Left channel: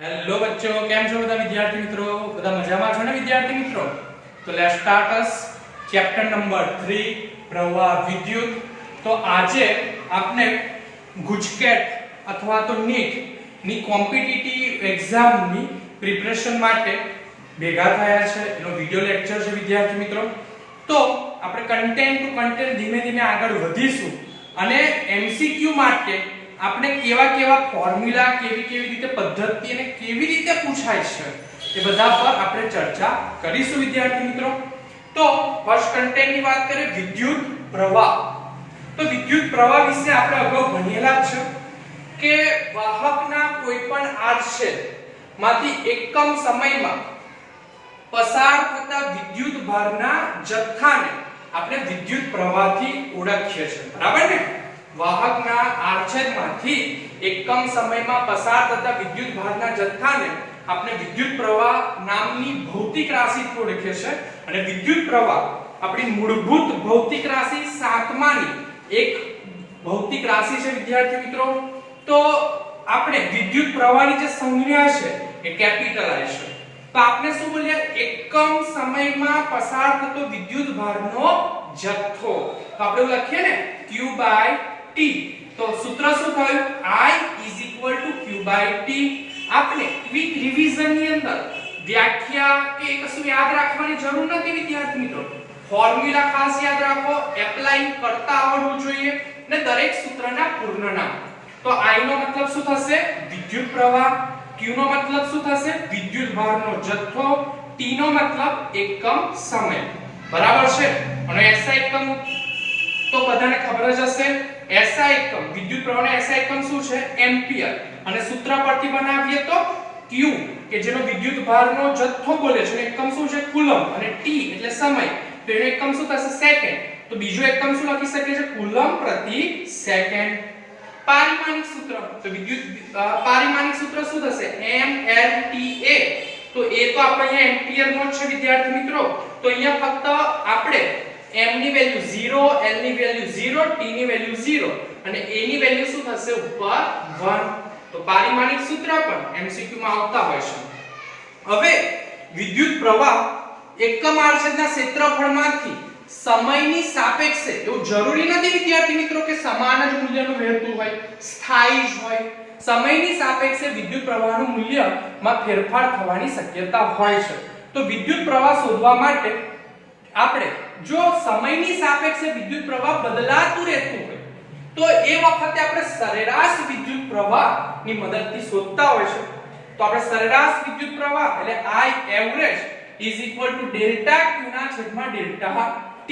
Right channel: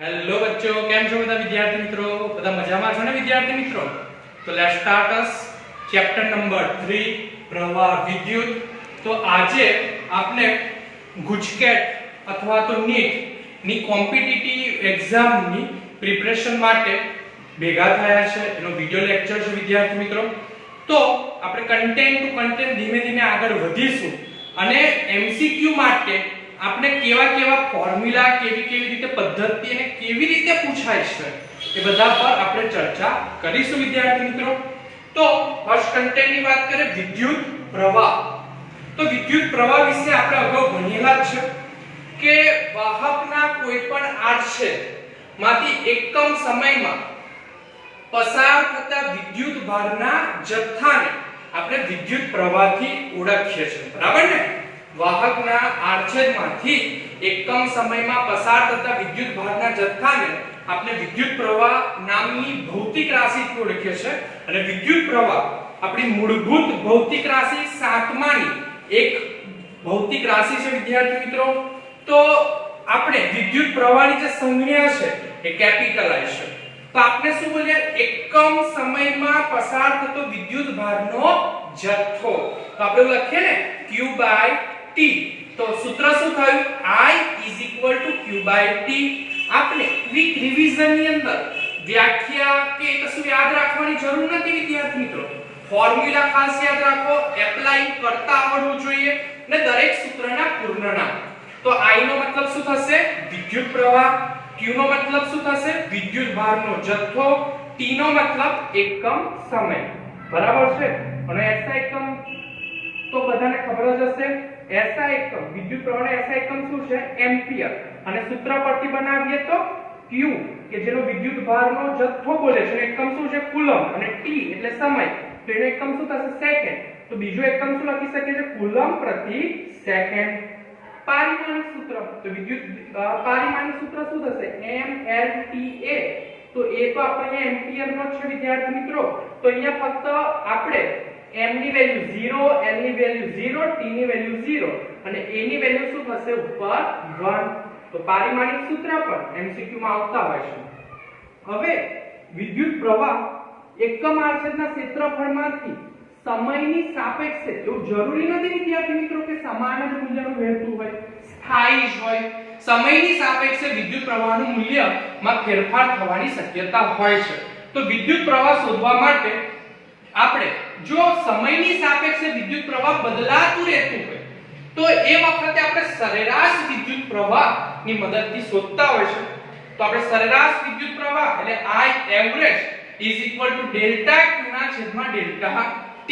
Hello બચ્ચો, કેમ છો બધા વિદ્યાર્થી મિત્રો? બધા મજામાં છો ને વિદ્યાર્થી મિત્રો? તો let's start us chapter number 3 પ્રવાહ વિદ્યુત. તો આજે આપણે ગુજકેટ અથવા તો નીટ ની કોમ્પિટિટિવ એક્ઝામ ની પ્રિપરેશન માટે ભેગા થયા છે. એનો વિડિયો લેક્ચર છે વિદ્યાર્થી મિત્રો. તો આપણે કન્ટેન્ટ ટુ કન્ટેન્ટ ધીમે ધીમે આગળ વધીશું અને એમસીક્યુ માટે આપણે કેવા ફોર્મ્યુલા કેવી રીતે પદ્ધતિ અને કેવી રીતે પૂછાય છે એ બધા પર આપણે ચર્ચા કરીશું વિદ્યાર્થી મિત્રો. તો ફર્સ્ટ કન્ટેન્ટ ની વાત કરીએ વિદ્યુત પ્રવાહ. તો વિદ્યુત પ્રવાહ વિશે આપણે અગાઉ ભણેલા છે કે વાહકના કોઈપણ આડછેદમાંથી એકમ સમયમાં પસાર થતા વિદ્યુત ભારના જથ્થાને આપણે વિદ્યુત પ્રવાહથી ઓળખીએ છીએ. બરાબર ને? વાહકના આડછેદમાંથી એકમ સમયમાં પસાર થતા વિદ્યુત ભારના જથ્થાને આપણે વિદ્યુત પ્રવાહ નામની ભૌતિક રાશિથી ઓળખીએ છીએ. અને વિદ્યુત પ્રવાહ આપણી મૂળભૂત ભૌતિક રાશિ 7માની એક ભૌતિક રાશિ છે વિદ્યાર્થી મિત્રો. તો આપણે વિદ્યુત પ્રવાહની જે સંજ્ઞા છે એ કેપિટલાઇઝ છે. તો આપણે શું બોલીએ? એકમ સમયમાં પસાર થતો વિદ્યુત ભારનો જથ્થો. તો આપણે લખીએ ને Q/T. તો સૂત્ર શું થયું? I Q/T. આપણે ક્વિક રિવિઝન ની અંદર વ્યાખ્યા કે કશું યાદ રાખવાની જરૂર નથી વિદ્યાર્થી મિત્રો. ફોર્મ્યુલા ખાસ યાદ રાખો, એપ્લાય કરતા આવડવું જોઈએ ને દરેક સૂત્રના પૂર્ણ નામ. તો I નો મતલબ શું થશે? વિદ્યુત પ્રવાહ. Q નો મતલબ શું થશે? વિદ્યુત ભારનો જથ્થો. T નો મતલબ એકમ સમય. બરાબર છે? અને SI એકમ તો બધાને ખબર જ હશે. SI એકમ વિદ્યુત પ્રવાહનો SI એકમ શું છે? એમ્પિયર. અને સૂત્ર પરથી બનાવીએ તો Q કે જેનો વિદ્યુત ભારનો જથ્થો બોલે છે, એકમ શું છે? કુલમ. અને T એટલે સમય, તો એનો એકમ શું થશે? સેકન્ડ. તો બીજો એકમ શું લખી શકીએ છે? કુલમ પ્રતિ સેકન્ડ. પારિમાણિક સૂત્ર, તો વિદ્યુત પારિમાણિક સૂત્ર શું થશે? mLTA. તો એ તો આપણે અહીંયા એમ્પિયર નો છે વિદ્યાર્થી મિત્રો. તો અહીંયા ફક્ત આપણે m ની વેલ્યુ 0, l ની વેલ્યુ 0, t ની વેલ્યુ 0 અને a ની વેલ્યુ શું થશે? ઉપર 1. તો પારિમાણિક સૂત્ર પણ MCQ માં આવતા હોય છે. હવે વિદ્યુત પ્રવાહ એકમ આડછેદના ક્ષેત્રફળમાંથી સમયની સાપેક્ષે, એવું જરૂરી નથી વિદ્યાર્થી મિત્રો કે સમાન જ મૂલ્યનું વહેતું હોય, સ્થાયી જ હોય. સમયની સાપેક્ષે વિદ્યુત પ્રવાહનું મૂલ્યમાં ફેરફાર થવાની શક્યતા હોય છે. તો વિદ્યુત પ્રવાહ શોધવા માટે આપણે જો સમયની સાપેક્ષે વિદ્યુત પ્રવાહ બદલાતું રહેતું હોય તો એ વખતે આપણે સરેરાશ વિદ્યુત પ્રવાહની મદદથી શોધતા હોય છે. તો આપણે સરેરાશ વિદ્યુત પ્રવાહ એટલે I એવરેજ ડેલ્ટા Q ના છેદમાં ડેલ્ટા T.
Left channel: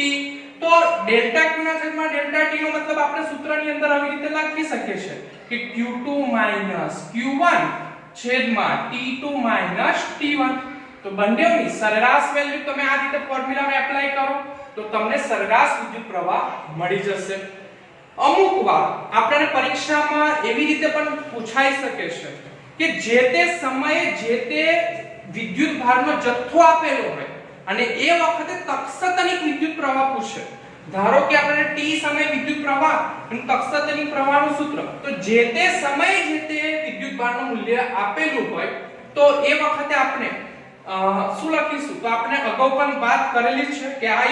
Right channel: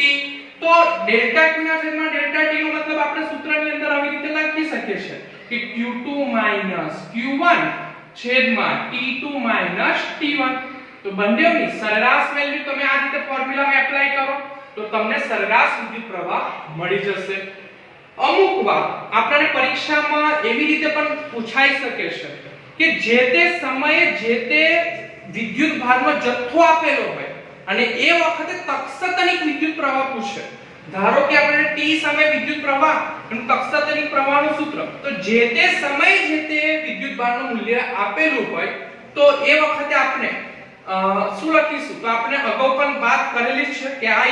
તો ડેલ્ટા Q ના છેદમાં ડેલ્ટા T નો મતલબ આપણે સૂત્રની અંદર આવી રીતે લખી શકીએ છીએ કે Q2 Q1 છેદમાં T2 T1. તો બંનેની સરેરાશ વેલ્યુ તમે આ રીતે ફોર્મ્યુલામાં એપ્લાય કરો તો તમને સરેરાશ વિદ્યુત પ્રવાહ મળી જશે. અમુક વાર આપણને પરીક્ષામાં એવી રીતે પણ પૂછાઈ શકે છે કે જે તે સમયે જે તે વિદ્યુત ભારનો જથ્થો આપેલો હોય અને એ વખતે તત્ક્ષણિક વિદ્યુત પ્રવાહ પૂછે. ધારો કે આપણે T સામે વિદ્યુત પ્રવાહ અને તત્ક્ષણિક પ્રવાહનું સૂત્ર, તો જે તે સમયે જે તે વિદ્યુત ભારનું મૂલ્ય આપેલું હોય તો એ વખતે આપણે શું લખીશું? તો આપણે અગાઉ પણ વાત કરેલી છે કે I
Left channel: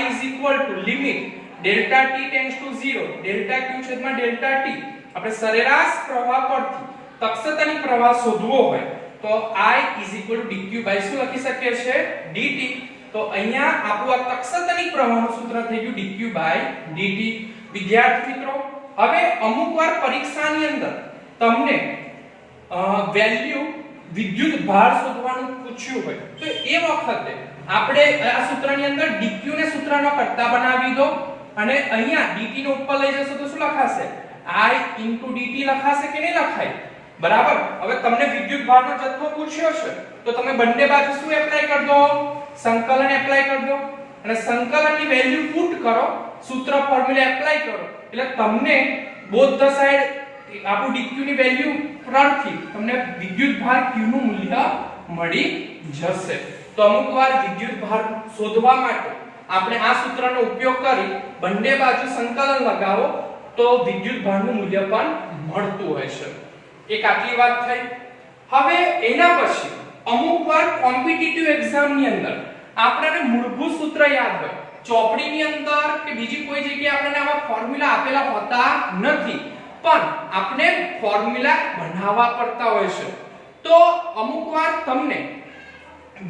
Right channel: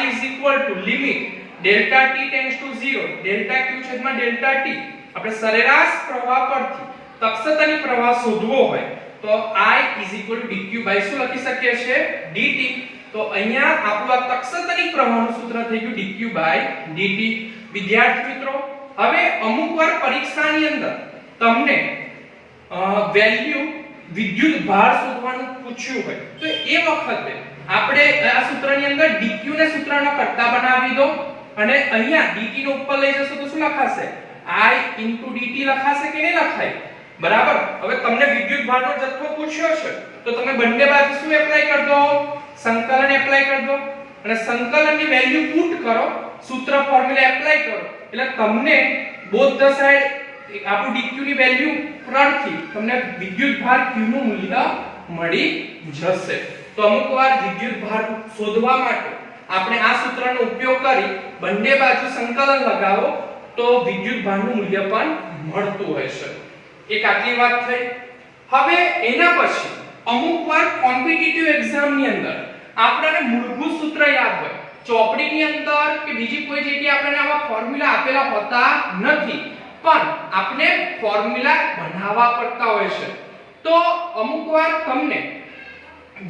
limit delta T tends to 0 delta Q છેદમાં ડેલ્ટા T. આપણે સરેરાશ પ્રવાહ પરથી તત્ક્ષણિક પ્રવાહ શોધવો હોય તો I dq શું લખી શકીએ છીએ? dt. તો અહીંયા આપણું તત્ક્ષણિક પ્રવાહનું સૂત્ર થઈ ગયું dq/dt. વિદ્યાર્થી મિત્રો, હવે અમુકવાર પરીક્ષાની અંદર તમને વેલ્યુ વિદ્યુત ભાર શોધવાનું પૂછ્યું હોય તો એ વખતે આપણે આ સૂત્રની અંદર dq ને સૂત્રનો કરતા બનાવી દો અને અહીંયા dt નો ઉપર લઈ જશો તો શું લખાશે? I dt લખાશે કે નહીં લખાય? બરાબર. હવે તમને વિદ્યુત ભારનો જથ્થો પૂછ્યો છે તો તમે બંને બાજુ શું એપ્લાય કરી દો? સંકલન એપ્લાય કરી દો અને સંકલનની વેલ્યુ પુટ કરો, સૂત્ર ફોર્મ્યુલા એપ્લાય કરો એટલે તમને બોથ ધ સાઈડ આપણું dq ની વેલ્યુ પરથી તમને વિદ્યુત ભાર q નું મૂલ્ય મળી જશે. તો અમુકવાર વિદ્યુત ભાર શોધવા માટે આપણે આ સૂત્રનો ઉપયોગ કરી બંને બાજુ સંકલન લગાવો તો વિદ્યુત ભારનું મૂલ્ય પણ મળતું હોય છે. એક આટલી વાત થઈ. હવે એના પછી અમુકવાર કોમ્પિટિટિવ એક્ઝામ ની અંદર આપણને મૂળભૂત સૂત્ર યાદ હોય, ચોપડીની અંદર કે બીજી કોઈ જગ્યાએ આપણને આવા ફોર્મ્યુલા આપેલા હોતા નથી, પણ આપણે ફોર્મ્યુલા બનાવવા પડતા હોય છે. તો અમુકવાર તમને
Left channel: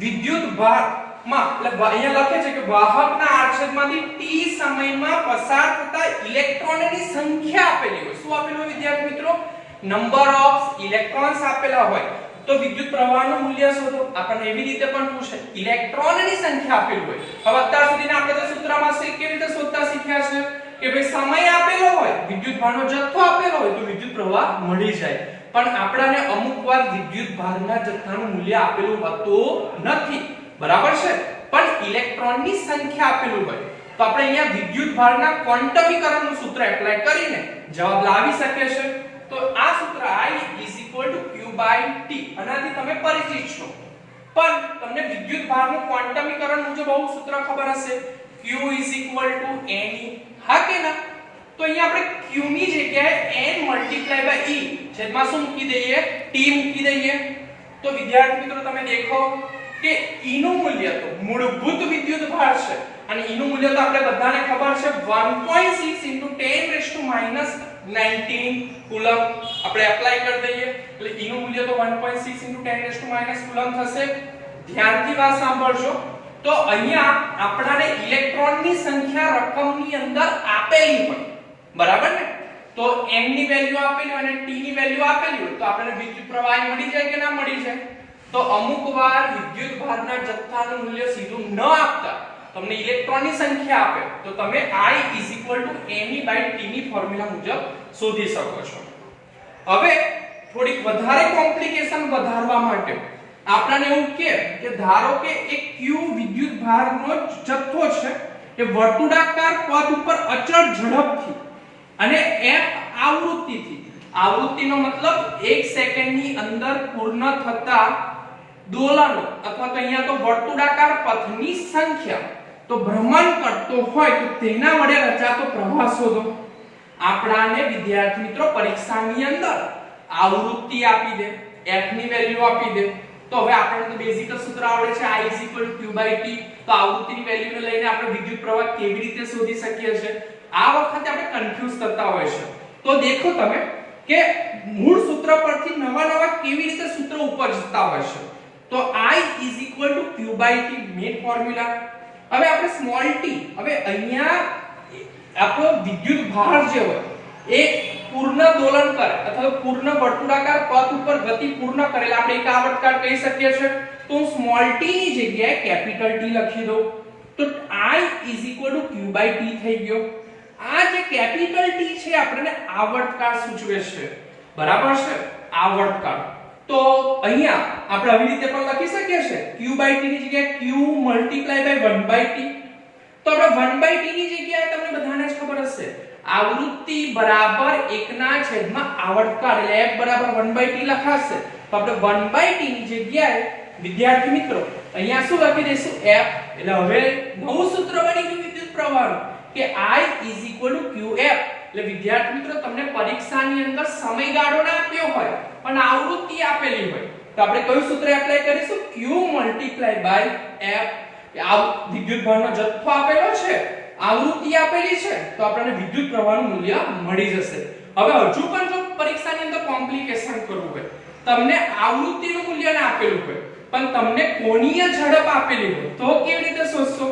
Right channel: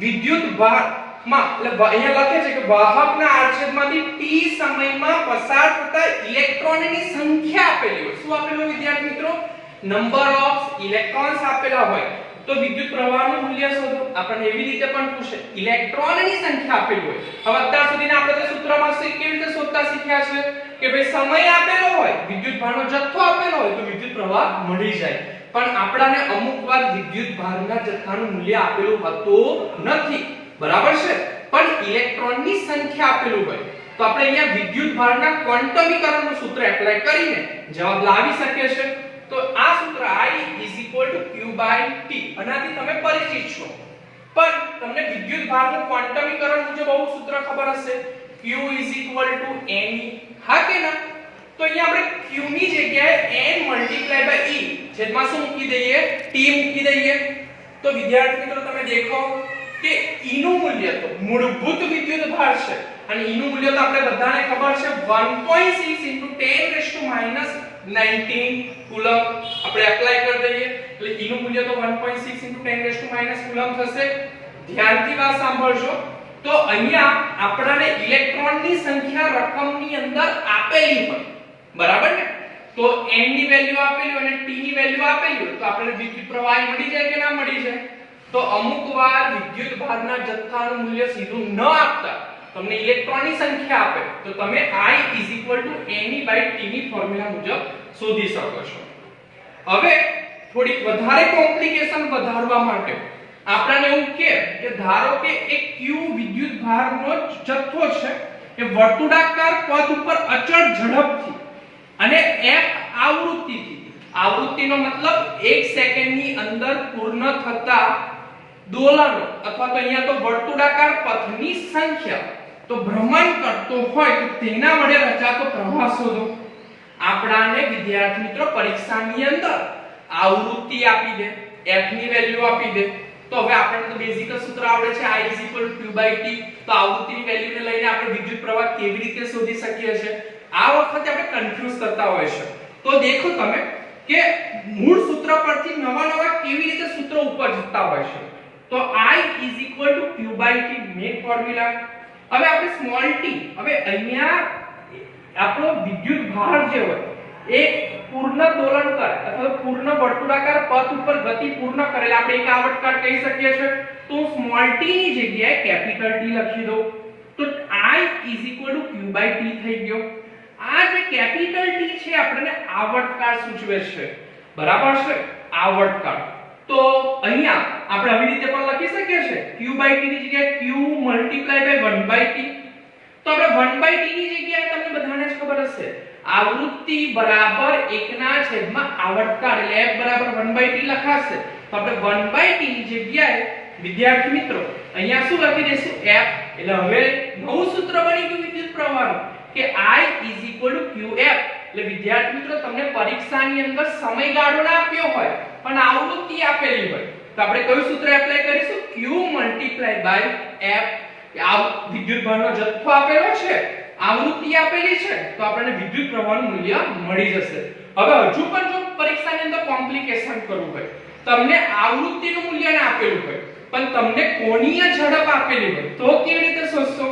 વિદ્યુત ભારમાં એટલે અહીંયા લખે છે કે વાહકના આડછેદમાંથી t સમયમાં પસાર થતા ઇલેક્ટ્રોનની સંખ્યા આપેલી હોય. શું આપેલું હોય વિદ્યાર્થી મિત્રો? નંબર ઓફ ઇલેક્ટ્રોન્સ આપેલા હોય. તો વિદ્યુત પ્રવાહનું મૂલ્ય શોધો. આપણને એવી રીતે પણ પૂછે, ઇલેક્ટ્રોનની સંખ્યા આપેલી હોય. હવે અત્યાર સુધી આપણે તો સૂત્રમાં કેવી રીતે શોધતા શીખ્યા છે કે ભાઈ સમય આપેલો હોય, વિદ્યુત ભારનો જથ્થો આપેલો હોય તો વિદ્યુત પ્રવાહ મળી જાય. પણ આપણાને અમુકવાર વિદ્યુત ભારના જથ્થાનું મૂલ્ય આપેલું હોતું નથી, બરાબર છે, પણ ઇલેક્ટ્રોનની સંખ્યા આપેલું હોય. તો આપણે અહીંયા વિદ્યુત ભારના ક્વોન્ટમીકરણનું સૂત્ર એપ્લાય કરીને જવાબ લાવી શકીએ છીએ. તો આ સૂત્ર I q/t આનાથી તમે પરિચિત છો, પણ તમને વિદ્યુત ભારનું ક્વોન્ટમીકરણ મુજબ બહુ સૂત્ર ખબર હશે, q ne. હા કે ના? તો અહીંયા આપણે q ની જગ્યાએ n × e છેદમાં શું મૂકી દઈએ? t મૂકી દઈએ. તો વિદ્યાર્થી મિત્રો તમે દેખો કે e નું મૂલ્ય તો મૂળભૂત વિદ્યુત ભાર છે અને e નું મૂલ્ય તો આપણે બધાને ખબર છે 1.6 × 10⁻⁹ કુલમ. આપણે એપ્લાય કરી દઈએ એટલે e નું મૂલ્ય તો 1.6 × 10⁻⁹ કુલમ થશે. ધ્યાનથી વાત સાંભળજો. તો અહીંયા આપણાને ઇલેક્ટ્રોનની સંખ્યા રકમની અંદર આપેલી હોય, બરાબર ને? તો n ની વેલ્યુ આપેલી હોય અને t ની વેલ્યુ આપેલી હોય તો આપણને વિદ્યુત પ્રવાહ મળી જાય કે ના મળી જાય? તો અમુકવાર વિદ્યુત ભારના જથ્થાનું મૂલ્ય સીધું ન આપતા તમને ઇલેક્ટ્રોનની સંખ્યા આપે તો તમે I ne/t ની ફોર્મ્યુલા મુજબ શોધી શકો છો. હવે થોડી વધારે કોમ્પ્લિકેશન વધારવા માટે આપણને એવું કે ધારો કે એક q વિદ્યુત ભારનો જથ્થો છે એ વર્તુળાકાર પથ ઉપર અચળ ઝડપથી અને f આવૃત્તિનો મતલબ 1 સેકન્ડની અંદર પૂર્ણ થતા દોલનો અથવા તો અહીંયા તો વર્તુળાકાર પથની સંખ્યા તો ભ્રમણ કરતો હોય તો તેના વડે રચાતો પ્રવાહ શોધો. આપણાને વિદ્યાર્થી મિત્રો પરીક્ષાની અંદર આવૃત્તિ આપી દે, f ની વેલ્યુ આપી દે, તો હવે આપણને તો બેઝિક સૂત્ર આવડે છે I q/t. તો આવૃત્તિની વેલ્યુને લઈને આપણે વિદ્યુત પ્રવાહ કેવી રીતે શોધી શકીએ છીએ? આ વખતે આપણે કન્ફ્યુઝ કરતા હોય છે. તો દેખો તમે કે મૂળ સૂત્ર પરથી નવા કેવી રીતે સૂત્ર ઉપર જતા હોય છે. તો I q/t મેઇન ફોર્મ્યુલા. હવે આપણે સ્મોલ t, હવે અહીંયા આપણો વિદ્યુત ભાર જે હોય એ પૂર્ણ દોલન કરે અથવા પૂર્ણ વર્તુળાકાર પથ ઉપર ગતિ પૂર્ણ કરે આપણે એક આવર્તકાળ કહી શકીએ છીએ. તો સ્મોલ t ની જગ્યાએ કેપિટલ T લખી દો. તો I q/t થઈ ગયો. આ જે કેપિટલ T છે આપણને આવર્તકાળ સૂચવે છે, બરાબર છે? આવર્તકાળ. તો અહીંયા આપણે આવી રીતે પણ લખી શકીએ છીએ q/t ની જગ્યાએ q × 1/t. તો આપણે 1/t ની જગ્યાએ તમને બધાને જ ખબર હશે આવૃત્તિ બરાબર 1/, આવર્તકાળ એટલે f બરાબર 1/t લખાશે. તો આપણે 1/t ની જગ્યાએ વિદ્યાર્થી મિત્રો અહીંયા શું લખી દઈશું? f. એટલે હવે નવું સૂત્ર બની ગયું વિદ્યુત પ્રવાહનું કે I qf. એટલે વિદ્યાર્થી મિત્રો તમને પરીક્ષાની અંદર સમયગાળો ના આપ્યો હોય પણ આવૃત્તિ આપેલી હોય તો આપણે કયું સૂત્ર એપ્લાય કરીશું? q × f. આ વિદ્યુત ભારનો જથ્થો આપેલો છે, આવૃત્તિ આપેલી છે તો આપણને વિદ્યુત પ્રવાહનું મૂલ્ય મળી જશે. હવે હજુ પણ જો પરીક્ષાની અંદર કોમ્પ્લિકેશન કરવું હોય, તમને આવૃત્તિનું મૂલ્ય ના આપેલું હોય પણ તમને કોણીય ઝડપ આપેલી હોય તો કેવી રીતે શોધશો?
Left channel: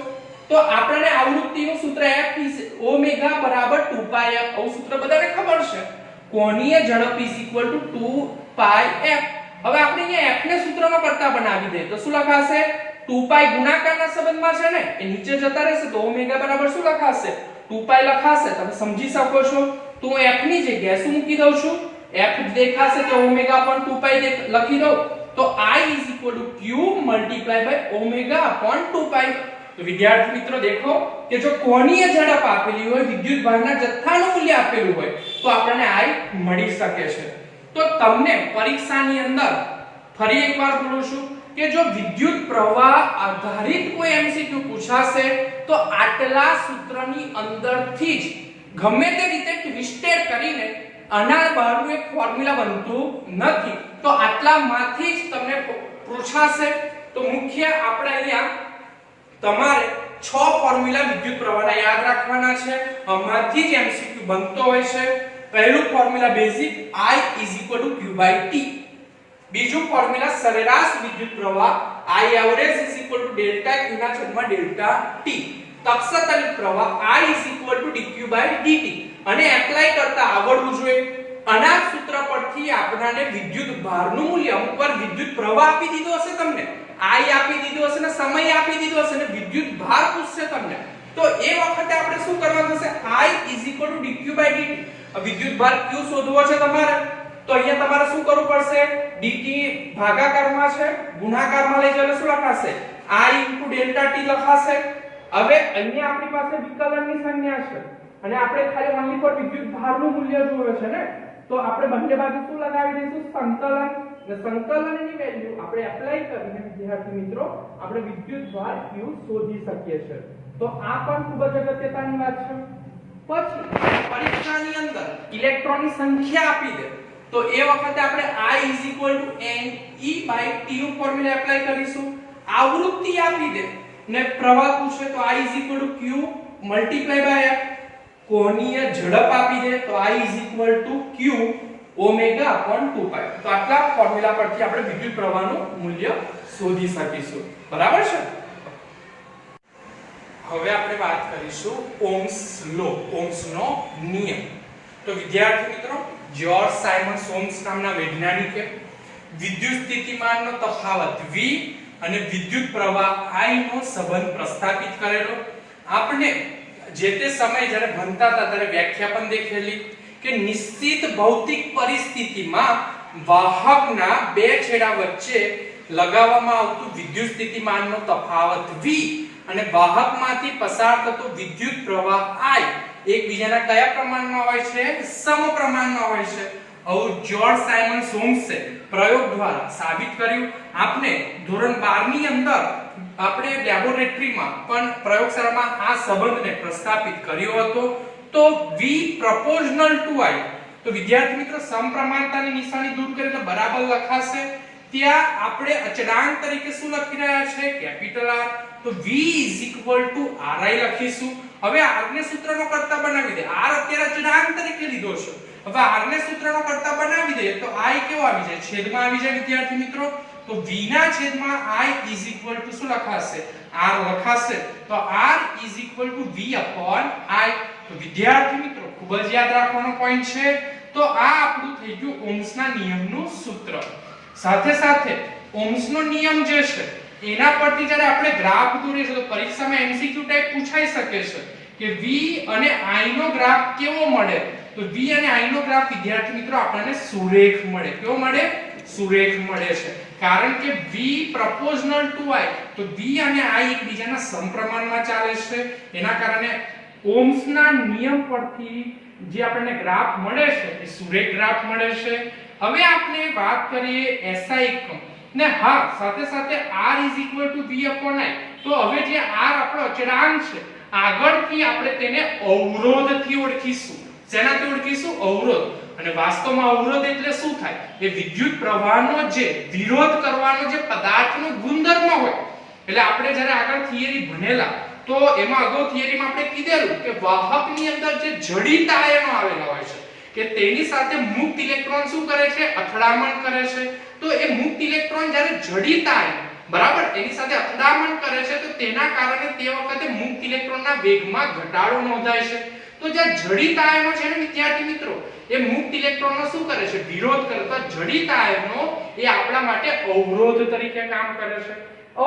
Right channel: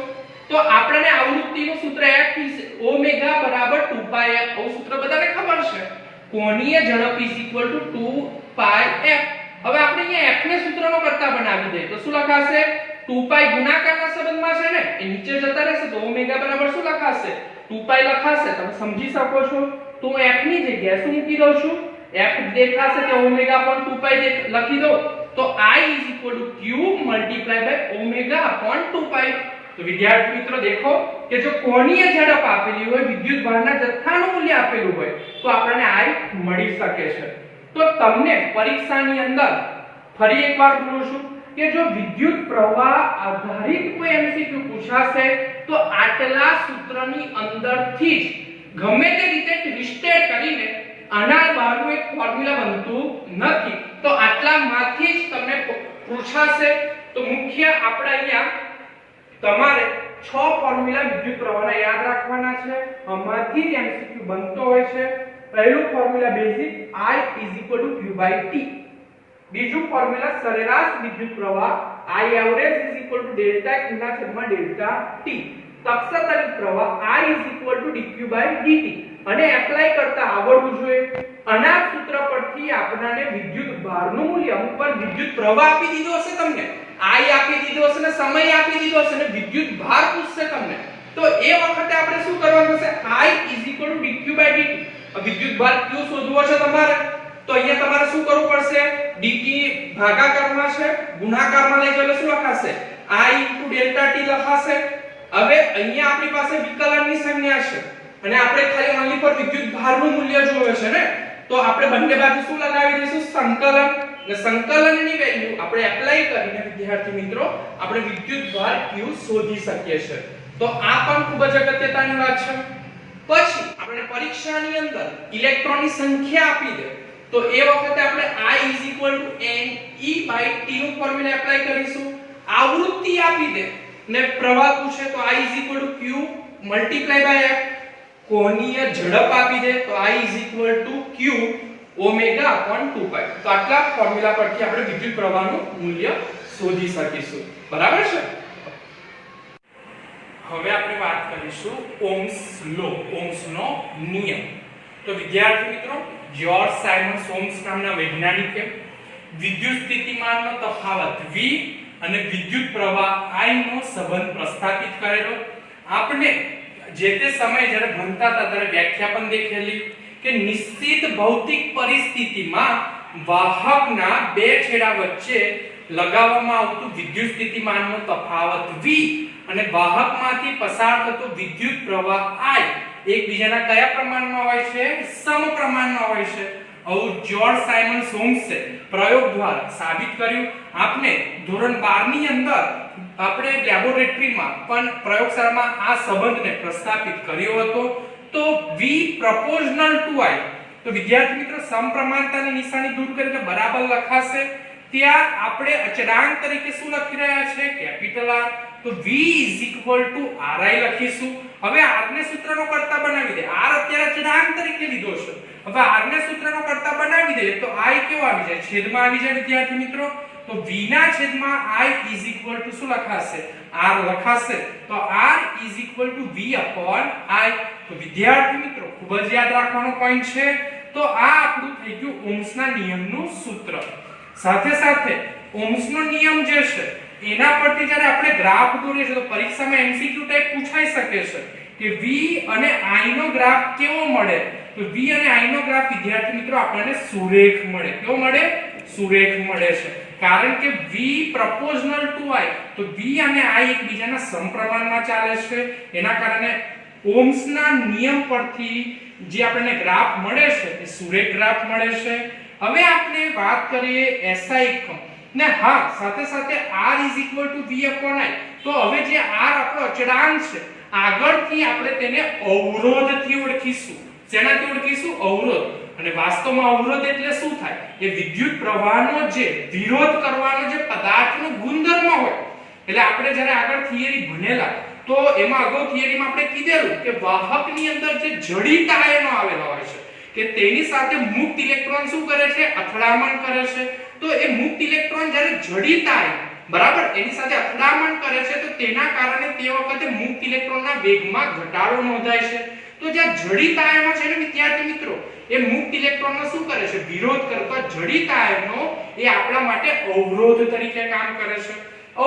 તો આપણને આવૃત્તિનું સૂત્ર f ω = 2πf. આવું સૂત્ર બધાને ખબર છે. કોણીય ઝડપ 2πf. હવે આપણે અહીંયા f ને સૂત્રનો કરતા બનાવી દઈએ તો શું લખાશે? 2π ગુણાકારના સંબંધમાં છે ને એ નીચે જતા રહેશે તો ω બરાબર શું લખાશે? 2π લખાશે. તમે સમજી શકો છો. તો હું f ની જગ્યાએ શું મૂકી દઉં છું? f દેખાશે કે ω / 2π લખી દઉં તો I q × ω / 2π. તો વિદ્યાર્થી મિત્રો દેખો કે જો કોણીય ઝડપ આપેલી હોય, વિદ્યુત ભારના જથ્થાનું મૂલ્ય આપેલું હોય તો આપણને I મળી શકે છે. તો તમને પરીક્ષાની અંદર ફરી એકવાર બોલું છું કે જો વિદ્યુત પ્રવાહ આધારિત કોઈ MCQ પૂછાશે તો આટલા સૂત્રની અંદરથી જ ગમે તે રીતે ટ્વિસ્ટેડ કરીને આના બહારનું એક ફોર્મ્યુલા બનતું નથી. તો આટલામાંથી જ તમને પૂછાશે. તો મુખ્ય આપણે અહીંયા તમારે 6 ફોર્મ્યુલા વિદ્યુત પ્રવાહના યાદ રાખવાના છે. આમાંથી જ એમસીક્યુ બનતો હોય છે. પહેલું ફોર્મ્યુલા બેઝિક I q/t. બીજું ફોર્મ્યુલા સરેરાશ વિદ્યુત પ્રવાહ I average ડેલ્ટા q ના છેદમાં ડેલ્ટા t. કક્ષાતલિત પ્રવાહ I dq/dt. અને એપ્લાય કરતા આવડવું જોઈએ. અનાજ સૂત્ર પરથી આપણને વિદ્યુત ભારનું મૂલ્ય, અમુક વાર વિદ્યુત પ્રવાહ આપી દીધો હશે તમને, I આપી દીધો હશે ને સમય આપી દીધો હશે ને વિદ્યુત ભાર પૂછશે તમને, તો એ વખતે આપણે શું કરવાનું છે? I dq/dt. વિદ્યુત ભાર q શોધવો છે તમારે, તો અહીંયા તમારે શું કરવું પડશે? dt ભાગાકારમાં છે, ગુણાકારમાં લઈ જાવ એટલે શું લખાશે? I ડેલ્ટા t લખાશે. હવે અહીંયા આપણી પાસે વિકલનની સંજ્ઞા છે અને આપણે ખાલી ઓન્લી પર વિદ્યુત ભારનું મૂલ્ય જોવે છે ને, તો આપણે બંને બાજુ શું લગાવી દઈશું? સંકલન. અને સંકલનની વેલ્યુ આપણે એપ્લાય કરીને વિદ્યાર્થી મિત્રો આપણે વિદ્યુત ભાર q શોધી શકીએ છીએ. તો આ પણ ખૂબ જ અગત્યની વાત છે. પછી પરીક્ષાની અંદર ઇલેક્ટ્રોનની સંખ્યા આપી દે તો એ વખતે આપણે I ne/t નું ફોર્મ્યુલા એપ્લાય કરીશું. આવૃત્તિ આપી દે ને પ્રવાહ પૂછે તો I q × f. કોણીય ઝડપ આપી દે તો I q ω/2π. તો આટલા ફોર્મ્યુલા પરથી આપણે વિદ્યુત પ્રવાહનું મૂલ્ય શોધી શકીશું. બરાબર છે? હવે આપણે વાત કરીશું ઓહ્મ્સ લો, ઓહ્મ્સનો નિયમ. તો વિદ્યાર્થી મિત્રો જ્યોર્જ સાયમન્સ ઓહ્મ્સ નામના વૈજ્ઞાનિકે વિદ્યુત સ્થિતિમાનનો તફાવત V અને વિદ્યુત પ્રવાહ I નો સંબંધ પ્રસ્થાપિત કરેલો. આપણે જે તે સમયે જ્યારે ભણતા હતા ત્યારે વ્યાખ્યા પણ દેખેલી કે નિશ્ચિત ભૌતિક પરિસ્થિતિમાં વાહકના બે છેડા વચ્ચે લગાવવામાં આવતું વિદ્યુત સ્થિતિમાનનો તફાવત V અને વાહકમાંથી પસાર થતો વિદ્યુત પ્રવાહ I એકબીજાના કયા પ્રમાણમાં હોય છે? સમપ્રમાણમાં હોય છે. આવું જ્યોર્જ સાયમન્સ ઓહ્મ્સે પ્રયોગ દ્વારા સાબિત કર્યું. આપણે ધોરણ 12 ની અંદર આપણે લેબોરેટરીમાં પણ પ્રયોગશાળામાં આ સંબંધને પ્રસ્થાપિત કર્યો હતો. તો V proportional to I. તો વિદ્યાર્થી મિત્રો સમપ્રમાણતાની નિશાની દૂર કરી એટલે બરાબર લખાશે. ત્યાં આપણે અચળાંક તરીકે શું લખી રહ્યા છે? Capital R. તો V ri લખીશું. હવે r ને સૂત્રનો કરતા બનાવી દે. r અત્યારે અચળાંક તરીકે લીધો છે. હવે r ને સૂત્રનો કરતા બનાવી દે તો I કેવો આવી જાય? છેદમાં આવી જાય વિદ્યાર્થી મિત્રો. તો v ના છેદમાં I શું લખાશે? r લખાશે. તો r v/I. તો વિદ્યાર્થી મિત્રો ખૂબ જ યાદ રાખવાનો પોઈન્ટ છે. તો આ આપણું થઈ ગયું ઓહ્મ્સના નિયમનું સૂત્ર. સાથે સાથે ઓહ્મ્સનો નિયમ જે છે એના પરથી જ્યારે આપણે ગ્રાફ દોરીએ છીએ તો પરીક્ષામાં MCQ ટાઈપ પૂછાઈ શકે છે કે V અને I નો ગ્રાફ કેવો મળે? તો V અને I નો ગ્રાફ વિદ્યાર્થી મિત્રો આપણને સુરેખ મળે. કેવો મળે? સુરેખ મળે છે. કારણ કે V proportional to I. તો V અને I એકબીજાના સમપ્રમાણમાં ચાલે છે. એના કારણે ઓહ્મ્સના નિયમ પરથી જે આપણને ગ્રાફ મળે છે એ સુરેખ ગ્રાફ મળે છે. હવે આપણે વાત કરીએ SI એકમ ને. હા, સાથે સાથે R V/I. તો હવે જે R આપણો અચળાંક છે આગળથી આપણે તેને અવરોધથી ઓળખીશું. શેનાથી ઓળખીશું? અવરોધ. અને વાસ્તવમાં અવરોધ એટલે શું થાય? એ વિદ્યુત પ્રવાહનો જે વિરોધ કરવાનો જે પદાર્થનો ગુણધર્મ હોય. એટલે આપણે જ્યારે આગળ થિયરી ભણેલા તો એમાં અગાઉ થિયરીમાં આપણે કીધેલું કે વાહકની અંદર જે જડિત આયનો આવેલા હોય છે કે તેની સાથે મુક્ત ઇલેક્ટ્રોન શું કરે છે? અથડામણ કરે છે. તો એ મુક્ત ઇલેક્ટ્રોન જ્યારે જડિત આયન બરાબર એની સાથે અથડામણ કરે છે તો તેના કારણે તે વખતે મુક્ત ઇલેક્ટ્રોનના વેગમાં ઘટાડો નોંધાય છે. તો જે જડિત આયનો છે ને વિદ્યાર્થી મિત્રો એ મુક્ત ઇલેક્ટ્રોનનો શું કરે છે? વિરોધ કરે. તો જડિત આયનો એ આપણા માટે અવરોધ તરીકે કામ કરે છે.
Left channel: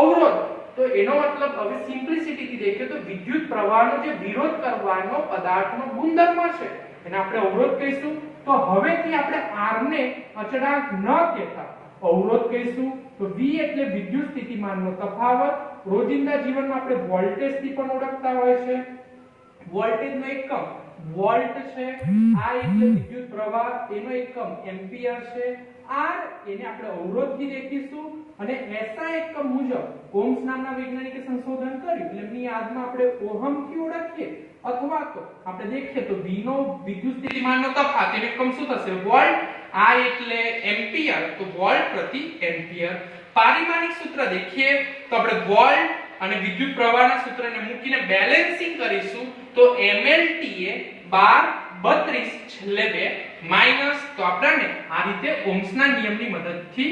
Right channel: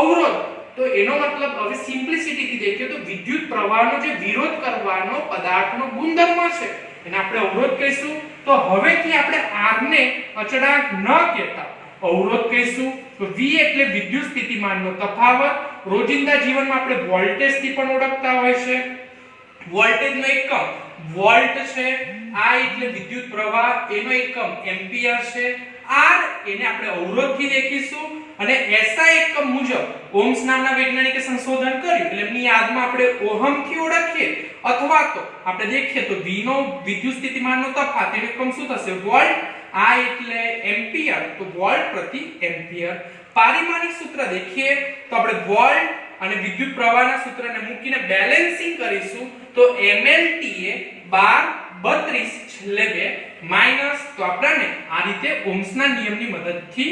અવરોધ તો એનો મતલબ હવે સિમ્પ્લિસિટીથી દેખીએ તો વિદ્યુત પ્રવાહનો જે વિરોધ કરવાનો પદાર્થનો ગુણધર્મ છે એને આપણે અવરોધ કહીશું. તો હવેથી આપણે R ને અચળાંક ન કહેતા અવરોધ કહીશું. તો V એટલે વિદ્યુત સ્થિતિમાનનો તફાવત. રોજિંદા જીવનમાં આપણે વોલ્ટેજ થી પણ ઓળખતા હોય છે. વોલ્ટેજનો એકમ વોલ્ટ છે. I એટલે વિદ્યુત પ્રવાહ, એનો એકમ એમ્પિયર છે. R એને આપણે અવરોધથી દેખીશું. અને SI એકમ મુજબ ઓહ્મ્સ નામના વૈજ્ઞાનિકે સંશોધન કર્યું એટલે એમની યાદમાં આપણે ઓહમ થી ઓળખીએ અથવા તો આપણે દેખીએ તો V નો વિદ્યુત સ્થિતિમાનનો તફાવત એનું એકમ શું થશે વોલ્ટ, I એટલે એમ્પિયર તો વોલ્ટ પ્રતિ એમ્પિયર. પારિમાણિક સૂત્ર દેખીએ તો આપણે વોલ્ટ અને વિદ્યુત પ્રવાહના સૂત્રને મૂકીને બેલેન્સિંગ કરીશું તો mLT એ 12 32 છેલ્લે 2 માઈનસ તો આપણને આ રીતે ઓહ્મ્સના નિયમની મદદથી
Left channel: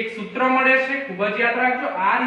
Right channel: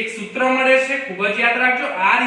એક સૂત્ર મળે છે. ખૂબ જ યાદ રાખજો R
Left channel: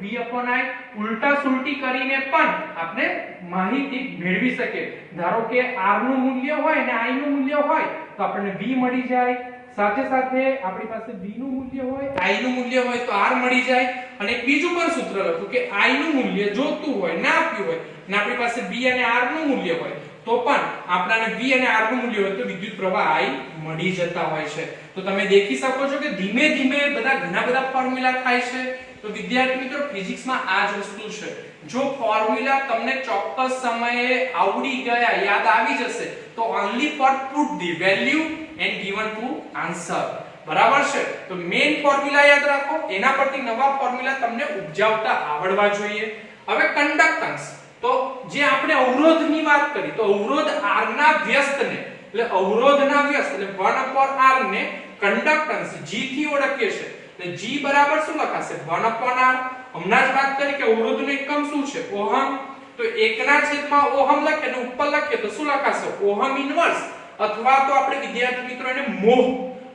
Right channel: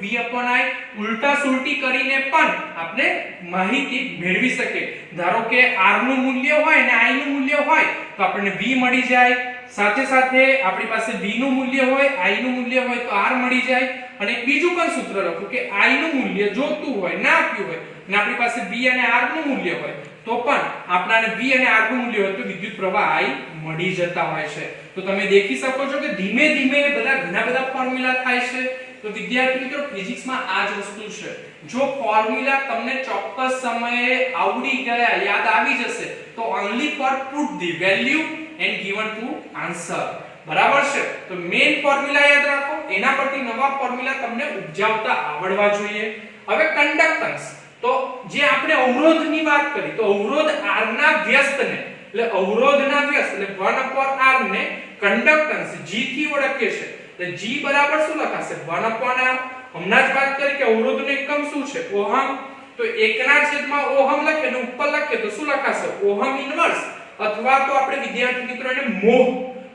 V/I ઉલટા સુલટી કરીને પણ આપણે માહિતી મેળવી શકે. ધારો કે R નું મૂલ્ય હોય અને I નું મૂલ્ય હોય તો આપણને V મળી જાય. સાથે સાથે આપણી પાસે V નું મૂલ્ય હોય I નું મૂલ્ય હોય તો R મળી જાય. અને એક બીજું પણ સૂત્ર લખું કે I નું મૂલ્ય જોતું હોય ના આપ્યું હોય અને આપણી પાસે V અને R નું મૂલ્ય હોય તો પણ આપણને V અને R નું મૂલ્ય હોય તો વિદ્યુત પ્રવાહ I મળી જતા હોય છે. તો તમે દેખી શકો છો કે ધીમે ધીમે ઘણા બધા ફોર્મ્યુલા થાય છે. તો વિદ્યાર્થી મિત્રો ફિઝિક્સમાં આ જ વસ્તુ છે. જો ફોર્મ્યુલા તમને ચોક્કસ સમયે આવડી ગયા યાદ આવી જશે તો only for put the value and given to answer. બરાબર છે. તો મેઈન ફોર્મ્યુલા યાદ રાખો, એના પરથી નવા ફોર્મ્યુલા તમને ઉપજાવતા આવડવા જોઈએ. હવે કન્ડક્ટન્સ, તો જે આપણે અવરોધની વાત કરી તો અવરોધ R ના વ્યસ્તને એટલે અવરોધના વ્યસ્ત એટલે 1/R ને કન્ડક્ટન્સ G થી ઓળખીએ છીએ. એટલે G બરાબર શું લખાશે 1/R. હમણાં જ વાત કરી કે અવરોધનો એકમ શું છે ઓહમ. તો 1/ઓહમ લખીએ અને ઉપર લખીએ તો શું લખાશે ઓહમ ઇન્વર્સ અથવા તો આપણે વિદ્યાર્થી મિત્રો એને મોહ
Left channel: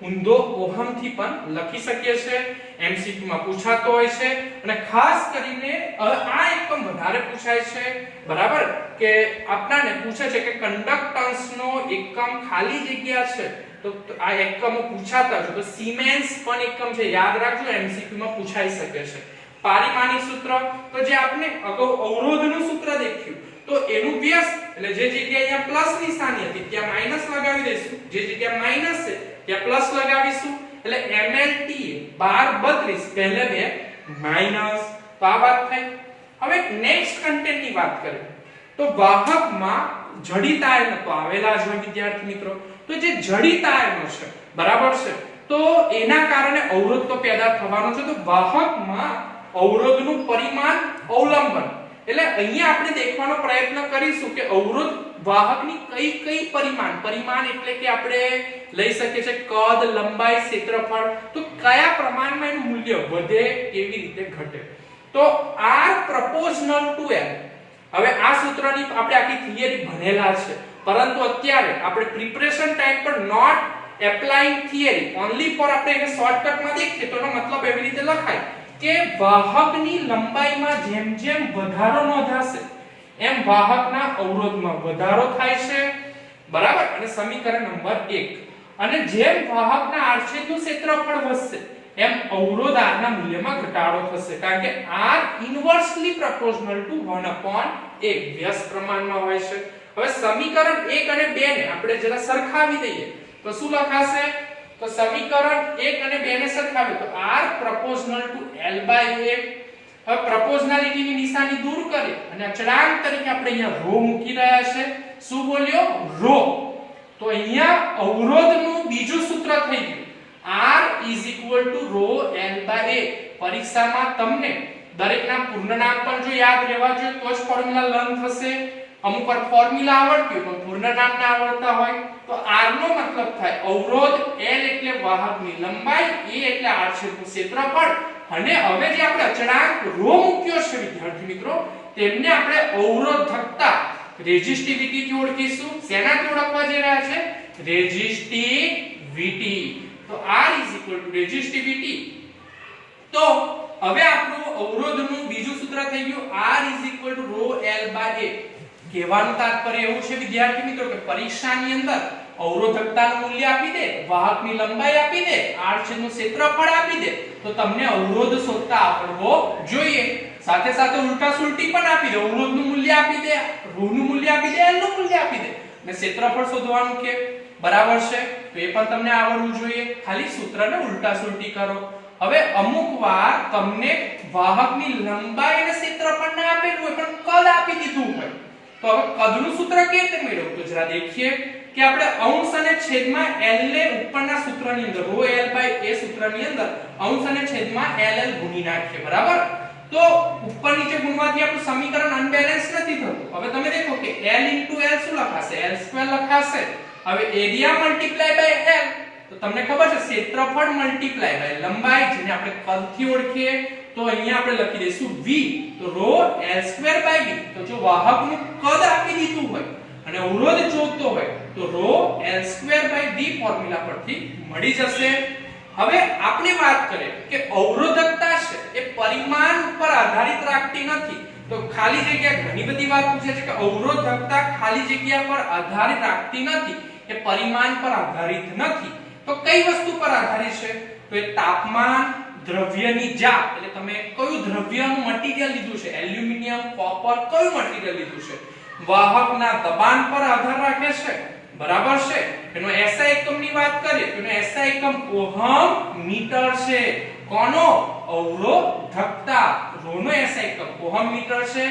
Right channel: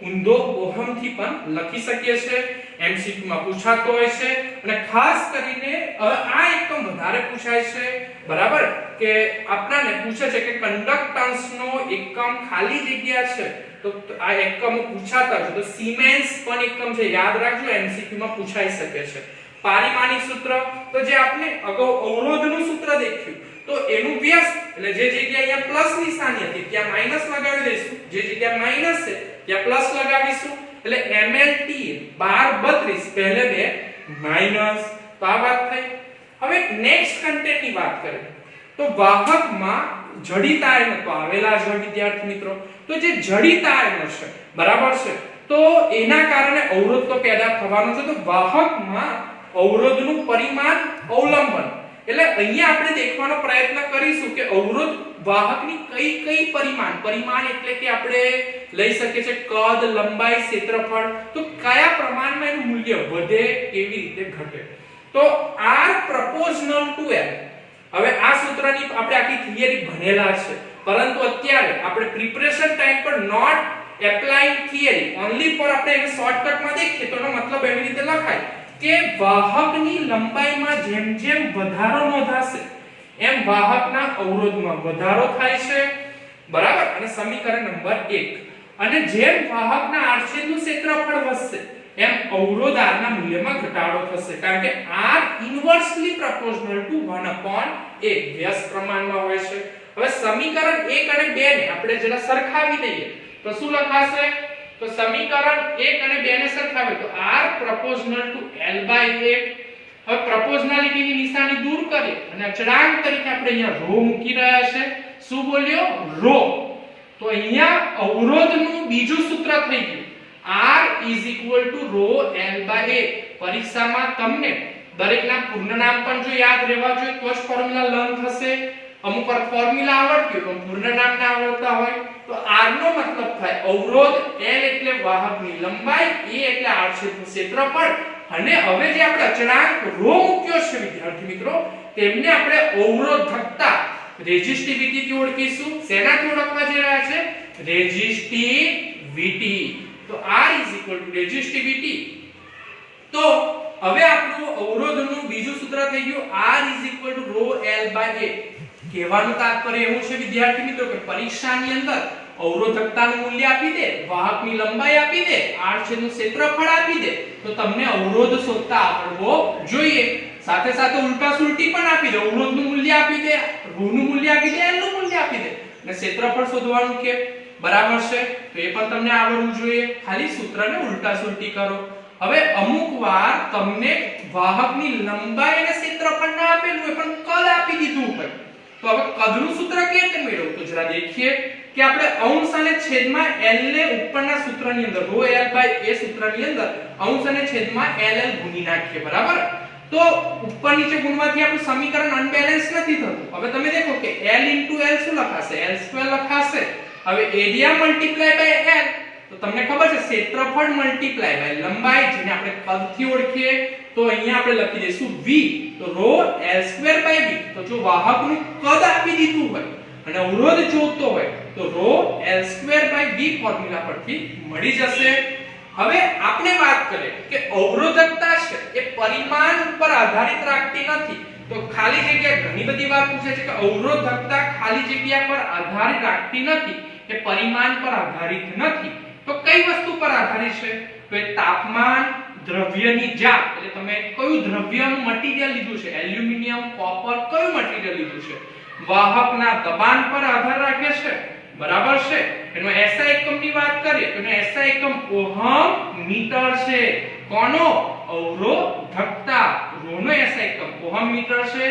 ઊંધો ઓહમ થી પણ લખી શકીએ છીએ. MCQ માં પૂછાતો હોય છે અને ખાસ કરીને આ એકમ વધારે પૂછાય છે. બરાબર કે આપણને પૂછે છે કે કન્ડક્ટન્સ નો એકમ ખાલી જગ્યા છે તો આ એકમો પૂછાતા છે. તો સિમેન્સ પણ એકમ છે, યાદ રાખજો, MCQ માં પૂછાઈ શકે છે. પારિમાણિક સૂત્ર તો જે આપણે અગાઉ અવરોધનું સૂત્ર દેખ્યું તો એનું વ્યસ્ત એટલે જે જગ્યાએ અહીંયા પ્લસ નિશાની હતી ત્યાં માઈનસ લગાવી દઈશું, જે જગ્યાએ માઈનસ છે ત્યાં પ્લસ લગાવીશું એટલે mLT 12 32 પહેલે 2 માઈનસ. તો આ વાત થઈ. હવે નેક્સ્ટ કન્ટેન્ટની વાત કરીએ તો વાહકમાં જડિત આયનો તો આવેલા જ હોય વિદ્યાર્થી મિત્રો. તો જે જડિત આયનો છે બરાબર છે તો એના કારણે અવરોધ તો પેદા થવાનો છે. તો વાહકમાં અવરોધનું પરિમાણ અવલંબન એટલે અહીંયા આપણે દેખવાનો પ્રયત્ન કરીશું કે અવરોધ વાહકની કઈ પરિમાણ એટલે કે આપણે લઈ શકીએ છીએ કદ, લંબાઈ, ક્ષેત્રફળ. તો કયા પ્રમાણમાં એનું મૂલ્ય વધે કેવી રીતે ઘટે. તો R proportional to L. હવે આ સૂત્રની આપણે આખી થિયરી ભણેલા છે પરંતુ અત્યારે આપણે પ્રિપરેશન ટાઈમ પર not applying theory only for આપણે એને શોર્ટકટમાં દેખીએ તો એનો મતલબ એવી રીતે લખાય કે વાહકની લંબાઈમાં જેમ જેમ વધારો નોંધાશે એમ વાહકના અવરોધમાં વધારો થાય છે. બરાબર. અને સમીકરણ નંબર 1 અને જેમ વાહકના આડછેદનું ક્ષેત્રફળ વધશે એમ અવરોધ R ના મૂલ્યમાં ઘટાડો થશે કારણ કે R ઇન્વર્સલી પ્રોપોર્શનલ ટુ 1/A વ્યસ્ત પ્રમાણમાં હોય છે. હવે સમીકરણ 1 અને 2 ને આપણે જરા સરખાવી દઈએ તો શું લખાશે તો સમીકરણ 1 અને 2 ને સરખાવે તો R proportional to L/A. હવે પ્રોપોર્શનાલિટીની નિશાની દૂર કરીએ અને અચળાંક તરીકે આપણે અહીંયા ρ મૂકી રહ્યા છે. શું બોલ્યો ρ. તો અહીંયા અવરોધનું બીજું સૂત્ર થઈ ગયું R = ρ L/A. પરીક્ષામાં તમને દરેકના પૂર્ણ નામ પણ જો યાદ રહેવા જોઈએ તો જ ફોર્મ્યુલા લર્ન થશે. અમુક વાર ફોર્મ્યુલા આવડતી હોય પણ પૂર્ણ નામ ના આવડતા હોય તો R નો મતલબ થાય અવરોધ, L એટલે વાહકની લંબાઈ, A એટલે આડછેદનું ક્ષેત્રફળ અને હવે જે આપણે અચળાંક ρ મૂક્યો છે વિદ્યાર્થી મિત્રો તેમને આપણે અવરોધકતા રેઝિસ્ટિવિટી થી ઓળખીશું. શેનાથી ઓળખવા જઈ રહ્યા છે રેઝિસ્ટિવિટી. તો R = રેઝિસ્ટિવિટી. તો હવે આપણું અવરોધનું બીજું સૂત્ર થઈ ગયું R = ρ L/A. કહેવાનું તાત્પર્ય એવું છે વિદ્યાર્થી મિત્રો કે પરીક્ષાની અંદર અવરોધકતાનું મૂલ્ય આપી દે, વાહકની લંબાઈ આપી દે, આડછેદનું ક્ષેત્રફળ આપી દે તો તમને અવરોધ શોધતા આવડવો જોઈએ. સાથે સાથે ઉલટા સુલટી પણ આપી દે, અવરોધનું મૂલ્ય આપી દે, ρ નું મૂલ્ય આપી દે, L નું મૂલ્ય આપી દે અને ક્ષેત્રફળ શોધવાનું કે બરાબર છે તો એ પણ તમને આવડવું જોઈએ. ખાલી સૂત્રને ઉલટા સુલટી કરો. હવે અમુક વાર તમને વાહકની લંબાઈ અને ક્ષેત્રફળ ના આપેલું હોય પણ કદ આપી દીધું હોય તો હવે કદનું સૂત્ર કેવી રીતે મેળવવું તો જરા દેખીએ કે આપણે અંશ અને છેદમાં L ને ઉપરના સૂત્રની અંદર ρ L/A સૂત્રની અંદર અંશ અને છેદમાં LL ગુણી નાખીએ બરાબર। તો ઉપર નીચે ગુણવાથી આપણું સમીકરણ અનબેલેન્સ નથી થતું। હવે તમે દેખો કે L * L શું લખાશે L² લખાશે। હવે એરિયા મલ્ટીપ્લાય બાય L તો તમને ખબર છે ક્ષેત્રફળ મલ્ટીપ્લાય બાય લંબાઈ જેને આપણે કદથી ઓળખીએ તો અહીંયા આપણે લખી દઈશું V તો ρ L² બાય V। તો જો વાહકનું કદ આપી દીધું હોય અને અવરોધ જોતો હોય તો ρ L² બાય V ફોર્મ્યુલા પરથી મળી જશે। હવે આપણે વાત કરીએ કે અવરોધકતા છે એ પરિમાણ ઉપર આધારિત રાખતી નથી। તો ખાલી જગ્યા ઘણી બધી વાત પૂછે છે કે અવરોધકતા ખાલી જગ્યા પર આધારિત રાખતી નથી એ પરિમાણ પર આધારિત નથી। તો કઈ વસ્તુ પર આધારિત છે તો એ તાપમાન દ્રવ્યની જાત એટલે તમે કયું દ્રવ્યનું મટીરીયલ લીધું છે એલ્યુમિનિયમ કોપર કયું મટીરીયલ લીધું છે વાહકના દબાણ પર આધાર રાખે છે બરાબર છે। એનો SI એકમની વાત કરીએ તો એનો SI એકમ ઓહમ મીટર છે। કોનો અવરોધકતા ρ નો SI એકમ ઓહમ મીટર છે।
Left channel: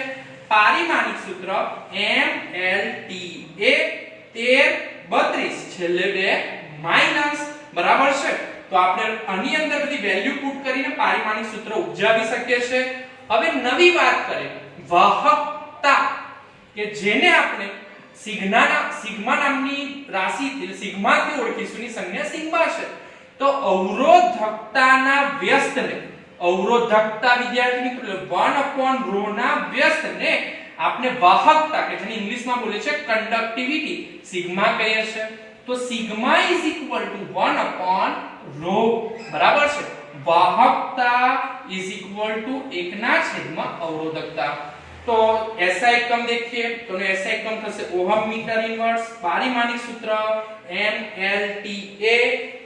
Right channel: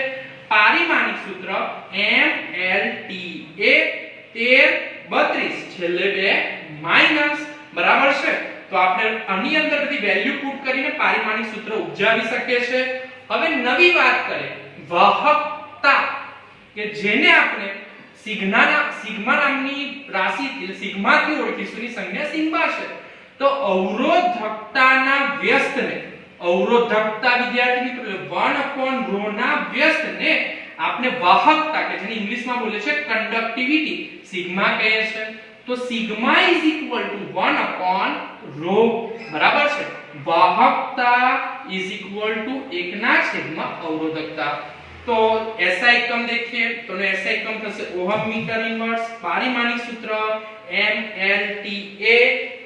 પારિમાણિક સૂત્ર MLTA 1332 છેલ્લે બે માઈનસ બરાબર છે। તો આપણે આની અંદર બધી વેલ્યુ પુટ કરીને પારિમાણિક સૂત્ર ઉપજાવી શકીએ છે। હવે નવી વાત કરીએ વાહકતા કે જેને આપણે સિગ્મા નામની રાશિથી સિગ્માથી ઓળખીશું ની સંજ્ઞા સિગ્મા છે। તો અવરોધકતાના વ્યસ્તને અવરોધકતા વિદ્યાર્થી મિત્રો 1/ρ ના વ્યસ્તને આપણે વાહકતા કે જેને ઇંગ્લિશમાં બોલે છે કન્ડક્ટિવિટી સિગ્મા કહે છે। તો સિગ્મા = 1/ρ બરાબર છે। વાહકતા = 1/અવરોધકતા। तो SI એકમ देखिए तो नो SI એકમ થશે ઓહમ મીટર ઇન્વર્સ। પારિમાણિક સૂત્ર MLTA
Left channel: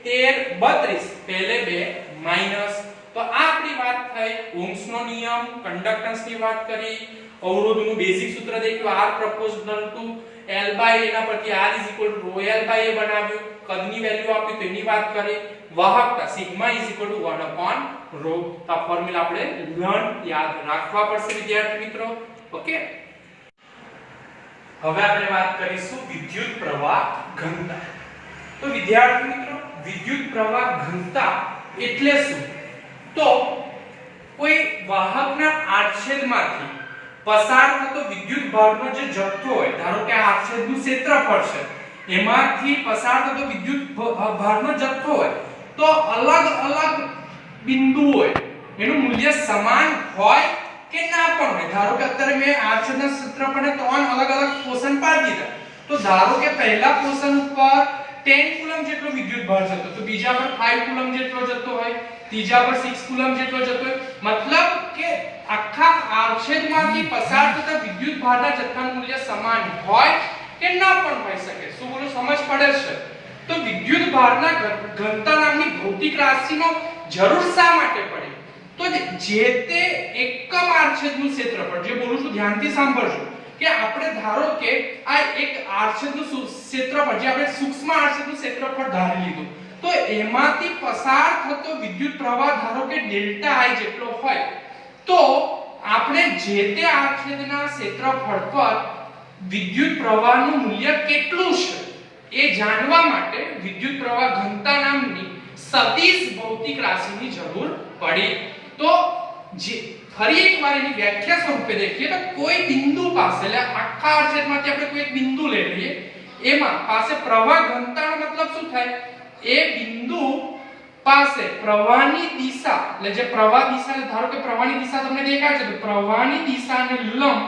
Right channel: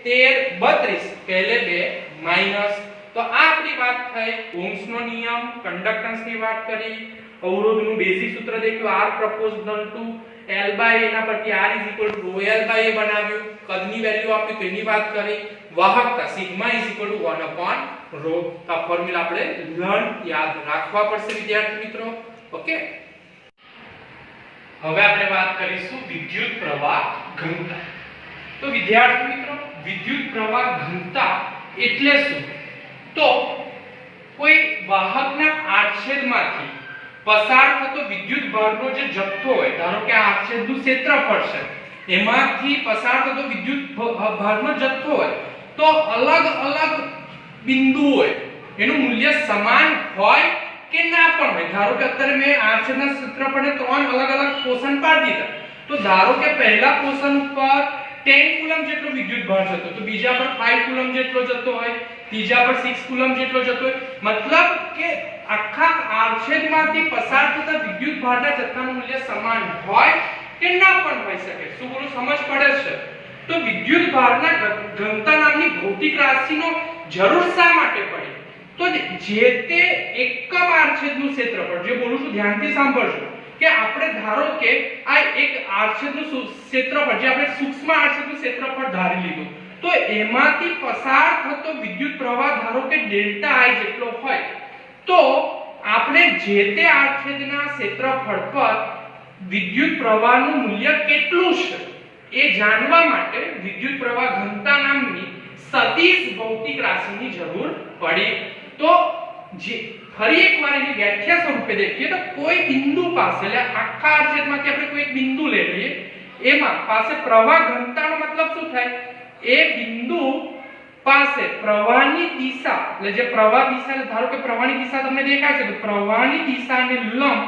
1332 પહેલે બે માઈનસ। તો આ આપણી વાત થઈ ઓહ્મ્સનો નિયમ કન્ડક્ટન્સની વાત કરી અવરોધનું બેઝિક સૂત્ર દેખ્યું R proportional to L by A ના પરથી R = ρL by A બનાવ્યું કદની વેલ્યુ આપી તેની વાત કરી વાહકતા સિગ્મા = 1/ρ। તો આ ફોર્મ્યુલા આપણે લર્ન યાદ રાખવા પડશે વિદ્યાર્થી મિત્રો ઓકે। હવે આપણે વાત કરીશું વિદ્યુત પ્રવાહ ઘનતા। તો વિદ્યાર્થી મિત્રો વિદ્યુત પ્રવાહ ઘનતા એટલે શું તો કોઈ વાહકના આડછેદમાંથી પસાર થતો વિદ્યુત ભારનો જે જથ્થો હોય ધારો કે આ આડછેદનું ક્ષેત્રફળ છે એમાંથી પસાર થતો વિદ્યુત ભારનો જથ્થો હોય તો અલગ અલગ બિંદુ હોય એનું મૂલ્ય સમાન હોય કે ના પણ હોય। ધારો કે અત્યારે મેં આડછેદના ક્ષેત્રફળને ત્રણ અલગ અલગ પોર્શન પાડી દીધા તો ધારો કે પહેલા પોર્શન ઉપર 10 કુલમ જેટલો વિદ્યુત ભાર જતો તો બીજા પર 5 કુલમ જેટલો જતો હોય ત્રીજા પર 6 કુલમ જેટલો જતો હોય મતલબ કે આખા આડછેદમાંથી પસાર થતા વિદ્યુત ભારના જથ્થાનું મૂલ્ય સમાન હોય કે ના પણ હોઈ શકે। શું બોલું સમજ પડે છે? તો વિદ્યુત ભારના ઘનતા નામની ભૌતિક રાશિનો જરૂર શા માટે પડે તો જે તે એકમ આડછેદનું ક્ષેત્રફળ જે બોલું છું ધ્યાનથી સાંભળજો કે આપણે ધારો કે આ એક આડછેદનું ક્ષેત્રફળ જે આપણે સૂક્ષ્મ આડછેદનું ક્ષેત્રફળ ધારી લીધું તો એમાંથી પસાર થતો વિદ્યુત પ્રવાહ ધારો કે ડેલ્ટા I જેટલો હોય તો આપણે જે તે આડછેદના ક્ષેત્રફળ પર વિદ્યુત પ્રવાહનું મૂલ્ય કેટલું છે એ જાણવા માટે વિદ્યુત પ્રવાહ ઘનતા નામની સદિશ ભૌતિક રાશિની જરૂર પડી। તો જે ફરી એકવાર એની વ્યાખ્યા સ્વરૂપે देखिए તો કોઈ બિંદુ પાસે એટલે આખા આડછેદમાંથી આપણે કોઈ એક બિંદુ લઈ લઈએ એમાં પાસે પ્રવાહ ઘનતાનો મતલબ શું થાય એ બિંદુ પાસે પ્રવાહની દિશા એટલે જે પ્રવાહ દિશા ધારો કે પ્રવાહની દિશા તમને દેખાય છે તો પ્રવાહની દિશાને લંબ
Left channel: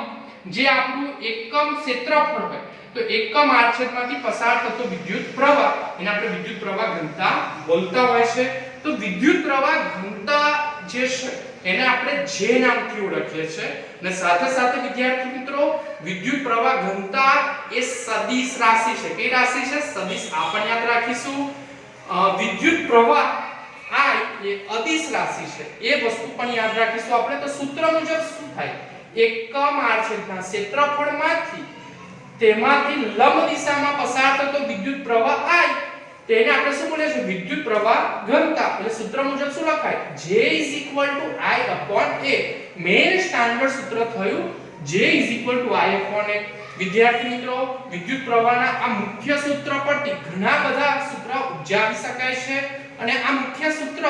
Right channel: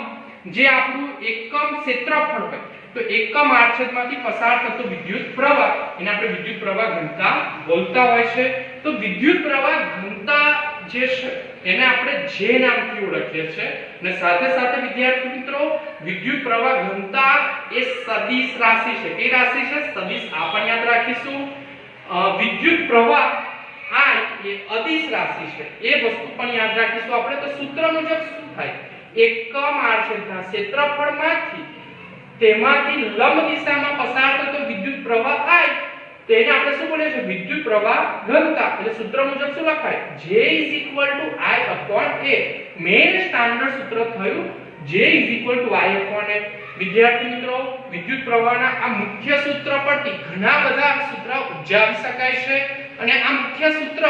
જે આપણું એકમ ક્ષેત્રફળ હોય તો એકમ આડછેદમાંથી પસાર થતો વિદ્યુત પ્રવાહ એને આપણે વિદ્યુત પ્રવાહ ઘનતા બોલતા હોય છે। તો વિદ્યુત પ્રવાહ ઘનતા જે છે એને આપણે જે નામથી ઓળખીએ છીએ અને સાથે સાથે વિદ્યાર્થી મિત્રો વિદ્યુત પ્રવાહ ઘનતા એ સદિશ રાશિ છે। કઈ રાશિ છે? સદિશ। આપણે યાદ રાખીશું વિદ્યુત પ્રવાહ I એ અદિશ રાશિ છે એ વસ્તુ પણ યાદ રાખીશું આપણે। તો સૂત્ર મુજબ શું થાય એકમ આડછેદના ક્ષેત્રફળમાંથી તેમાંથી લંબ દિશામાં પસાર થતો વિદ્યુત પ્રવાહ I તેને આપણે શું બોલીએ છીએ વિદ્યુત પ્રવાહ ઘનતા। એટલે સૂત્ર મુજબ શું લખાય J = I/A। મેઈન સ્ટાન્ડર્ડ સૂત્ર થયું J = I/A। વિદ્યાર્થી મિત્રો વિદ્યુત પ્રવાહના આ મુખ્ય સૂત્ર પરથી ઘણા બધા સૂત્ર ઉપજાવી શકાય છે અને આ મુખ્ય સૂત્ર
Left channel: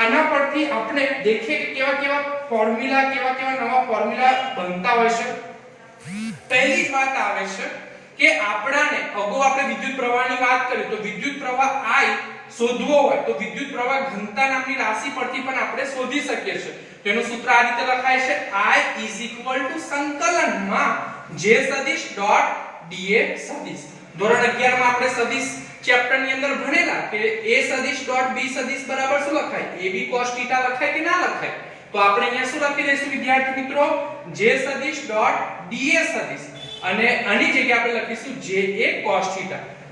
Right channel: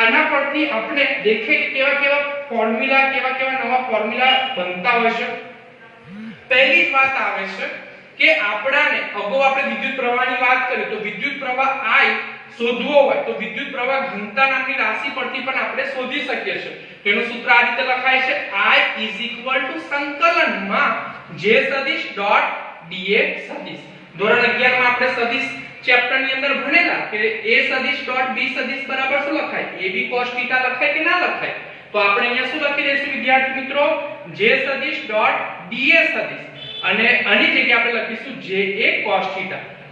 આના પરથી આપણે દેખીએ કે કેવા કેવા ફોર્મ્યુલા કેવા કેવા નવા ફોર્મ્યુલા બનતા હોય છે. પહેલી જ વાત આવે છે કે આપણાને અગાઉ આપણે વિદ્યુત પ્રવાહની વાત કરી તો વિદ્યુત પ્રવાહ I શોધવો હોય તો વિદ્યુત પ્રવાહ ઘનતા નામની રાશિ પરથી પણ આપણે શોધી શકીએ છીએ. તેનું સૂત્ર આ રીતે લખાય છે I સંકલનમાં J સદિશ ડોટ dA સદિશ. ધોરણ 11 માં આપણે સદિશ ચેપ્ટર ની અંદર ભણેલા કે A સદિશ ડોટ B સદિશ બરાબર શું લખાય AB cos θ લખાય કે ના લખાય. તો આપણે અહીંયા શું લખી દઈશું વિદ્યાર્થી મિત્રો J સદિશ ડોટ dA સદિશ અને આની જગ્યાએ આપણે લખીશું JA cos θ.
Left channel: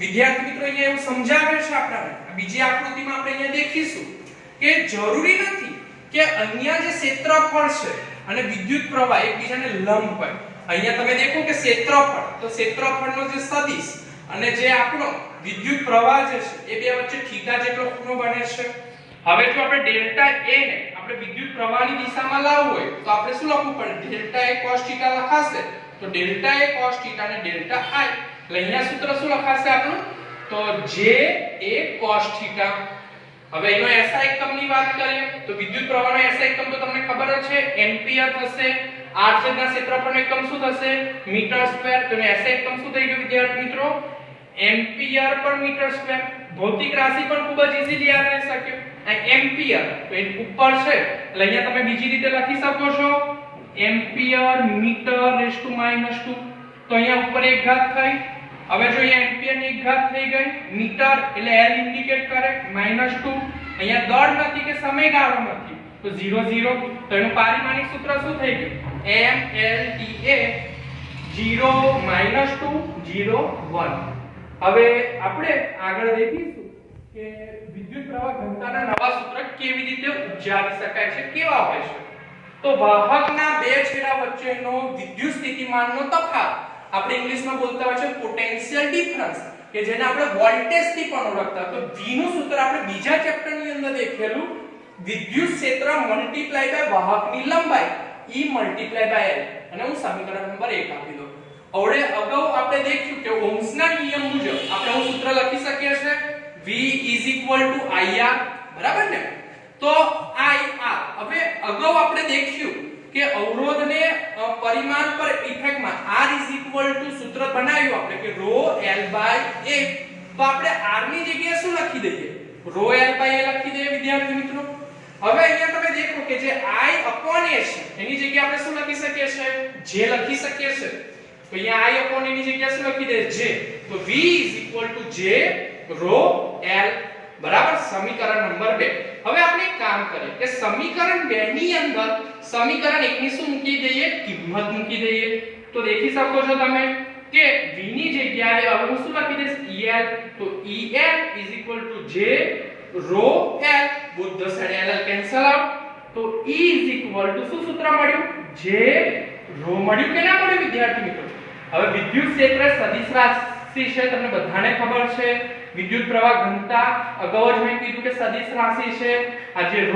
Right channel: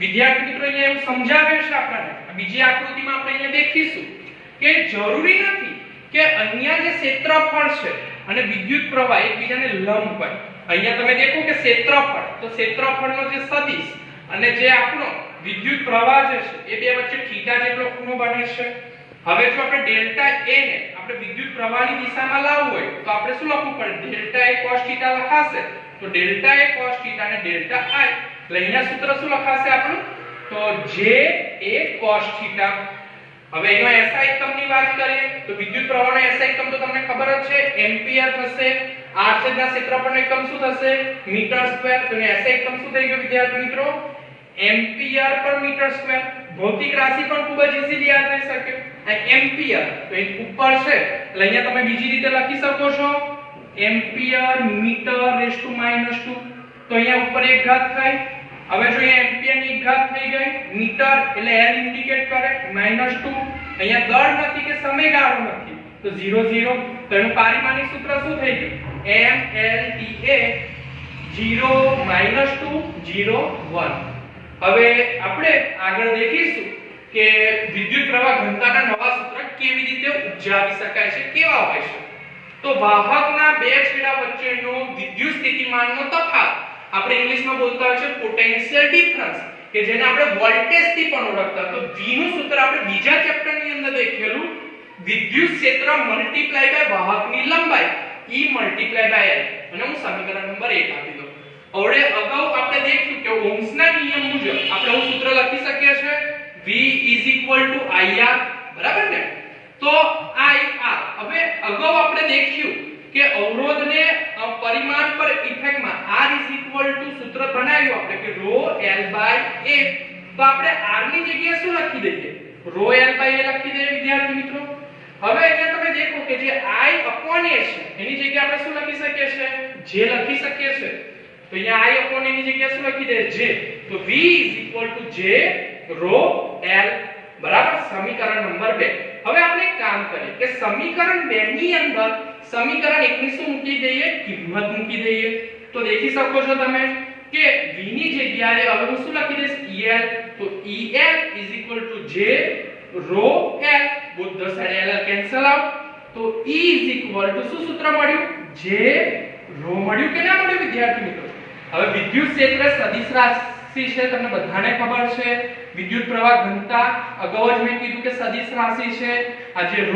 વિદ્યાર્થી મિત્રો અહીંયા એવું સમજાવ્યું છે આપણને. બીજી આકૃતિમાં આપણે અહીંયા દેખીશું કે જરૂરી નથી કે અહીંયા જે ક્ષેત્રફળ છે અને વિદ્યુત પ્રવાહ એકબીજાને લંબ હોય. અહીંયા તમે દેખો કે ક્ષેત્રફળ તો ક્ષેત્રફળનો જે સદિશ અને જે આપણો વિદ્યુત પ્રવાહ જે છે એ બે વચ્ચે θ જેટલો ખૂણો બને છે. હવે જો આપણે ડેલ્ટા A ને આપણે વિદ્યુત પ્રવાહની દિશામાં લાવવું હોય તો આપણે શું લખવું પડે ડેલ્ટા A cos θ લખાશે તો ડેલ્ટા A cos θ અને ડેલ્ટા I એટલે અહીંયા સૂત્ર શું લખાશે આપણું તો JA cos θ. હવે એનો SI એકમની વાત કરીએ તો વિદ્યુત પ્રવાહનો SI એકમ તો તમને ખબર જ છે એમ્પિયર થશે. r છેદના ક્ષેત્રફળનો એકમ શું થશે મીટર સ્ક્વેર. તો એનો SI એકમ શું થઈ ગયો વિદ્યાર્થી મિત્રો એમ્પિયર પર મીટર સ્ક્વેર. ભૌતિક રાશિ પણ ખૂબ જ ઈઝીલી યાદ રહી શકે. આ એમ્પિયર તો એ ઉપર છે એટલે અહીંયા તમે બીજી રીતે લખી શકો છો એમ્પિયર મીટર રેઝ ટુ -2. તો અહીંયા ઉપર એક ઘાત થાય. હવે જો અહીંયા એમ્પિયર ની એક ઘાત થઈ ગઈ મીટર એટલે L ઇન્ડિકેટ કરે -2. અહીંયા દળ નથી કે સમયગાળો નથી તો 0 0. તો એનું પારિમાણિક સૂત્ર શું થઈ ગયું MLTA 0 -2 0 1. હવે આપણે આગળ દેખીશું કે વિદ્યુત પ્રવાહ ઘનતાના નવા સૂત્ર કેવી રીતે ઉપજાવી શકાય છે કેવા હોય છે. તો વાહકના બે છેડા વચ્ચેનો વિદ્યુત સ્થિતિમાનનો તફાવત આપણે ઇંગ્લિશમાં બોલતા હોય છે પોટેન્શિયલ ડિફરન્સ કે જેને આપણે વોલ્ટેજ થી પણ ઓળખતા. તો V નું સૂત્ર આપણે બીજા ચેપ્ટરની અંદર દેખેલું વિદ્યુત ક્ષેત્ર મલ્ટીપ્લાય બાય વાહકની લંબાઈ E મલ્ટીપ્લાય બાય L અને હું સમીકરણ નંબર 1 આપી દઉં. હવે અગાઉ આપણે દેખ્યું કે ઓહ્મના નિયમ મુજબ આપણે હું સૂત્ર લખી શકીએ છીએ V IR બરાબર ને. તો IR હવે અગાઉ આપણે દેખ્યું કે અવરોધને પરિમાણ પર ઇફેક્ટમાં R સૂત્ર બનાવ્યું આપણે કે ρ L A. તો આપણે R ની જગ્યાએ શું લખી દઈએ ρ L A લખી દઈએ વિદ્યાર્થી મિત્રો. હવે અહીંયા તમે દેખો કે જે I/A છે એની જગ્યાએ આપણે શું લખી શકીએ છીએ J લખી શકીએ છીએ. તો અહીંયા I/A ની જગ્યાએ શું લખી દે J. તો V J ρ L બરાબર સમીકરણ નંબર 2. હવે આપણે એક કામ કરીએ કે સમીકરણ 2 ની અંદર સમીકરણ 1 ની શું મૂકી દઈએ કિંમત મૂકી દઈએ. તો દેખી શકો છો તમે કે V ની જગ્યાએ હવે હું શું લખી દઈશ EL. તો EL J ρ L both the side L cancel out. તો E શું સૂત્ર મળ્યું J ρ મળ્યું કે ના મળ્યું વિદ્યાર્થી મિત્રો. હવે વિદ્યુત ક્ષેત્ર સદિશ રાશિ છે તમને બધાને ખબર છે. વિદ્યુત પ્રવાહ ઘનતા અગાઉ જ મેં કીધું કે સદિશ રાશિ છે. આ જે ρ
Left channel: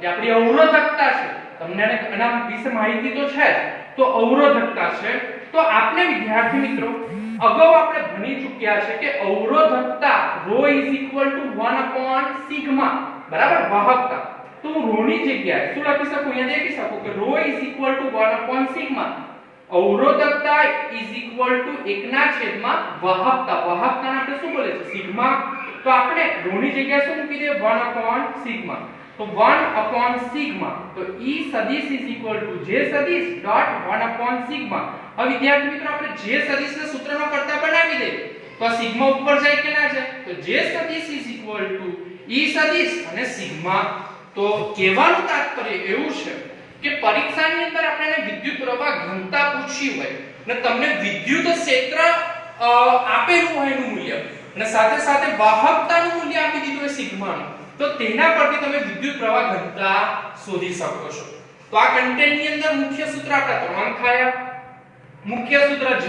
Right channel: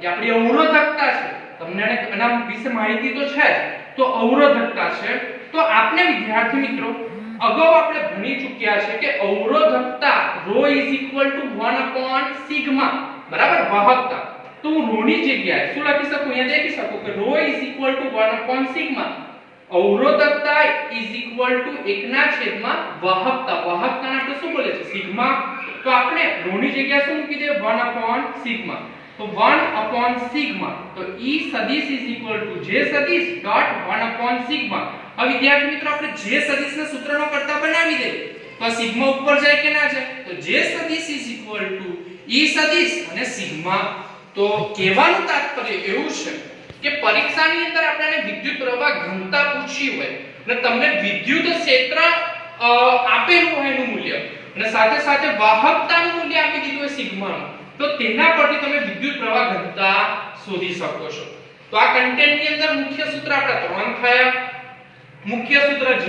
છે એ આપણી અવરોધકતા છે. તમને એના વિશે માહિતી તો છે જ. તો અવરોધકતા છે. તો આપણે વિદ્યાર્થી મિત્રો અગાઉ આપણે ભણી ચૂક્યા છે કે અવરોધકતા ρ 1/σ બરાબર વાહકતા. તો હું ρ ની જગ્યાએ શું લખી શકું અહીંયા દેખી શકો કે ρ 1/σ અવરોધકતા વાહકતા. વાહકતાને આપણે શું બોલે છે સિગ્મા. તો આપણે ρ ની જગ્યાએ શું મૂકી દઈએ 1/σ. તો 1/σ. તો E સદિશ J સદિશ ડોટ 1/σ. હવે વિદ્યાર્થી મિત્રો આપણે J સદિશને સૂત્રનો કરતા બનાવી દઈએ તો આ સિગ્મા ઉપર જાય કે ના જાય. તો J સદિશ E સદિશ અને સિગ્મા. તો કહેવાનું તાત્પર્ય એવું છે કે પરીક્ષાની અંદર આપણને વિદ્યુત પ્રવાહ ઘનતા પૂછી હોય અને તમને વિદ્યુત ક્ષેત્ર આપેલું હોય એનું મૂલ્ય અને સાથે સાથે વાહકતાનું મૂલ્ય આપી દીધું હોય સિગ્માનું. તો તેના પરથી તમે વિદ્યુત પ્રવાહ ઘનતા શોધી શકો છો. તો આ કન્ટેન્ટની અંદર મુખ્ય સૂત્ર આપણા 3 થયા. મુખ્ય સૂત્ર J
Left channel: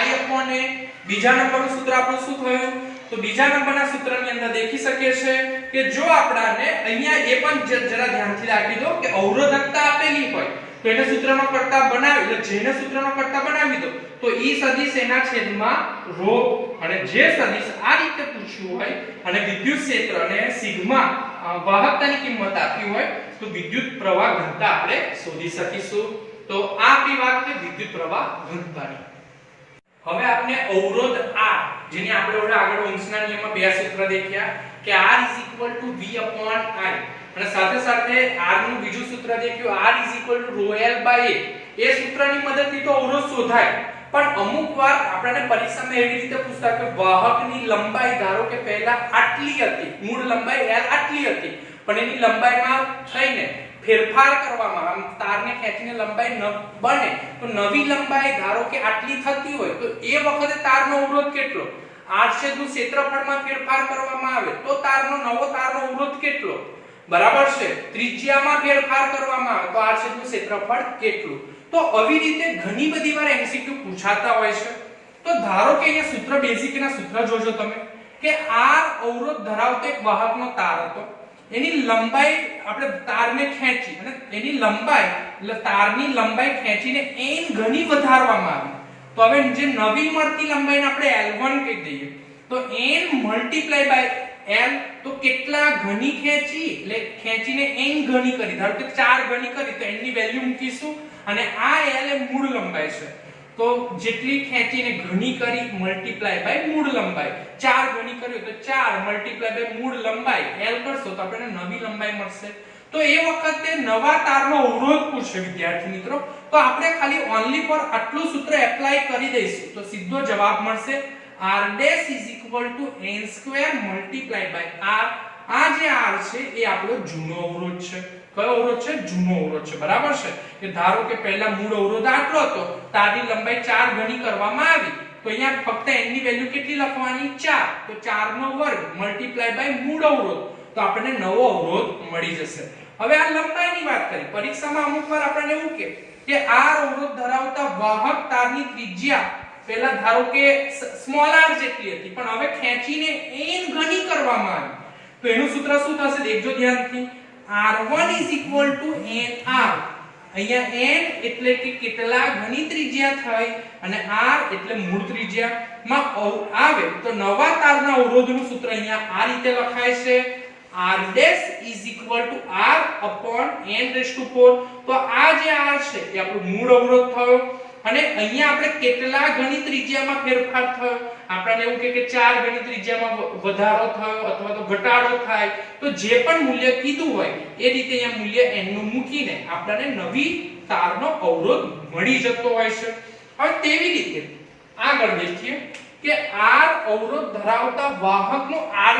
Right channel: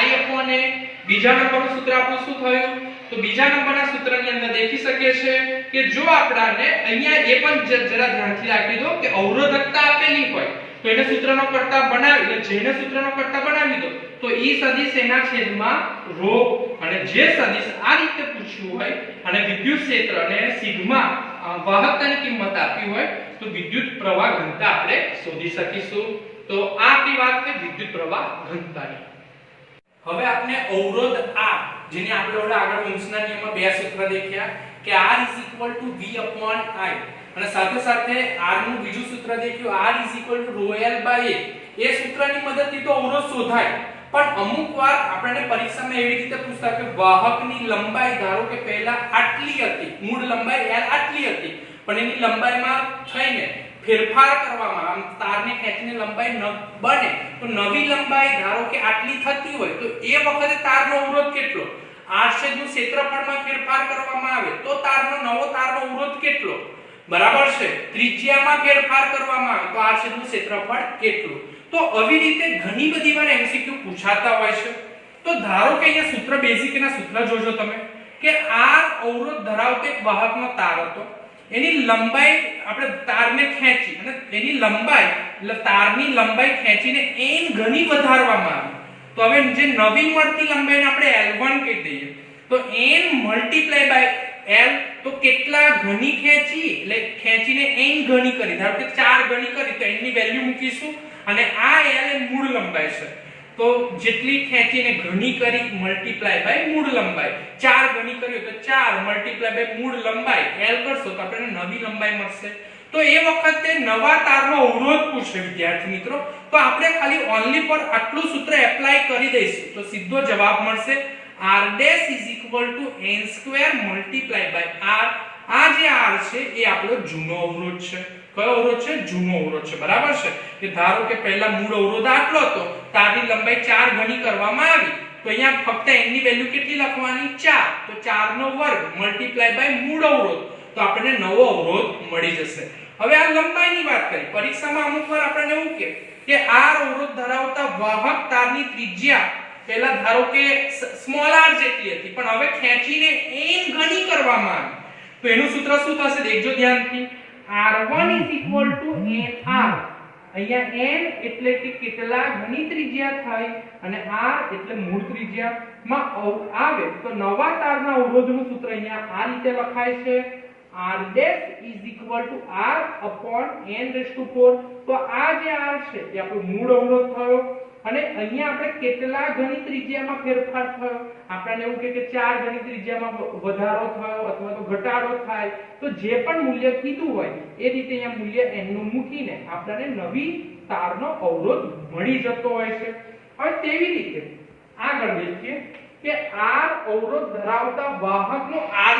I/A. બીજા નંબરનું સૂત્ર આપણું શું થયું તો બીજા નંબરના સૂત્રની અંદર દેખી શકીએ છે કે જો આપણાને અહીંયા એ પણ જરા ધ્યાનથી રાખી દો કે અવરોધકતા આપેલી હોય તો એને સૂત્રનો કરતા બનાવી એટલે જેને સૂત્રનો કરતા બનાવી દો તો E સદિશ એના છેદમાં ρ અને J સદિશ આ રીતે પૂછ્યું હોય અને વિદ્યુત ક્ષેત્ર અને સિગ્મા વાહકતાની કિંમત આપી હોય તો વિદ્યુત પ્રવાહ ઘનતા આપણે શોધી શકીશું. તો આ આપણી વાત છે વિદ્યુત પ્રવાહ ઘનતાની. હવે આપણે અવરોધ R જેની આપણે ઓલા આગળ ઓહ્મના નિયમમાં બે સૂત્ર દેખ્યા કે R V I અને સાથે સાથે R નું બીજું સૂત્ર દેખ્યું R ρl/a. એ સૂત્રની મદદથી તો અવરોધ શોધાય, પણ અમુક વાર આપણને પરીક્ષામાં એવી રીતે પૂછતા કે વાહકની લંબાઈ ધારો કે પહેલા આટલી હતી, મૂળ લંબાઈ L આટલી હતી, પણ એની લંબાઈમાં થઈને ફેરફાર કરવામાં, આમ તારને ખેંચીને લંબાઈ ન બને તો નવી લંબાઈ ધારો કે આટલી થતી હોય તો એ વખતે તારનો અવરોધ કેટલો? આડછેદનું ક્ષેત્રફળમાં ફેરફાર કરવામાં આવે તો નવો તારનો અવરોધ કેટલો? બરાબર છે. ત્રિજ્યામાં ફેરફાર કરવામાં આવે તો આડછેદનું ક્ષેત્રફળ કેટલું? તો આવી રીતે ઘણી બધી વાર એમસીક્યુ પૂછાતા હોય છે. તો ધારો કે અહીંયા સૂત્ર બેઝિકના સૂત્ર જોજો તમે કે R અવરોધ ધરાવતો એક વાહકનો તાર હતો, એની લંબાઈ આપણે તારને ખેંચી અને એની લંબાઈ એટલે તારની લંબાઈ ખેંચીને n ગણી વધારવામાં આવી. તો હવે જે નવી મળતી લંબાઈને આપણે L1 કહી દઈએ તો n * L તો કેટલા ગણી ખેંચી એટલે ખેંચીને n ગણી કરી, ધારો કે 4 ગણી કરી તો n ની વેલ્યુ મૂકીશું અને આ L એ મૂળ લંબાઈ છે તો જેટલી ખેંચીને ઘણી કરી * મૂળ લંબાઈ 4 ગણી કર્યું તો 4 * મૂળ લંબાઈ L કરશો તો આપણને નવી લંબાઈ મળશે. તો એ વખતે નવા તારનો અવરોધ પૂછે વિદ્યાર્થી મિત્રો, તો આપણે ખાલી ઓન્લી ફોર આટલું સૂત્ર એપ્લાય કરી દઈશું તો સીધો જવાબ મળશે R' = n² × R. આ જે R છે એ આપણો જૂનો અવરોધ છે. કયો અવરોધ છે? જૂનો અવરોધ છે. બરાબર છે. કે ધારો કે પહેલા મૂળ અવરોધ આટલો હતો, તારની લંબાઈ 4 ગણી કરવામાં આવી તો અહીંયા ફક્ત n ની વેલ્યુ કેટલી લખવાની? 4. તો 4 નો વર્ગ * મૂળ અવરોધ તો આપણને નવો અવરોધ મળી જશે. હવે આ લંબાઈની વાત કરી, પરીક્ષામાં અમુક વાર આપણને એવું કે R અવરોધ ધરાવતા વાહક તારની ત્રિજ્યા પહેલા ધારો કે r જેટલી હતી પણ હવે ખેંચીને n ગણી કરવામાં આવી તો એનું સૂત્ર શું થશે? દેખજો ધ્યાનથી. R1 = nr. અહીંયા n એટલે કે કેટલા ગણી ત્રિજ્યા થઈ અને r એટલે મૂળ ત્રિજ્યામાં આવે તો નવા તારના અવરોધનું સૂત્ર અહીંયા આ રીતે લખાય છે R' = R/n4. તો આ જે R છે એ આપણો મૂળ અવરોધ થયો અને અહીંયા આપણે કેટલા ગણી ત્રિજ્યામાં ફેરફાર થયો? આપણને એવું કે 4 ગણી ત્રિજ્યામાં વધારો થયો અથવા તો ઘટાડો થાય તો જે પણ મૂલ્ય કીધું હોય એ રીતે અહીંયા મૂલ્ય n નું મૂકીને આપણને નવી તારનો અવરોધ મળી જતો હોય છે. હવે તેવી રીતે આગળ દેખીએ કે R અવરોધ ધરાવતા વાહકનો R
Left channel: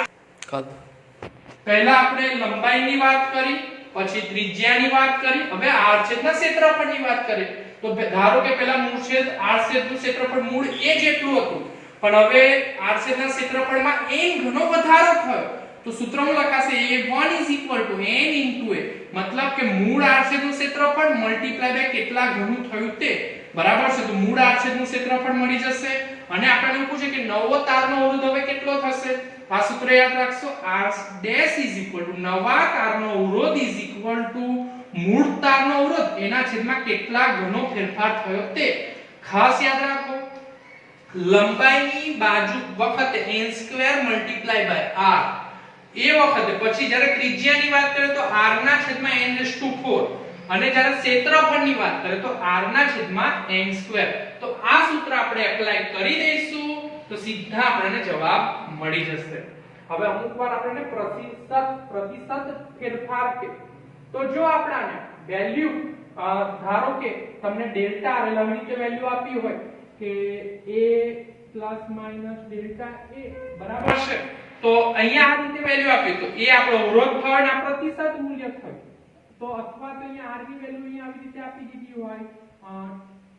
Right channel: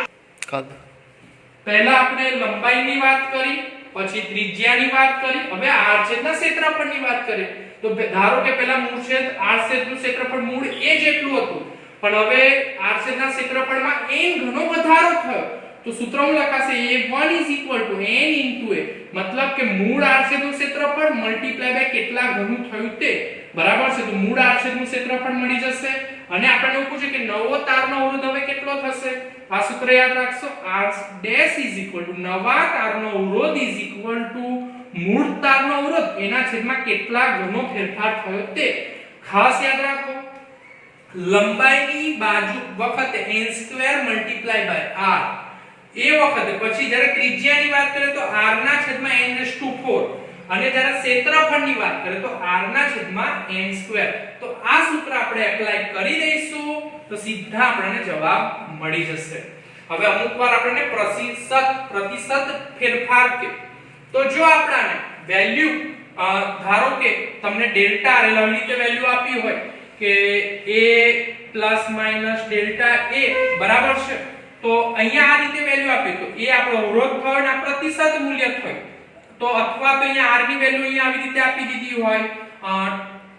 પહેલા આપણે લંબાઈની વાત કરી, પછી ત્રિજ્યાની વાત કરી, હવે આડછેદના ક્ષેત્રફળની વાત કરી. તો ધારો કે પહેલા મૂળ છેદ આડછેદનું ક્ષેત્રફળ મૂળ a જેટલું હતું પણ હવે આડછેદના ક્ષેત્રફળમાં n ઘણો વધારો થયો તો સૂત્ર શું લખાશે? A1 = n * a. મતલબ કે મૂળ આડછેદનું ક્ષેત્રફળ * કેટલા ઘણું થયું તે. બરાબર છે. તો મૂળ આડછેદનું ક્ષેત્રફળ મળી જશે અને આપણને એવું પૂછે કે નવો તારનો અવરોધ હવે કેટલો થશે? આ સૂત્ર યાદ રાખશો. R' = નવા તારનો અવરોધ = મૂળ તારનો અવરોધ એના છેદમાં કેટલા ઘણો ફેરફાર થયો તે. ખાસ યાદ રાખો લંબાઈની બાજુ વખતે n² × R. એ વખતે પછી જ્યારે ત્રિજ્યાની વાત કરીએ તો r/n4 અને જ્યારે ક્ષેત્રફળની વાત કરીએ તો r/n². તો આ સૂત્ર આપણે એપ્લાય કરી દઈશું તો સીધા આપણને જવાબ મળી જશે. હવે અમુક વાર આપણને પ્રતિશત ફેરફાર કે તો જો આપણને વેલ્યુ ધારો કે તમને ડેલ્ટા r આવી રીતે વેલ્યુ આપી હોય કે a ± ડેલ્ટા a બરાબર છે તો અહીંયા આ રીતે વેલ્યુ આપી તો એ આપણો અવરોધ થયો અને આ પ્રતિશત મૂલ્ય થયું. તો અથવા તો અહીંયા r ની વેલ્યુ અહીંયા આવી રીતે આપી દીધી હોય,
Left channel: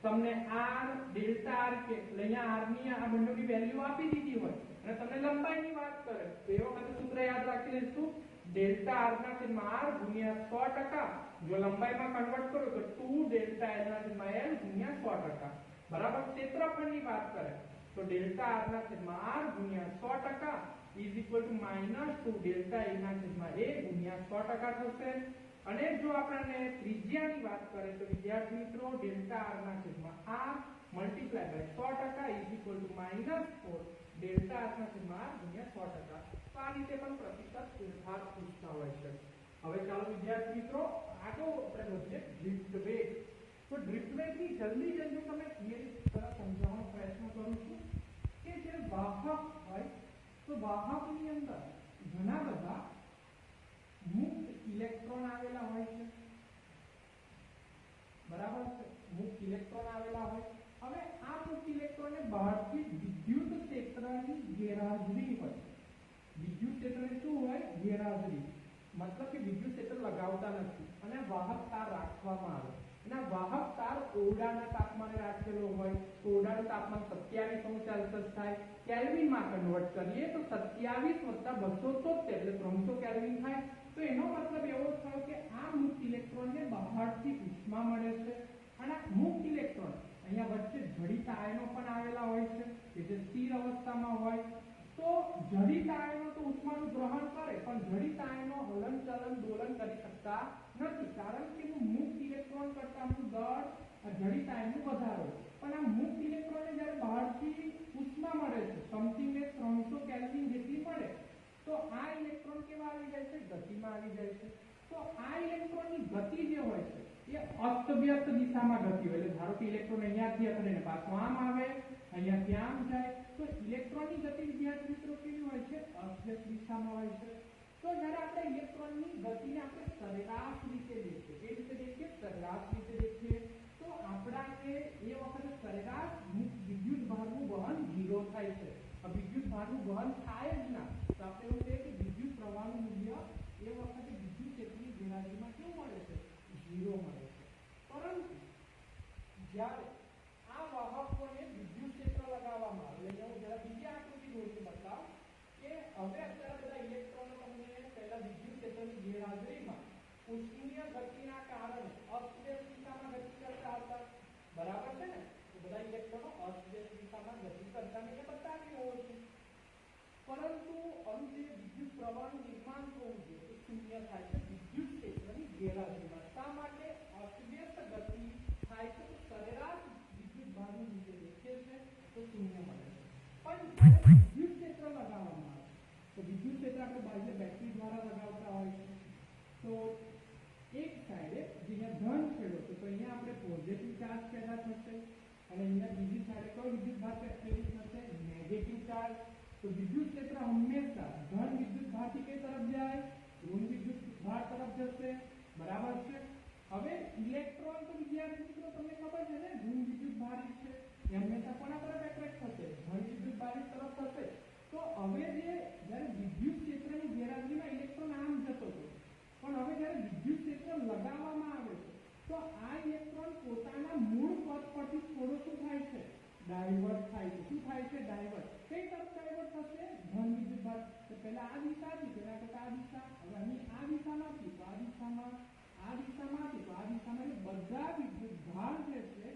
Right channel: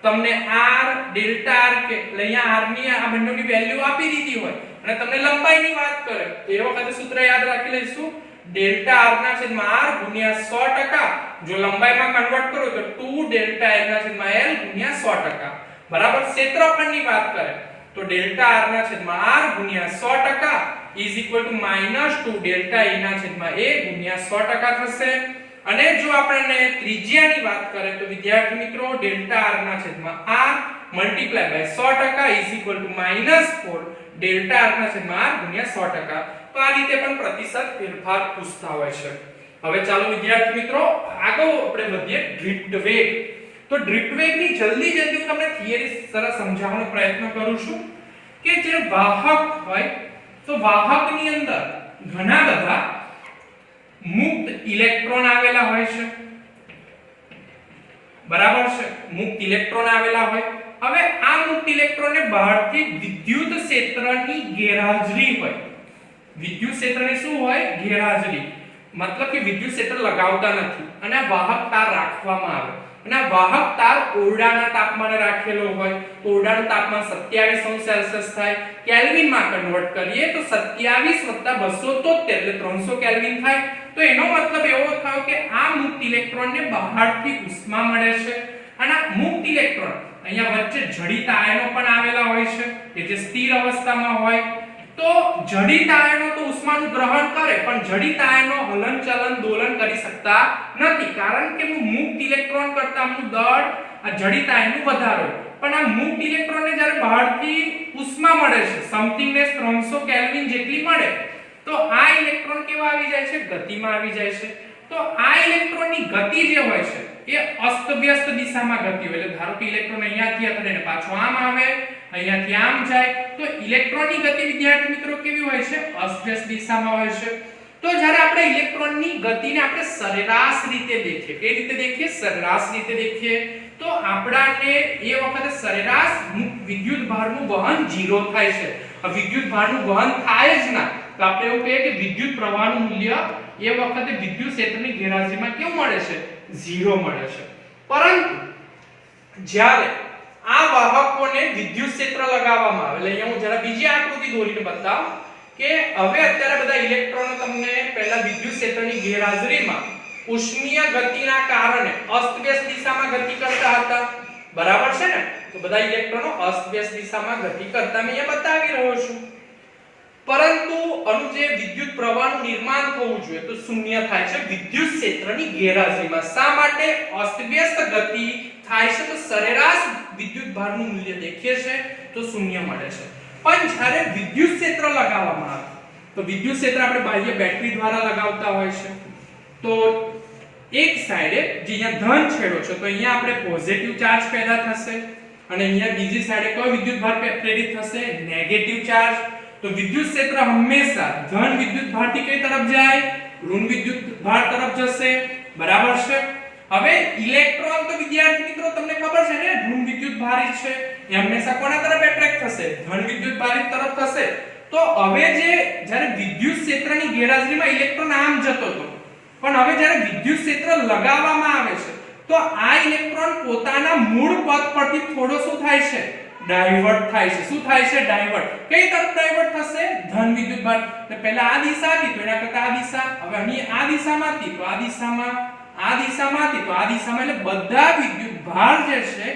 તમને r ડેલ્ટા r કે અહીંયા r ની આ બંનેની વેલ્યુ આપી દીધી હોય અને તમને લંબાઈની વાત કરે તો એ વખતે સૂત્ર યાદ રાખી લઈશું ડેલ્ટા r/r * 100%. જો લંબાઈમાં કન્વર્ટ કરો તો 2 ડેલ્ટા l/l * 100%. બરાબર. ક્ષેત્રફળની વાત કરે તો ડેલ્ટા r/r * 100% -2 ડેલ્ટા e/a * 100% થશે. અને જો આપણે ત્રિજ્યાની વાત કરીએ તો વિદ્યાર્થી મિત્રો delta r/r multiply by 100% is equal to -4 delta r ના છેદમાં r ગુણ્યા 100%. તો આ રીતે પણ પ્રતિશત ફેરફાર પૂછતા હોય છે. હવે ચાલો વિદ્યાર્થી મિત્રો આગળ આપણે વધીએ ડ્રિફ્ટ વેગ. તો ડ્રિફ્ટ વેગની જલ્દી હું તમને થિયરી સરસ સમજાવવાનો પ્રયત્ન કરું છું કે જે વાહક હોય તો વાહકની અંદર ઘણા બધા મુક્ત ઇલેક્ટ્રોન આવેલા હોય છે, બરાબર છે, મુક્ત ઇલેક્ટ્રોન આવેલા હોય. હવે આ મુક્ત ઇલેક્ટ્રોનને બહારથી વિદ્યુત ક્ષેત્રની ગેરહાજરી હોય. વિદ્યુત ક્ષેત્રની શું હોય? ગેરહાજરી. મતલબ કે વિદ્યુત ક્ષેત્ર લગાવતા નથી અને વાહક તાર રાખવામાં આવે અને આ વાહક તાર ઓરડાના તાપમાને રાખેલો હોય. તો ઓરડાનું તાપમાન 27°C થાય. કેલ્વિનમાં કન્વર્ટ કરીએ તો 27 + 273 એટલે 300 કેલ્વિન થાય. તો એનો મતલબ એવો થયો કે આ મુક્ત ઇલેક્ટ્રોનને બહારથી ઉષ્મા મળે છે અને આ મુક્ત ઇલેક્ટ્રોન અહીંયા વચ્ચે જડિત આયનો પણ આવેલા હોય છે કે જે સ્થિર અવસ્થામાં હોય. તો જડિત આયનો તો ઉષ્માનું ગ્રહણ કરે પણ જડિત આયનો હલનચલન દોલન કરી શકતા નથી કારણ કે મુક્ત ઇલેક્ટ્રોન કરતા દળ આ જડિત આયનનું વધારે હોય. પણ આ મુક્ત ઇલેક્ટ્રોનને જ્યારે બહારથી ઉષ્મા મળે છે સમથિંગનેસ 300 કેલ્વિન જેટલી મળે તો આ ઇલેક્ટ્રોન કેવા આવી જાય છે? ગતિમાં આવી જાય છે. તો આ ઇલેક્ટ્રોનની ગતિ જે હોય છે એ અસ્તવ્યસ્ત દિશામાં ગતિ હોય. એટલે ધારો કે ઇલેક્ટ્રોન અહીંયાથી અથડીને પાછો આમ આવે, અહીંયાથી આમ જાય તો ઇલેક્ટ્રોનની ગતિ વિદ્યાર્થી મિત્રો કેવી હોય છે? અસ્તવ્યસ્ત દિશામાં હોય છે. તો જ્યારે આપણે ઇલેક્ટ્રોનની ગતિને આપણે સરેરાશ રીતે દેખીએ, કઈ રીતે દેખીએ? સરેરાશ રીતે દેખીએ તો આપણાને એ વખતે સરેરાશ વિદ્યુત ભારનું વહન 0 થાય છે. વિદ્યુત ભારનું વહન થાય જ ના તો આપણે એવું કહીએ કે વિદ્યુત પ્રવાહનું મૂલ્ય એ વખતે વિદ્યુત ક્ષેત્રની ગેરહાજરીમાં કેવું મળે છે? 0 મળે છે. પરંતુ જ્યારે આ વાહકોને વિદ્યુત ક્ષેત્ર લગાવવામાં આવે, એટલે અહીંયા હું જરા બીજી આકૃતિ દોરીને બતાવું કે હવે અત્યારે બધા ઇલેક્ટ્રોનો તમને પહેલા વિદ્યુત ક્ષેત્રની ગેરહાજરીમાં ઉષ્મીય ગતિના કારણે અસ્તવ્યસ્ત દિશામાં ગતિ કરતા હતા, બરાબર છે ને? તો બધા ઇલેક્ટ્રોનો અસ્તવ્યસ્ત દિશામાં ગતિ કરતા મેં અહીંયા બતાવી રહ્યો છું. પરંતુ અનુ જે વિદ્યુત પ્રવાહનું નિર્માણ થવું જોઈએ તો શૂન્ય થાય છે વિદ્યુત ક્ષેત્રની ગેરહાજરીમાં. શા માટે? અસ્તવ્યસ્ત ગતિ થાય છે તો સરેરાશ વિદ્યુત ભારનું મૂલ્ય દેખીએ છે તો શૂન્ય મળે છે. પણ જ્યારે વિદ્યુત ક્ષેત્ર લગાવવામાં આવે તો વિદ્યુત ક્ષેત્ર આપણે બાહ્ય બેટરી દ્વારા લગાવતા હોય છે. તો એક સાઈડે જે અહીંયા ધન છેડો છે તો અહીંયા આપણે પોઝિટિવ ચાર્જ પેદા થશે અને અહીંયા બીજી સાઈડે કયો વિદ્યુત ભાર પ્રેરિત થશે? Negative charge. તો વિદ્યુત ક્ષેત્ર હંમેશા ધન વિદ્યુત ભારથી કઈ તરફ જાય? ઋણ વિદ્યુત ભાર તરફ જશે, બરાબર છે? હવે ઇલેક્ટ્રોન તો વિદ્યાર્થી મિત્રો તમને ખબર છે ને ઋણ વિદ્યુત ભારિત છે, એ હંમેશા કોના તરફ એટ્રેક્ટ થશે? ધન વિદ્યુત ભારિત તરફ થશે. તો હવે જ્યારે વિદ્યુત ક્ષેત્રની ગેરહાજરીમાં ઇલેક્ટ્રોન આમ જતો હતો પણ હવે જ્યારે વિદ્યુત ક્ષેત્ર લગાવવામાં આવે છે તો આ ઇલેક્ટ્રોન પોતાના મૂળ પથ પરથી થોડો શું થાય છે? ડાયવર્ટ થાય છે. શું થાય છે? ડાયવર્ટ. કઈ તરફ ડાયવર્ટ થશે? ધન વિદ્યુત ભાર. એટલે પહેલા આ દિશા હતી તો એના કરતા આ દિશા, હવે અહીં આ દિશામાંથી તો આ દિશામાં, આ દિશામાંથી તો આ દિશામાં, એટલે બધા વિદ્યુત ભાર જે છે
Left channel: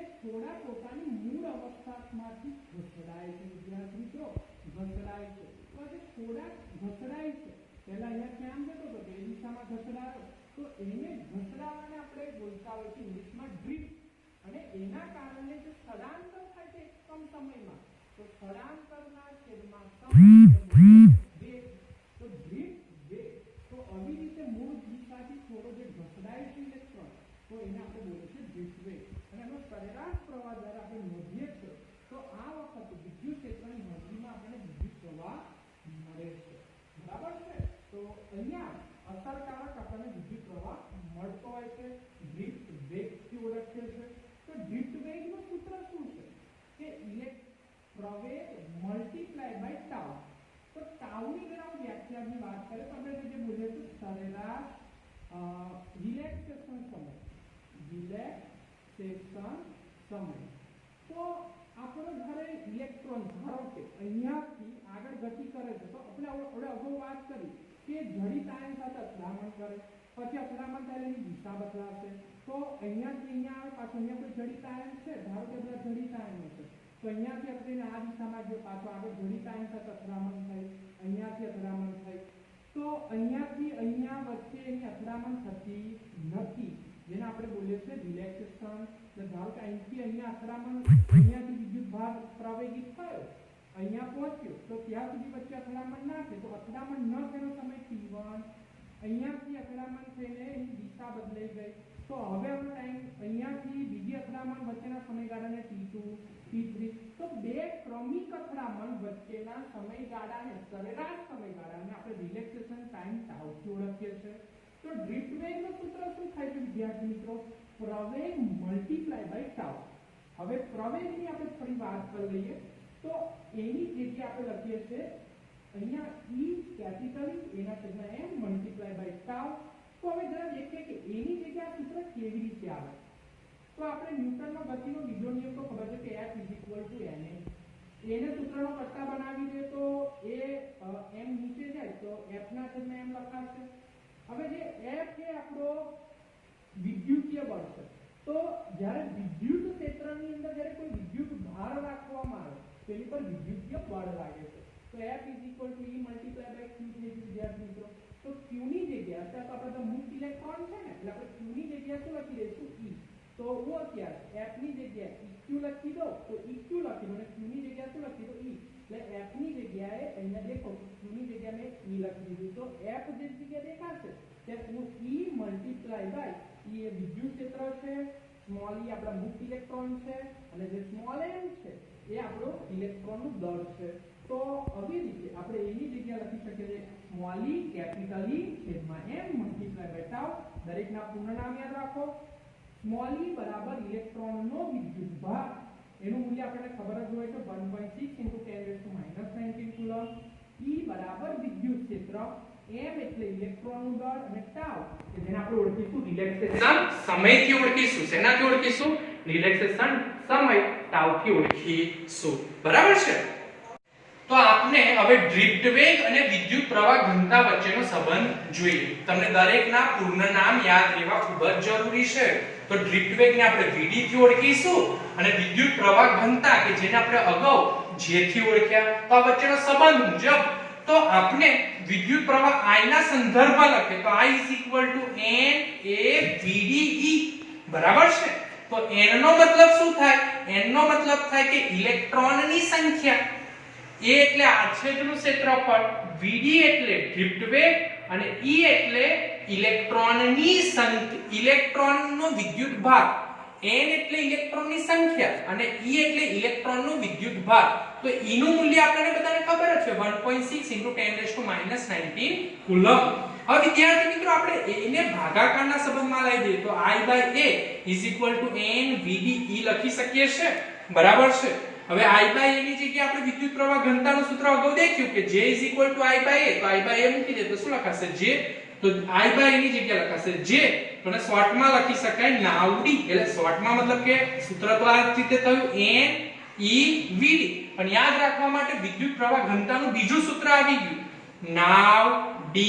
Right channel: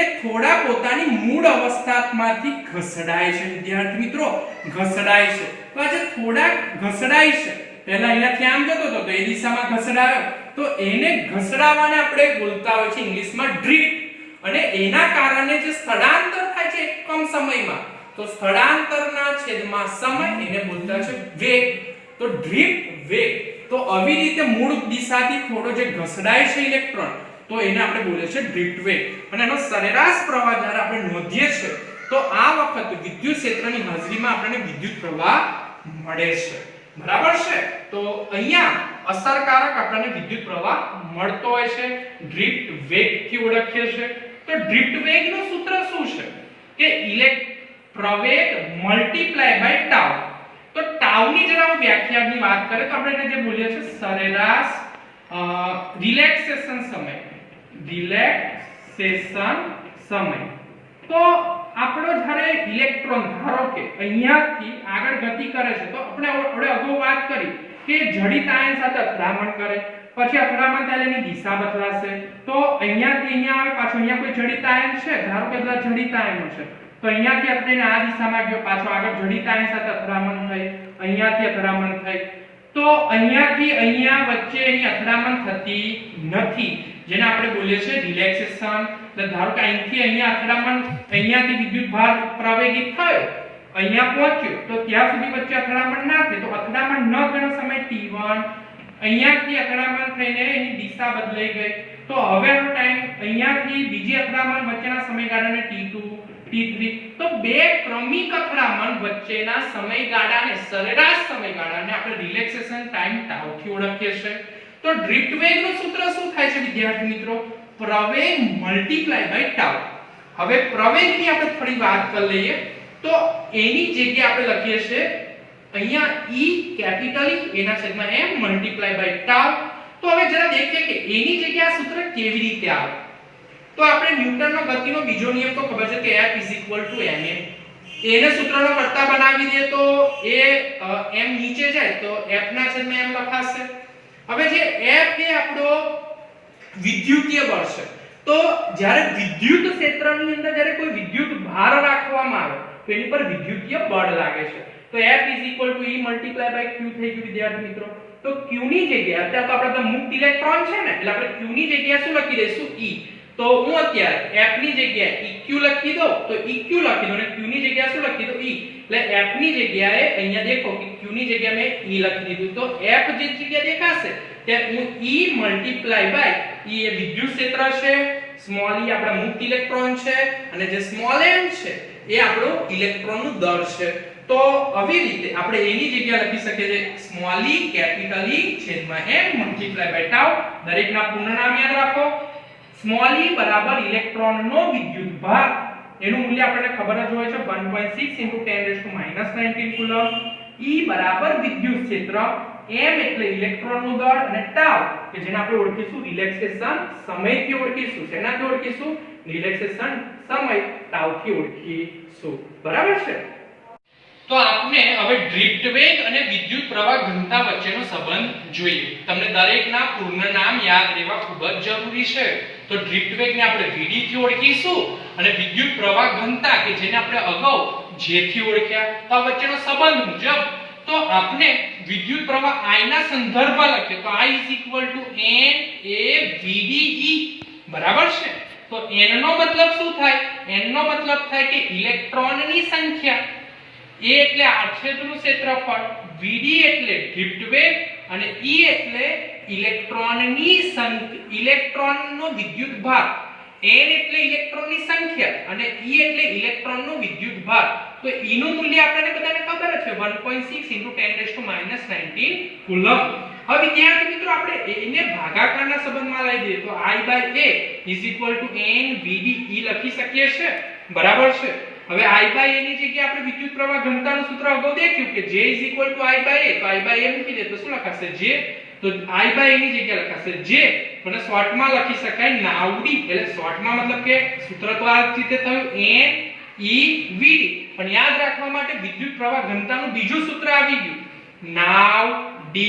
એ થોડા પોતાની મૂળ અવસ્થામાંથી ઘસડાય છે વિદ્યાર્થી મિત્રો, ઘસડાય છે. તો આ જે થોડા ઘસડાય છે પહેલા અહીંયાથી આમ જતો હતો તો એ દિશામાં ઘસડાયો તો એને ઘસડાવાને આપણે બોલતા હોય છે ઇંગ્લિશમાં ડ્રિફ્ટ. અને એના કારણે જે સ્થળાંતર થાય છે એકમ સમયમાં તો સ્થળાંતરના છેદમાં સમય એને બોલતા છે વેગ. તો ડ્રિફ્ટ વેગ. તો આવી રીતે મૂળ દિશાથી થોડો જે ઘસડાય છે ઇલેક્ટ્રોન તો એને આપણે બોલે છે ડ્રિફ્ટ વેગ. અને એનો સરેરાશ પ્રવાહ જ્યારે આપણે નોંધીએ છીએ તો આ વખતે વિદ્યુત ક્ષેત્રની હાજરીમાં આપણને વિદ્યુત પ્રવાહ મળે છે, બરાબર છે? તો અહીંયા અસરકારક આપણને વિદ્યુત પ્રવાહ મળતો હોય છે, ડ્રિફ્ટ વેગથી ઓળખીએ છીએ. તો ડ્રિફ્ટ વેગનું સૂત્ર શું છે કે પ્રવેગ મલ્ટીપ્લાય બાય ટાઉ. તો ટાઉની જરા હું વ્યાખ્યાની વાત કરે તો આપણે એને જે બોલીએ છીએ સરેરાશ રિલેક્સેશન સમય, રિલેક્સેશન સમય. તો આપણો જ્યારે ઇલેક્ટ્રોન ધારો કે અહીંયાથી આગળ ગતિ કરે છે તો આપણે અગાઉ વાત કરી કે જડિત આયન સાથે અથડામણ કરે, પછી અથડામણ થાય એની દિશા બદલાશે. તો અહીંયાથી અહીંયા આવે, પાછો અહીંયા કોઈ જડિત આયન છે, ધારો કે બધા જડિત આયનો છે તો અહીંયાથી આપણે આ દિશામાં ગયો, પાછો આગળ જડિત આયન સાથે અથડામણ થઈ, અહીંયાથી અથડામણ થઈ. તો અહીંયાથી અહીંયા વચ્ચે એની અથડામણ થતી નથી. જેને આપણે બોલીએ છીએ રિલેક્સેશન. એટલે ધારો કે અહીંથી અહીંયા અથડામણ, અહીંયાથી વિદ્યુત ભાર પ્રવેગિત થયો, અહીંયા પહોંચ્યો, તો ત્યાં સુધી વચ્ચે અથડામણ ના થાય, તો અથડામણ ન થવાનો સમય t1, અહીંયાથી અથડામણ થઈને એની દિશા બદલાઈ ગઈ, તો હવેનો ટાઈમ અહીંયાથી બીજી અથડામણ વચ્ચેના સમયગાળાને t2 t3. તો બે ક્રમિક અથડામણ વચ્ચેના સમયગાળાને, સરેરાશ સમયગાળાને આપણે રિલેક્સેશન ટાઈમ ટાઉ થી ઓળખીએ છીએ. તો ડ્રિફ્ટ વેગનું સૂત્ર શું થાય છે વિદ્યાર્થી મિત્રો? પ્રવેગ મલ્ટીપ્લાય બાય ટાઉ. હવે પ્રવેગની આપણે થોડી વાત કરી લઈએ. તો એની જગ્યાએ આપણે લખીએ છીએ અહીંયા E કેપિટલ E એના છેદમાં m મલ્ટીપ્લાય બાય ટાઉ. તો હવે જરા દેખીએ કે એની જગ્યાએ આ સૂત્ર કેવી રીતે આવે. તો આપણે ન્યૂટનનો ગતિનો બીજો નિયમ તો ખબર છે કે F ma. એને સૂત્રનો કરતા બનાવી દે તો એ m નીચે જાય તો F ના છેદમાં m લખાશે. હવે જે F એ આપણો વિદ્યુતીય બળ છે. તો જ્યારે વિદ્યુત ક્ષેત્રની અંદર જ્યારે કોઈ વિદ્યુત ભાર રાખવામાં આવે તો એની પર વિદ્યુતીય બળ લાગે છે. તો F E multiply by q થઈ ગયું વિદ્યાર્થી મિત્રો. તો q ની જગ્યાએ અત્યારે તો આપણા મુક્ત ઇલેક્ટ્રોન છે ને, એટલે આપણે q ની જગ્યાએ શું લખી દઈશું? E. તો હું અત્યારે F ની જગ્યાએ EQ લખી દઉં તો EQ લખી દઉં, અને q ની જગ્યાએ શું લખી દઉં? E. એટલે F ની જગ્યાએ અહીંયા દેખો કે q ની જગ્યાએ મેં E લખી દીધું. તો F જે જગ્યાએ દેખાશે ત્યાં હું E મલ્ટીપ્લાય બાય E એ વિદ્યુત ક્ષેત્ર છે, સ્મોલ e આપણા મુક્ત ઇલેક્ટ્રોન છે, અને જે સ્મોલ m છે એ આપણો ઇલેક્ટ્રોનનું દર છે. તો આવી રીતે આપણે એની જગ્યાએ લખી શકીએ છીએ સ્મોલ e કેપિટલ E છેદમાં m મલ્ટીપ્લાય બાય ટાઉ. દરેકના પૂર્ણ નામ યાદ રાખો. સ્મોલ e બરાબર ઇલેક્ટ્રોનનો વિદ્યુત ભાર, એનું મૂલ્ય આપણને ખબર જ હોય છે 1.6 × 10 - 19 કુલમ. E બરાબર વિદ્યુત ક્ષેત્ર, m એટલે ઇલેક્ટ્રોનનું દળ, અને ટાઉ કે જેને આપણે ઓળખીશું રિલેક્સેશન સમયથી ઓળખીશું. શેનાથી ઓળખીશું? રિલેક્સેશન સમય ટાઉથી ઓળખીશું. બરાબર છે? તો આપણે હવે ડ્રિફ્ટ વેગ અને વિદ્યુત પ્રવાહ ઘનતા વચ્ચેનો સંબંધ જોઈએ. તમને દરેકના પૂર્ણ નામ યાદ રહેવા ખૂબ જ જરૂરી છે. તો ડ્રિફ્ટ વેગને આપણે vd થી ઓળખીશું, અને વિદ્યુત પ્રવાહ ઘનતા કે જેને આપણે અગાઉ j થી ઓળખ્યા. તો આ વચ્ચેનો સંબંધ મુજબ તો આપણે વિદ્યુત પ્રવાહ I ના સંદર્ભમાં લખીએ તો I n a vd e. બરાબર છે? તો n નો મતલબ શું થાય? n નો મતલબ થાય કે ઇલેક્ટ્રોનની સંખ્યા, a એટલે આડછેદનું ક્ષેત્રફળ, vd એટલે ડ્રિફ્ટ વેગ, અને e એટલે ઇલેક્ટ્રોનનો વિદ્યુત ભાર, n એટલે ઇલેક્ટ્રોનની સંખ્યા, અને e એટલે ઇલેક્ટ્રોનનો વિદ્યુત ભાર. તો e નું મૂલ્ય આપણને બધાને ખબર જ છે 1.6 × 10 - 19 કુલમ. હવે વિદ્યાર્થી મિત્રો આપણે એને ભાગાકારના સંબંધમાં લઈ દઈએ તો I/A n vd e લખી શકીએ છીએ. બરાબર છે? હવે I/A ની જગ્યાએ આપણે વિદ્યુત પ્રવાહ ઘનતાનું સૂત્ર અગાઉ દેખ્યું કે J I/A. તો I/A મૂકી દે તો શું લખાશે? J. તો I/A ની જગ્યાએ લખાશે J, અને શોર્ટમાં લખી શકાય નાવડી. એટલે શોર્ટમાં મતલબ કે સૂત્ર તો આ રીતે થયું n e vd. પણ યાદ રાખવા માટે વિદ્યુત પ્રવાહ ઘનતાનું બીજું સૂત્ર આવી ગયું નાવ d.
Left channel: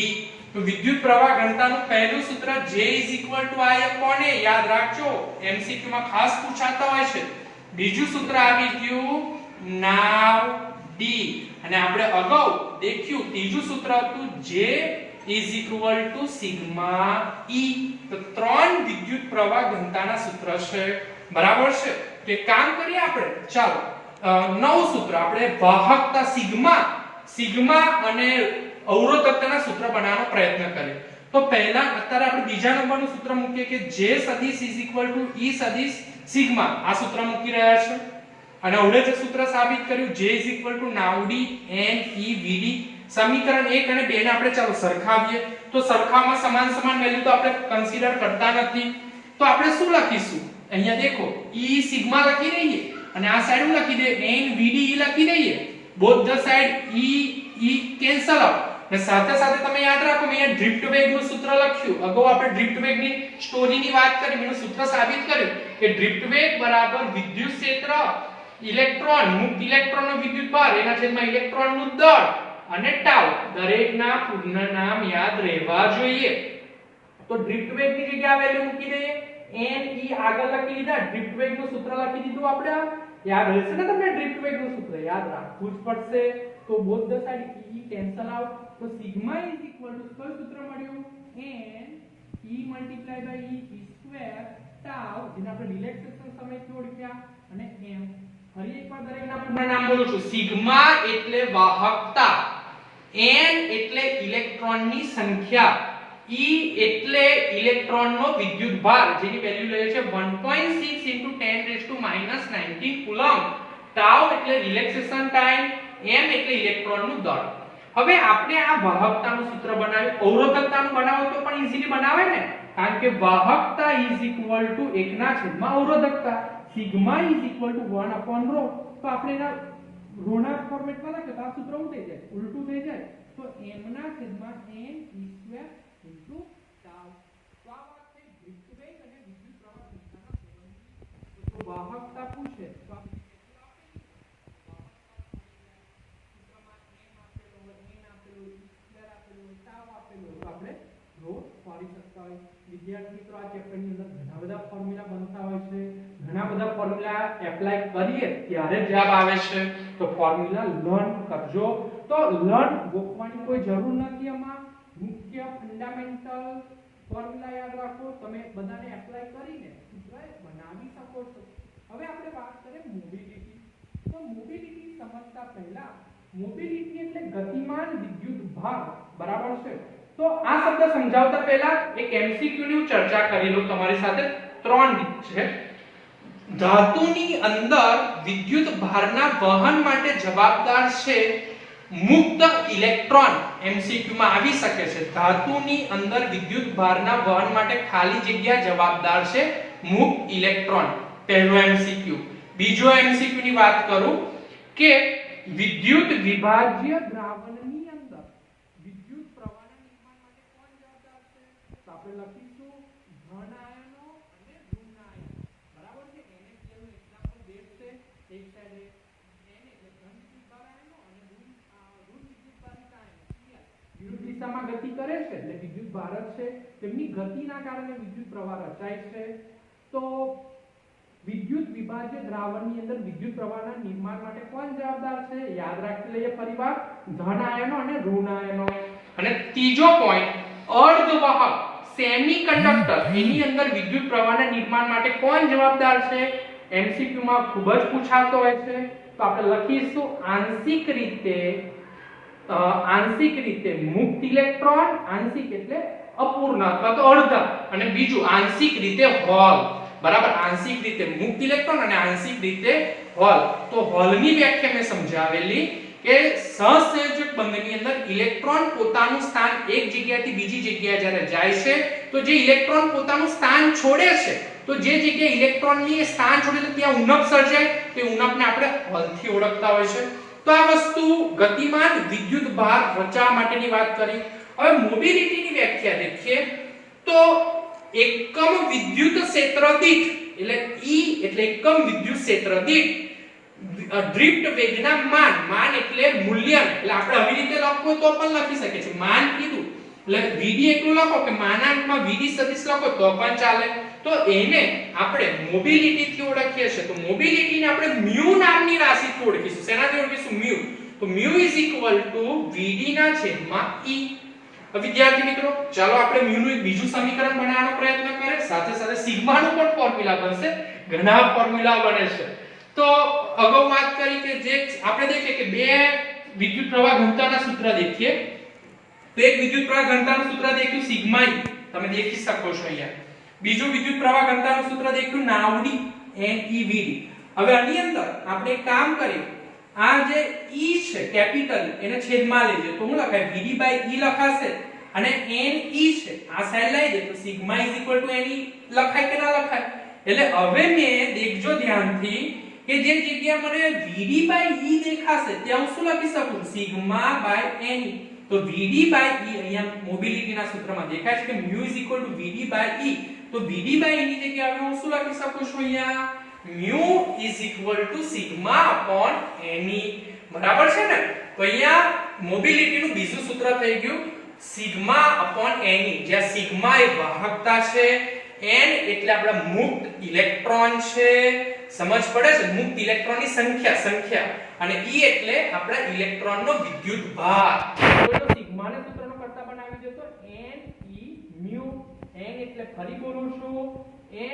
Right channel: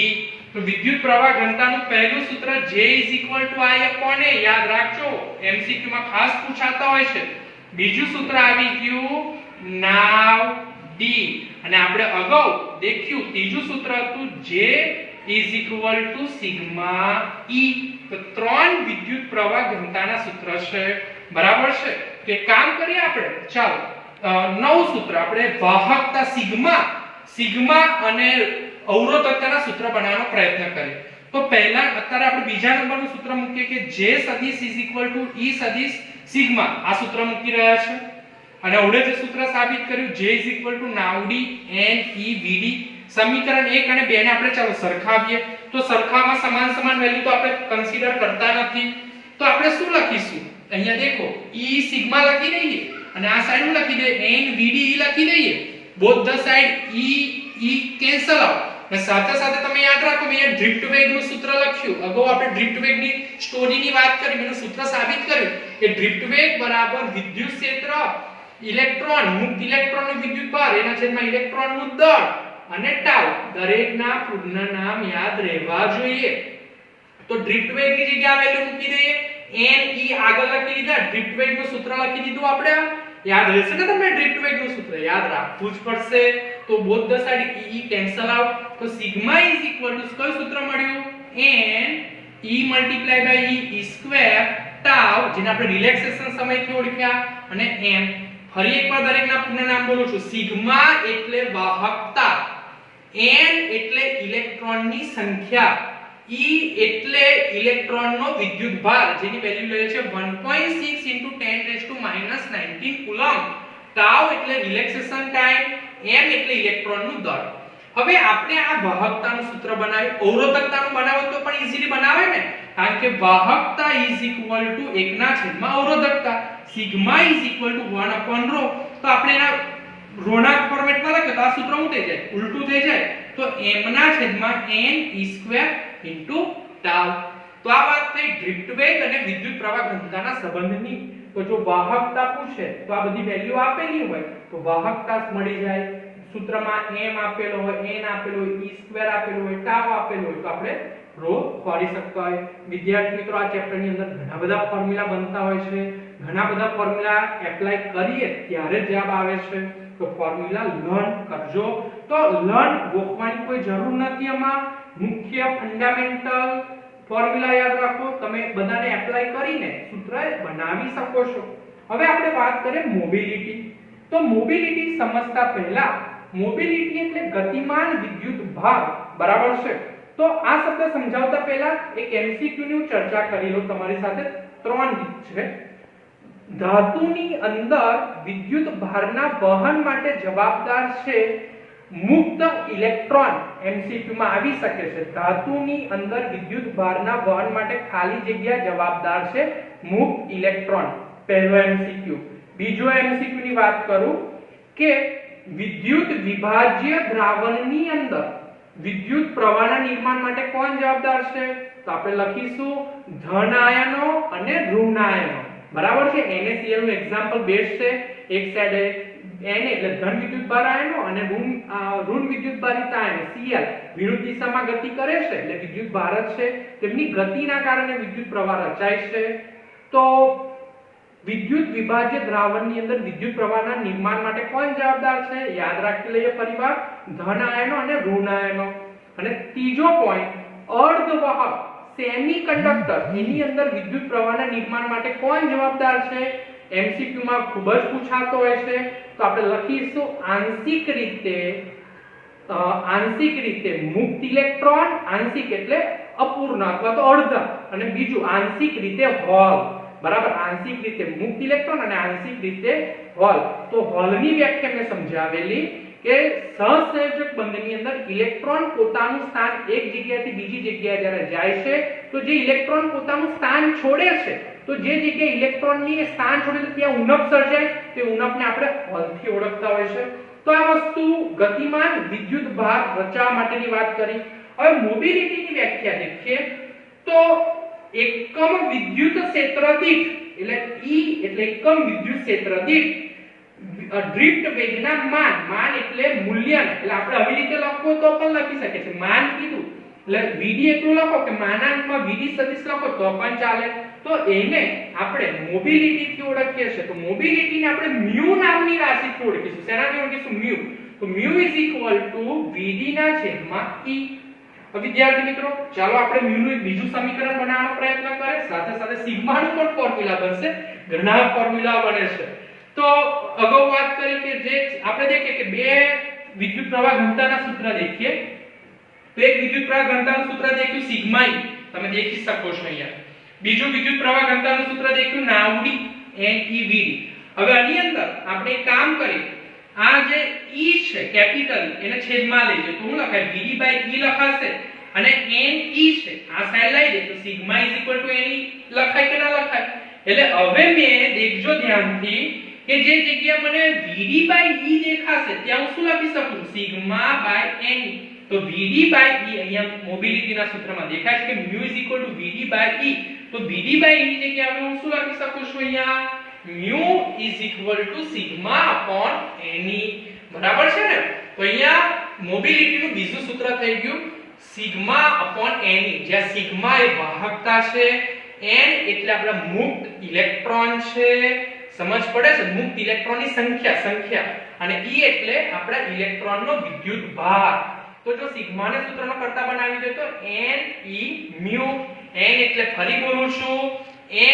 તો વિદ્યુત પ્રવાહ ઘનતાનું પહેલું સૂત્ર J I/A. યાદ રાખજો, MCQ માં ખાસ પૂછાતા હોય છે. બીજું સૂત્ર આવી ગયું નાવ d, અને આપણે અગાઉ દેખ્યું ત્રીજું સૂત્ર હતું J સિગ્મા E. તો ત્રણ વિદ્યુત પ્રવાહ ઘનતાના સૂત્ર છે. બરાબર છે? તો એક કામ કરીએ આપણે, ચાલો નવું સૂત્ર આપણે વાહકતા સિગ્મા અને અવરોધકતાના સૂત્ર બનાવવાનો પ્રયત્ન કરીએ. તો પહેલા અત્યારે આપણે બીજા નંબરનું સૂત્ર મૂકીએ કે J સદિશ E સદિશ સિગ્મા. આ સૂત્ર મૂકી રહ્યા છે, અને હવે જે સૂત્ર સાબિત કર્યું J નાવડી n e vd. સમીકરણ 1 અને 2 ને આપણે ચાલો સરખાવીએ. તો સરખામાં સમાન વેલ્યુ તો આપણે કન્સિડર કરતા નથી. તો આપણે શું લખીશું? અહીંયા દેખો E સિગ્મા લખી દઈએ, અને આ સાઈડ હું લખી દઈએ n vd e લખી દઈએ. Both the side e cancel out. અને સાથે સાથે તમે યાદ રાખો મેં અહીંયા ડ્રિફ્ટ વેગનું સૂત્ર લખ્યું. અગાઉ આપણે ડ્રિફ્ટ વેગની સ્ટોરીની વાત કરી, મેં સૂત્ર સાબિત કર્યું કે ડ્રિફ્ટ વેગ બરાબર વિદ્યુત ક્ષેત્ર, ઇલેક્ટ્રોન મુક્ત ઇલેક્ટ્રોનનો વિદ્યુત ભાર એના છેદમાં ઇલેક્ટ્રોનનું દળ, અને ટાઉ. દરેકના પૂર્ણ નામ યાદ રહેવા જોઈએ. તો ડ્રિફ્ટ વેગની જગ્યાએ વેલ્યુ મૂકી દઈએ. n e આગળ લખી દીધા, ડ્રિફ્ટ વેગનું સૂત્ર લખી દીધું. આપણે યાદ રહેશે ને તમને? ડ્રિફ્ટ વેગનું સૂત્ર યાદ રાખવું જ પડશે. તો both the side e cancel out. તો સિગ્મા કયું સૂત્ર મળ્યું? n E multiply by E square tau જેને આપણે રિલેક્સેશન સમયથી ઓળખ્યા અને m ફરી એકવાર દરેકના પૂર્ણ નામ બોલું છું સિગ્મા એટલે વાહકતા n એટલે ઇલેક્ટ્રોનની સંખ્યા E એટલે ઇલેક્ટ્રોનનો વિદ્યુતભાર જેની વેલ્યુ લે છે 1.6 × 10⁻⁹ કુલમ્બ ટાઉ એટલે રિલેક્સેશન ટાઈમ m એટલે ઇલેક્ટ્રોનનું દળ હવે આપણે આ વાહકતાનું સૂત્ર બનાવ્યું અવરોધકતાનું બનાવો તો પણ ઈઝીલી બનાવે ને કારણ કે વાહકતા = 1/, અવરોધકતા સિગ્મા = 1/ρ તો આપણે એના ઋણાત્મક ફોર્મેટમાં લખીએ તો આ સૂત્ર શું થઈ જાય ઉલટું થઈ જાય તો m/n E² * ટાઉ તો આ વાત થઈ ડ્રિફ્ટ વેગ અને વિદ્યુત પ્રવાહ ઘનતાના સંબંધની તો જો વાહકતા પૂછે તો આ બધી વેલ્યુ આપેલી હોય તો વાહકતા મળી જાય સૂત્રમાં m આપેલો હોય n આપેલો હોય E² આપેલો હોય ટાઉ આપેલો હોય તો આપણે રો કાઢી શકતા હોય વિદ્યાર્થી મિત્રો આ ચેપ્ટરની અંદર ઘણા બધા ફોર્મ્યુલા બનતા હોય છે ઘણા બધા ફોર્મ્યુલા એપ્લાય કરીએ ત્યારે જવાબ આવે છે તો ફોર્મ્યુલા લર્ન કરજો તો લર્ન ગોખવાની કોઈ જરૂર નથી આમાં મુખ્ય ફંડામેન્ટલ ફોર્મ્યુલા યાદ રાખો તમે બધાને એપ્લાય કરીને સૂત્ર બનાવી શકો છો હવે આપણે વાત કરીએ મોબિલિટી તો મોબિલિટી સમજતા પહેલા મોબિલિટી એટલે ગતિમાન વિદ્યુત ભાર બરાબર છે તો આ શબ્દ સમજાવતા પહેલા એક એમસીક્યુ ની ચર્ચા કરી લઉં તમારી સાથે 3 રીત છે ધાતુની અંદર વિદ્યુત ભારના વહન માટે જવાબદાર છે મુક્ત ઇલેક્ટ્રોન એમસીક્યુ માં આવી શકે છે ધાતુની અંદર વિદ્યુત ભારના વહન માટે ખાલી જગ્યા જવાબદાર છે મુક્ત ઇલેક્ટ્રોન પહેલો એમસીક્યુ બીજો એમસીક્યુ ની વાત કરું કે વિદ્યુત વિભાજ્ય દ્રાવણની અંદર વિદ્યુત પ્રવાહના નિર્માણ માટે કોણ જવાબદાર છે તો આપણે લખીશું ધન આયનો અને ઋણ આયનો બરાબર છે NaCl નું એક્ઝામ્પલ બેસ્ટ છે એક સાઈડે Na એટલે ધન વિદ્યુતભાર આયનો અને ઋણ વિદ્યુતભારિત આયનો Cl વિરુદ્ધ દિશામાં ગતિ કરે છે એટલે વિદ્યુતભાર છે તેમની ગતિના કારણે વિદ્યુત પ્રવાહ રચાય છે તો વિદ્યુત વિભાજ્ય દ્રાવણની અંદર વિદ્યુત પ્રવાહના નિર્માણ માટે કોણ જવાબદાર છે યાદ રાખી લઈએ ફરીવાર ધન આયનો અને ઋણ આયનો અને ત્રીજો પોઈન્ટ અર્ધવાહક સેમિકન્ડક્ટર એની અંદર વિદ્યુત પ્રવાહના નિર્માણ માટે કોણ જવાબદાર છે એમસીક્યુ માં ખૂબ જ પૂછાતો હોય છે તો આપણે લખીશું આંશિક રીતે મુક્ત ઇલેક્ટ્રોન આંશિક એટલે અપૂર્ણ અથવા તો અર્ધ અને બીજું આંશિક રીતે હોલ બરાબર આંશિક રીતે મુક્ત ઇલેક્ટ્રોન અને આંશિક રીતે હોલ તો હોલની વ્યાખ્યા મેં સમજાવેલી કે સહસંયોજક બંધની અંદર ઇલેક્ટ્રોન પોતાનું સ્થાન એક જગ્યાએથી બીજી જગ્યાએ જ્યારે જાય છે તો જે ઇલેક્ટ્રોન પોતાનું સ્થાન છોડે છે તો જે જગ્યાએ ઇલેક્ટ્રોનની સ્થાન છોડે છે ત્યાં ઉણપ સર્જાય તે ઉણપને આપણે હોલથી ઓળખતા હોય છે તો આ વસ્તુ ગતિમાન વિદ્યુત ભાર રચવા માટેની વાત કરી હવે મોબિલિટીની વ્યાખ્યા દેખીએ તો એકમ વિદ્યુત ક્ષેત્ર દીઠ એટલે E એટલે એકમ વિદ્યુત ક્ષેત્ર દીઠ ડ્રિફ્ટ વેગના માન એટલે મૂલ્ય એટલે આપણે આવી રીતે લખો તો પણ લખી શકે છે માન કીધું એટલે Vd એટલું લખો કે માનાંકમાં Vd સદિશ લખો તો પણ ચાલે તો એને આપણે મોબિલિટી થી ઓળખીએ છીએ તો મોબિલિટીને આપણે μ નામની રાશિથી ઓળખીશું શેનાથી ઓળખીશું μ તો μ Vd ના છેદમાં E વિદ્યાર્થી મિત્રો ચાલો આપણે μ નું એક બીજું સમીકરણ બનાવવાનો પ્રયત્ન કરીએ સાથે સાથે સિગ્મા નું પણ ફોર્મ્યુલા બનશે ઘણા ફોર્મ્યુલા બને છે તો અગાઉ વાત કરી કે જે આપણે દેખીએ કે બે વિદ્યુત પ્રવાહ ઘનતાના સૂત્ર દેખીએ તો એક વિદ્યુત પ્રવાહ ઘનતાનું સૂત્ર દેખ્યું સિગ્મા E તમે દેખી શકો છો અહીંયા બીજું વિદ્યુત પ્રવાહ ઘનતાનું સૂત્ર દેખ્યું નાવડી NeVd હવે આની અંદર આપણે એક કામ કરીએ આ જે E છે કેપિટલ એને છેદમાં લઈએ તો શું લખાય Vd/E લખાશે અને Ne છે આ સાઈડ લઈ દે તો સિગ્મા Ne લખાય કે ના લખાય એટલે હવે મેં દેખજો ધ્યાનથી કે જે જગ્યા મને Vd/E દેખાશે ત્યાં હું શું લખી શકું સિગ્મા/Ne તો Vd/E અહીંયા મોબિલિટીના સૂત્રમાં દેખાય છે કે μ Vd/E તો Vd/E ની જગ્યાએ હું શું લખી શકું છું અહીંયા μ sigma/Ne બરાબર છે ને તો અહીંયા મોબિલિટીનું બીજું સૂત્ર થઈ ગયું sigma/Ne જ્યાં સિગ્મા એ વાહકતા છે n એટલે આપણા મુક્ત ઇલેક્ટ્રોન છે સમજ પડે છે મુક્ત ઇલેક્ટ્રોનની સંખ્યા અને E એટલે આપણા ઇલેક્ટ્રોનનો વિદ્યુત ભાર તો જો સિગ્માને સૂત્રનો કરતા બનાવી દે તો n e μ n એટલે ફરી બોલું છું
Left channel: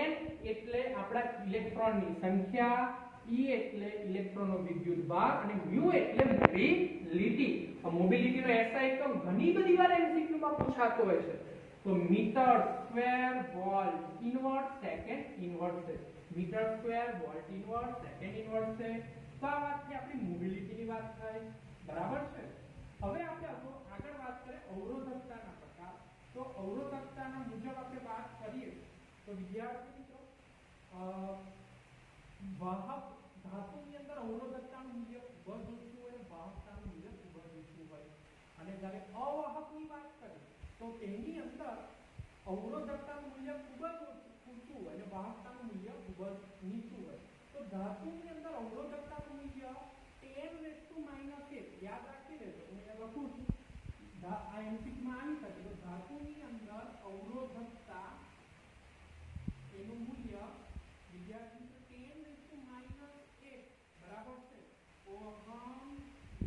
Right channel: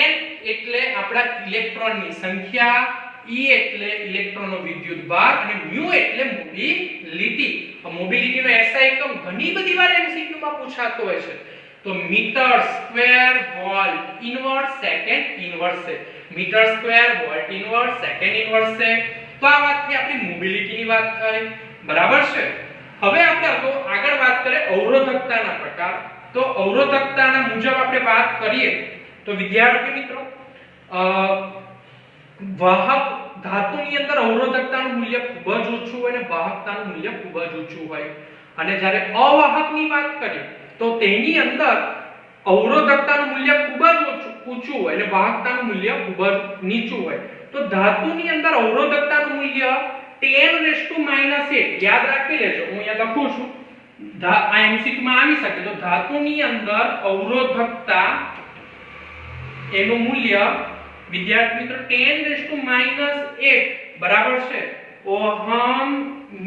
n એટલે આપણા ઇલેક્ટ્રોનની સંખ્યા E એટલે ઇલેક્ટ્રોનનો વિદ્યુત ભાર અને μ એટલે મોબિલિટી મોબિલિટીનો SI એકમ ઘણી બધી વાર MCQ માં પૂછાતો હોય છે તો metre square volt inverse second inverse છે metre square volt inverse second inverse છે તો આ વાતથી આપણી મોબિલિટીની વાત થઈ બરાબર છે હવે આપણે આગળ વાત કરીએ અવરોધકતાના પ્રકાર તો અવરોધકતાના મુજબ આપણે વાત કરીએ તો વિદ્યાર્થી મિત્રો વાહક ધાતુની અંદર અવરોધકતાનું મૂલ્ય ખૂબ જ ઓછું હોય અને વાહકતાનું મૂલ્ય ખૂબ જ ઊંચું હોય અને જ્યારે અવાહકની વાત કરીએ તો તેની અંદર અવરોધકતાનું મૂલ્ય ખૂબ જ ઊંચું હોય અને વાહકતાનું મૂલ્ય ખૂબ જ નીચું હોય તો ધાતુની અંદર અવરોધકતાનું મૂલ્ય 10⁻⁸ યાદ રાખી લેજો હું અહીંયા લખું છું આ MCQ માં આવી શકે તો ધાતુની અંદર અવરોધકતા એનું મૂલ્ય વિદ્યાર્થી મિત્રો 10⁻⁸ બરાબર છે ઓહમ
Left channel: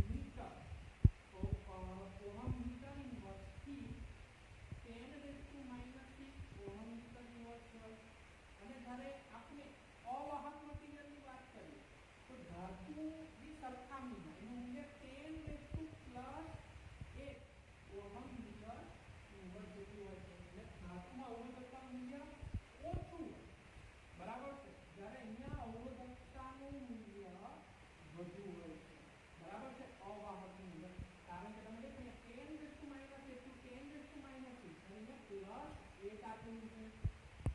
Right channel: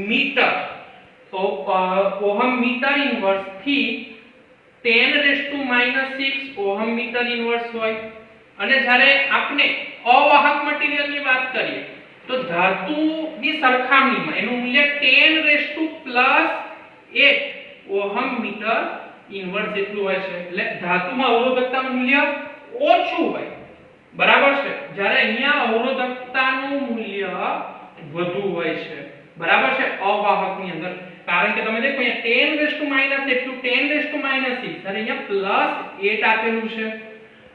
મીટર તો ઓહમ મીટર ઇન્વર્સ થી 10⁻⁶ ઓહમ મીટર ઇન્વર્સ હોય અને જ્યારે આપણે અવાહક મટીરીયલની વાત કરીએ તો ધાતુની સરખામણીમાં એનું મૂલ્ય 10⁻+8 ઓહમ મીટર ઇન્વર્સ જેટલું હોય છે એટલે ધાતુમાં અવરોધકતાનું મૂલ્ય ઓછું હોય બરાબર છે જ્યારે અહીંયા અવરોધકતાનું મૂલ્ય વધુ હોય છે બરાબર છે અવાહકની અંદર કારણ કે તમે દેખો અહીંયા 10⁻⁸ એટલું 10⁻⁶ અને અહીંયા +8 આપેલું છે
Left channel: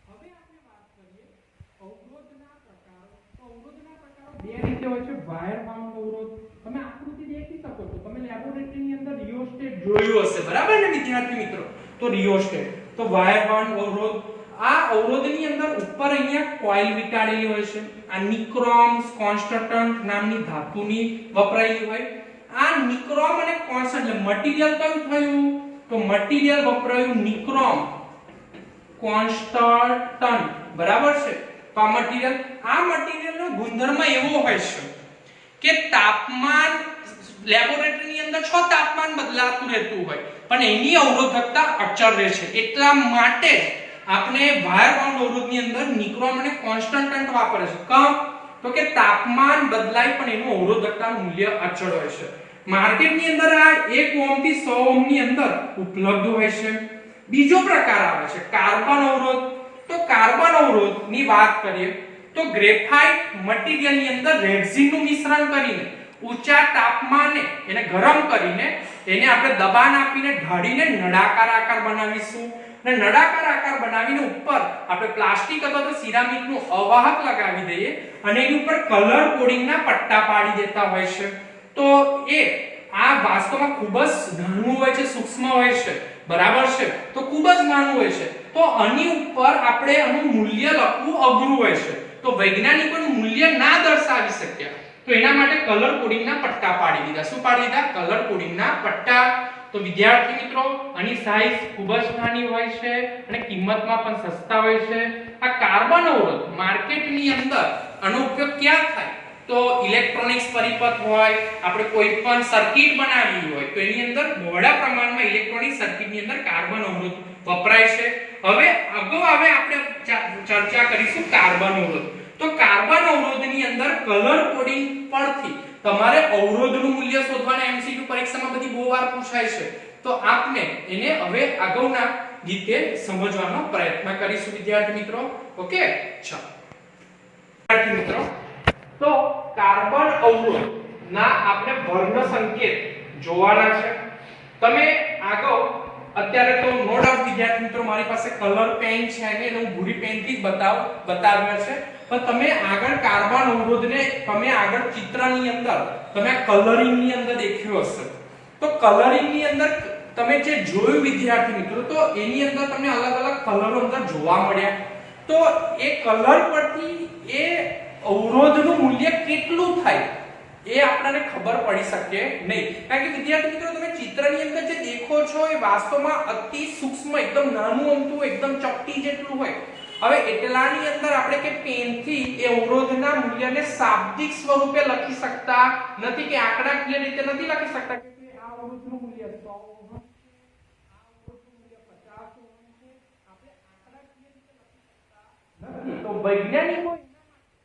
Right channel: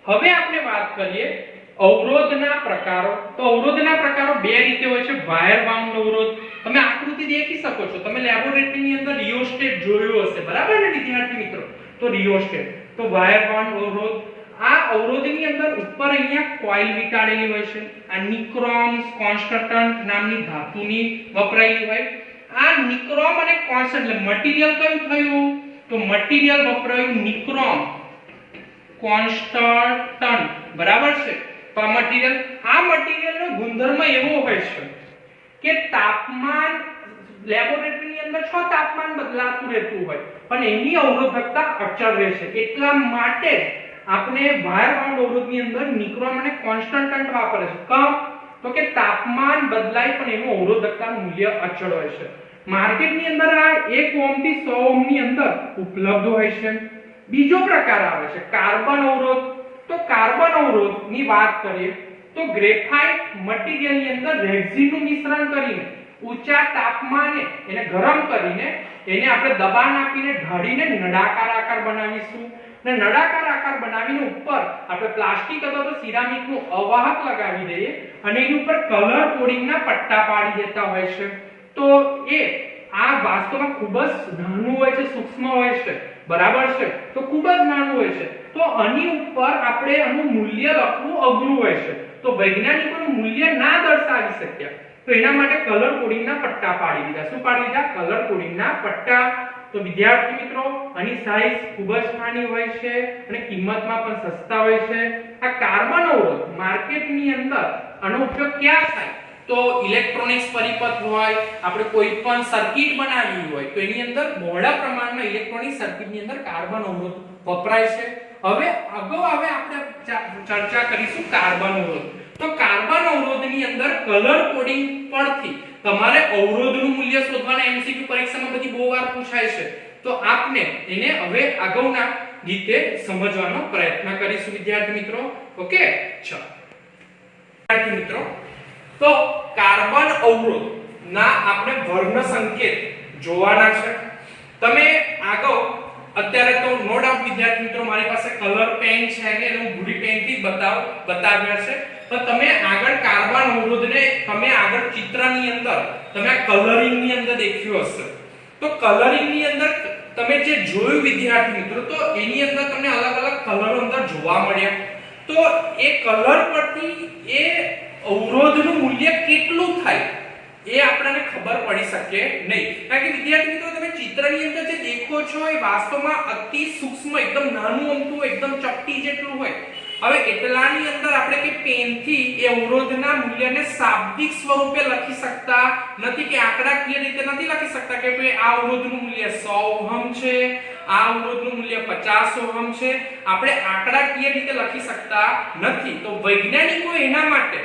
હવે આપણે વાત કરીએ અવરોધના પ્રકારો તો અવરોધના પ્રકારો બે રીતે હોય છે વાયર બાઉન્ડ અવરોધ તમે આકૃતિ દેખી શકો છો તમે લેબોરેટરીની અંદર રિયોસ્ટેટ જોયું હશે બરાબર ને વિદ્યાર્થી મિત્રો તો રિયોસ્ટેટ તો વાયર બાઉન્ડ અવરોધ આ અવરોધની અંદર ઉપર અહીંયા કોઇલ વીંટાળેલી હોય છે આ નિક્રોમ કોન્સ્ટન્ટ નામની ધાતુની વપરાયેલી હોય આ નિક્રોમ અને કોન્સ્ટન્ટ એટલે મટીરીયલ કયું થયું તો મટીરીયલ વપરાયું નિક્રોમ કોન્સ્ટન્ટ બરાબર છે તો આ મટીરીયલનો ગુણધર્મ એવો હોય છે કે તાપમાન લેબોરેટરીની અંદર તાપમાન બદલાતું રહેતું હોય પણ એની અવરોધકતા અચળ રહે છે એટલા માટે આપણે વાયર બાઉન્ડ અવરોધની અંદર નિક્રોમ અને કોન્સ્ટન્ટ વાપરે છે કેમ તો કે તાપમાન બદલાય પણ એનું અવરોધકતાનું મૂલ્ય અચળ હોય છે માર્કેટની અંદર આ 1 ઓહમ થી 100 ઓહમ ની અંદર ઉપલબ્ધ હોય છે બીજો પ્રકાર આવે છે કાર્બન અવરોધ તો કાર્બન અવરોધની વાત કરીએ તો ગ્રેફાઇટ મટીરીયલની અંદર રેક્સિનનું મિશ્રણ કરીને ઊંચા તાપમાને એને ગરમ કરીને એને આપણે દબાણ આપીને ઢાળીને નળાકાર આકાર બનાવીશું અને નળાકાર આકાર બનાવીને ઉપર આપણે પ્લાસ્ટિક અથવા તો સિરામિકનું અવાહક લગાવી દઈએ અને એની ઉપર કલર કોડિંગના પટ્ટા પાડી દેતા હોય છે તો એ આ વાસ્તવમાં ખૂબ જ નાનું હોય છે સૂક્ષ્મ હોય છે બરાબર છે તો ખૂબ જ નાનું હોય છે તો આની ઉપર આપણે આનું મૂલ્ય લખવું અઘરું હોય છે તો વૈજ્ઞાનિકોનું મૂલ્ય ના દર્શાવી શક્યા તો એના માટે કલર કોડિંગના પટ્ટા પાડી દીધા શું પાડી દીધા કલર કોડિંગના પટ્ટા તો વિદ્યાર્થી મિત્રો આની સાઈઝ ખૂબ જ નાની હોય છે અને કિંમતમાં પણ સસ્તા હોય છે આ કાર્બન અવરોધ માર્કેટની અંદર આનો ઉપયોગ ક્યાં થાય તો ઇલેક્ટ્રોનિક્સ પરિપથ હોય આપણે કોઈ પણ સર્કિટ બનાવવી હોય તો એની અંદર બહોળા પ્રમાણમાં ઇલેક્ટ્રોનિક સર્કિટની અંદર કાર્બન અવરોધ વપરાય છે હવે આપણે ચર્ચા કરીશું કાર્બન અવરોધ તો કાર્બન અવરોધની અંદર કલર કોડિંગ પરથી તમારે અવરોધનું મૂલ્ય શોધવાના MCQ પરીક્ષામાં બધી બહુ વાર પૂછાય છે તો આપને એને હવે આગળના રીતે સમજવાનો પ્રયત્ન કરીશું વિદ્યાર્થી મિત્રો ઓકે ચલો વિદ્યાર્થી મિત્રો તો કાર્બન અવરોધ ના આપણે વર્ણ સંકેત જોવાના છે તમે આગળ અત્યારે તો નો ડાઉટ વિદ્યાર્થી મિત્રો મારી પાસે કલર પેન છે એટલે હું ભૂરી પેનથી બતાવ્યા છે પણ તમે આગળ કાર્બન અવરોધને તમે આગળ ચિત્રની અંદર તમે કલરિંગ ની અંદર દેખ્યો હશે તો કલરિંગ ની અંદર તમે જે જોયું વિદ્યાર્થી મિત્રો તો એની અંદર તમને અલગ અલગ કલરો અંદર જોવા મળ્યા તો એ કલર પરથી એ અવરોધનું મૂલ્ય કેટલું થાય એ આપણને ખબર પડી શકે નહીં કારણ કે વિદ્યાર્થી મિત્રો તમે ચિત્રની અંદર જે દેખો છો એ વાસ્તવમાં અતિ સૂક્ષ્મ એકદમ નાનું અમથું એકદમ ચપટી જેટલું હોય હવે એટલાની અંદર આપણે કે પેનથી એ અવરોધના મૂલ્યને શાબ્દિક સ્વરૂપે લખી શકતા નથી, કે આંકડાકીય રીતે નથી લખી શકતા કે ભાઈ આ અવરોધનું મૂલ્ય 100 ઓહમ છે, આ અવરોધનું મૂલ્ય 50 ઓહમ છે. આપણે આંકડાકીય રીતે લખી શકતા નથી. તો વૈજ્ઞાનિકો એના માટે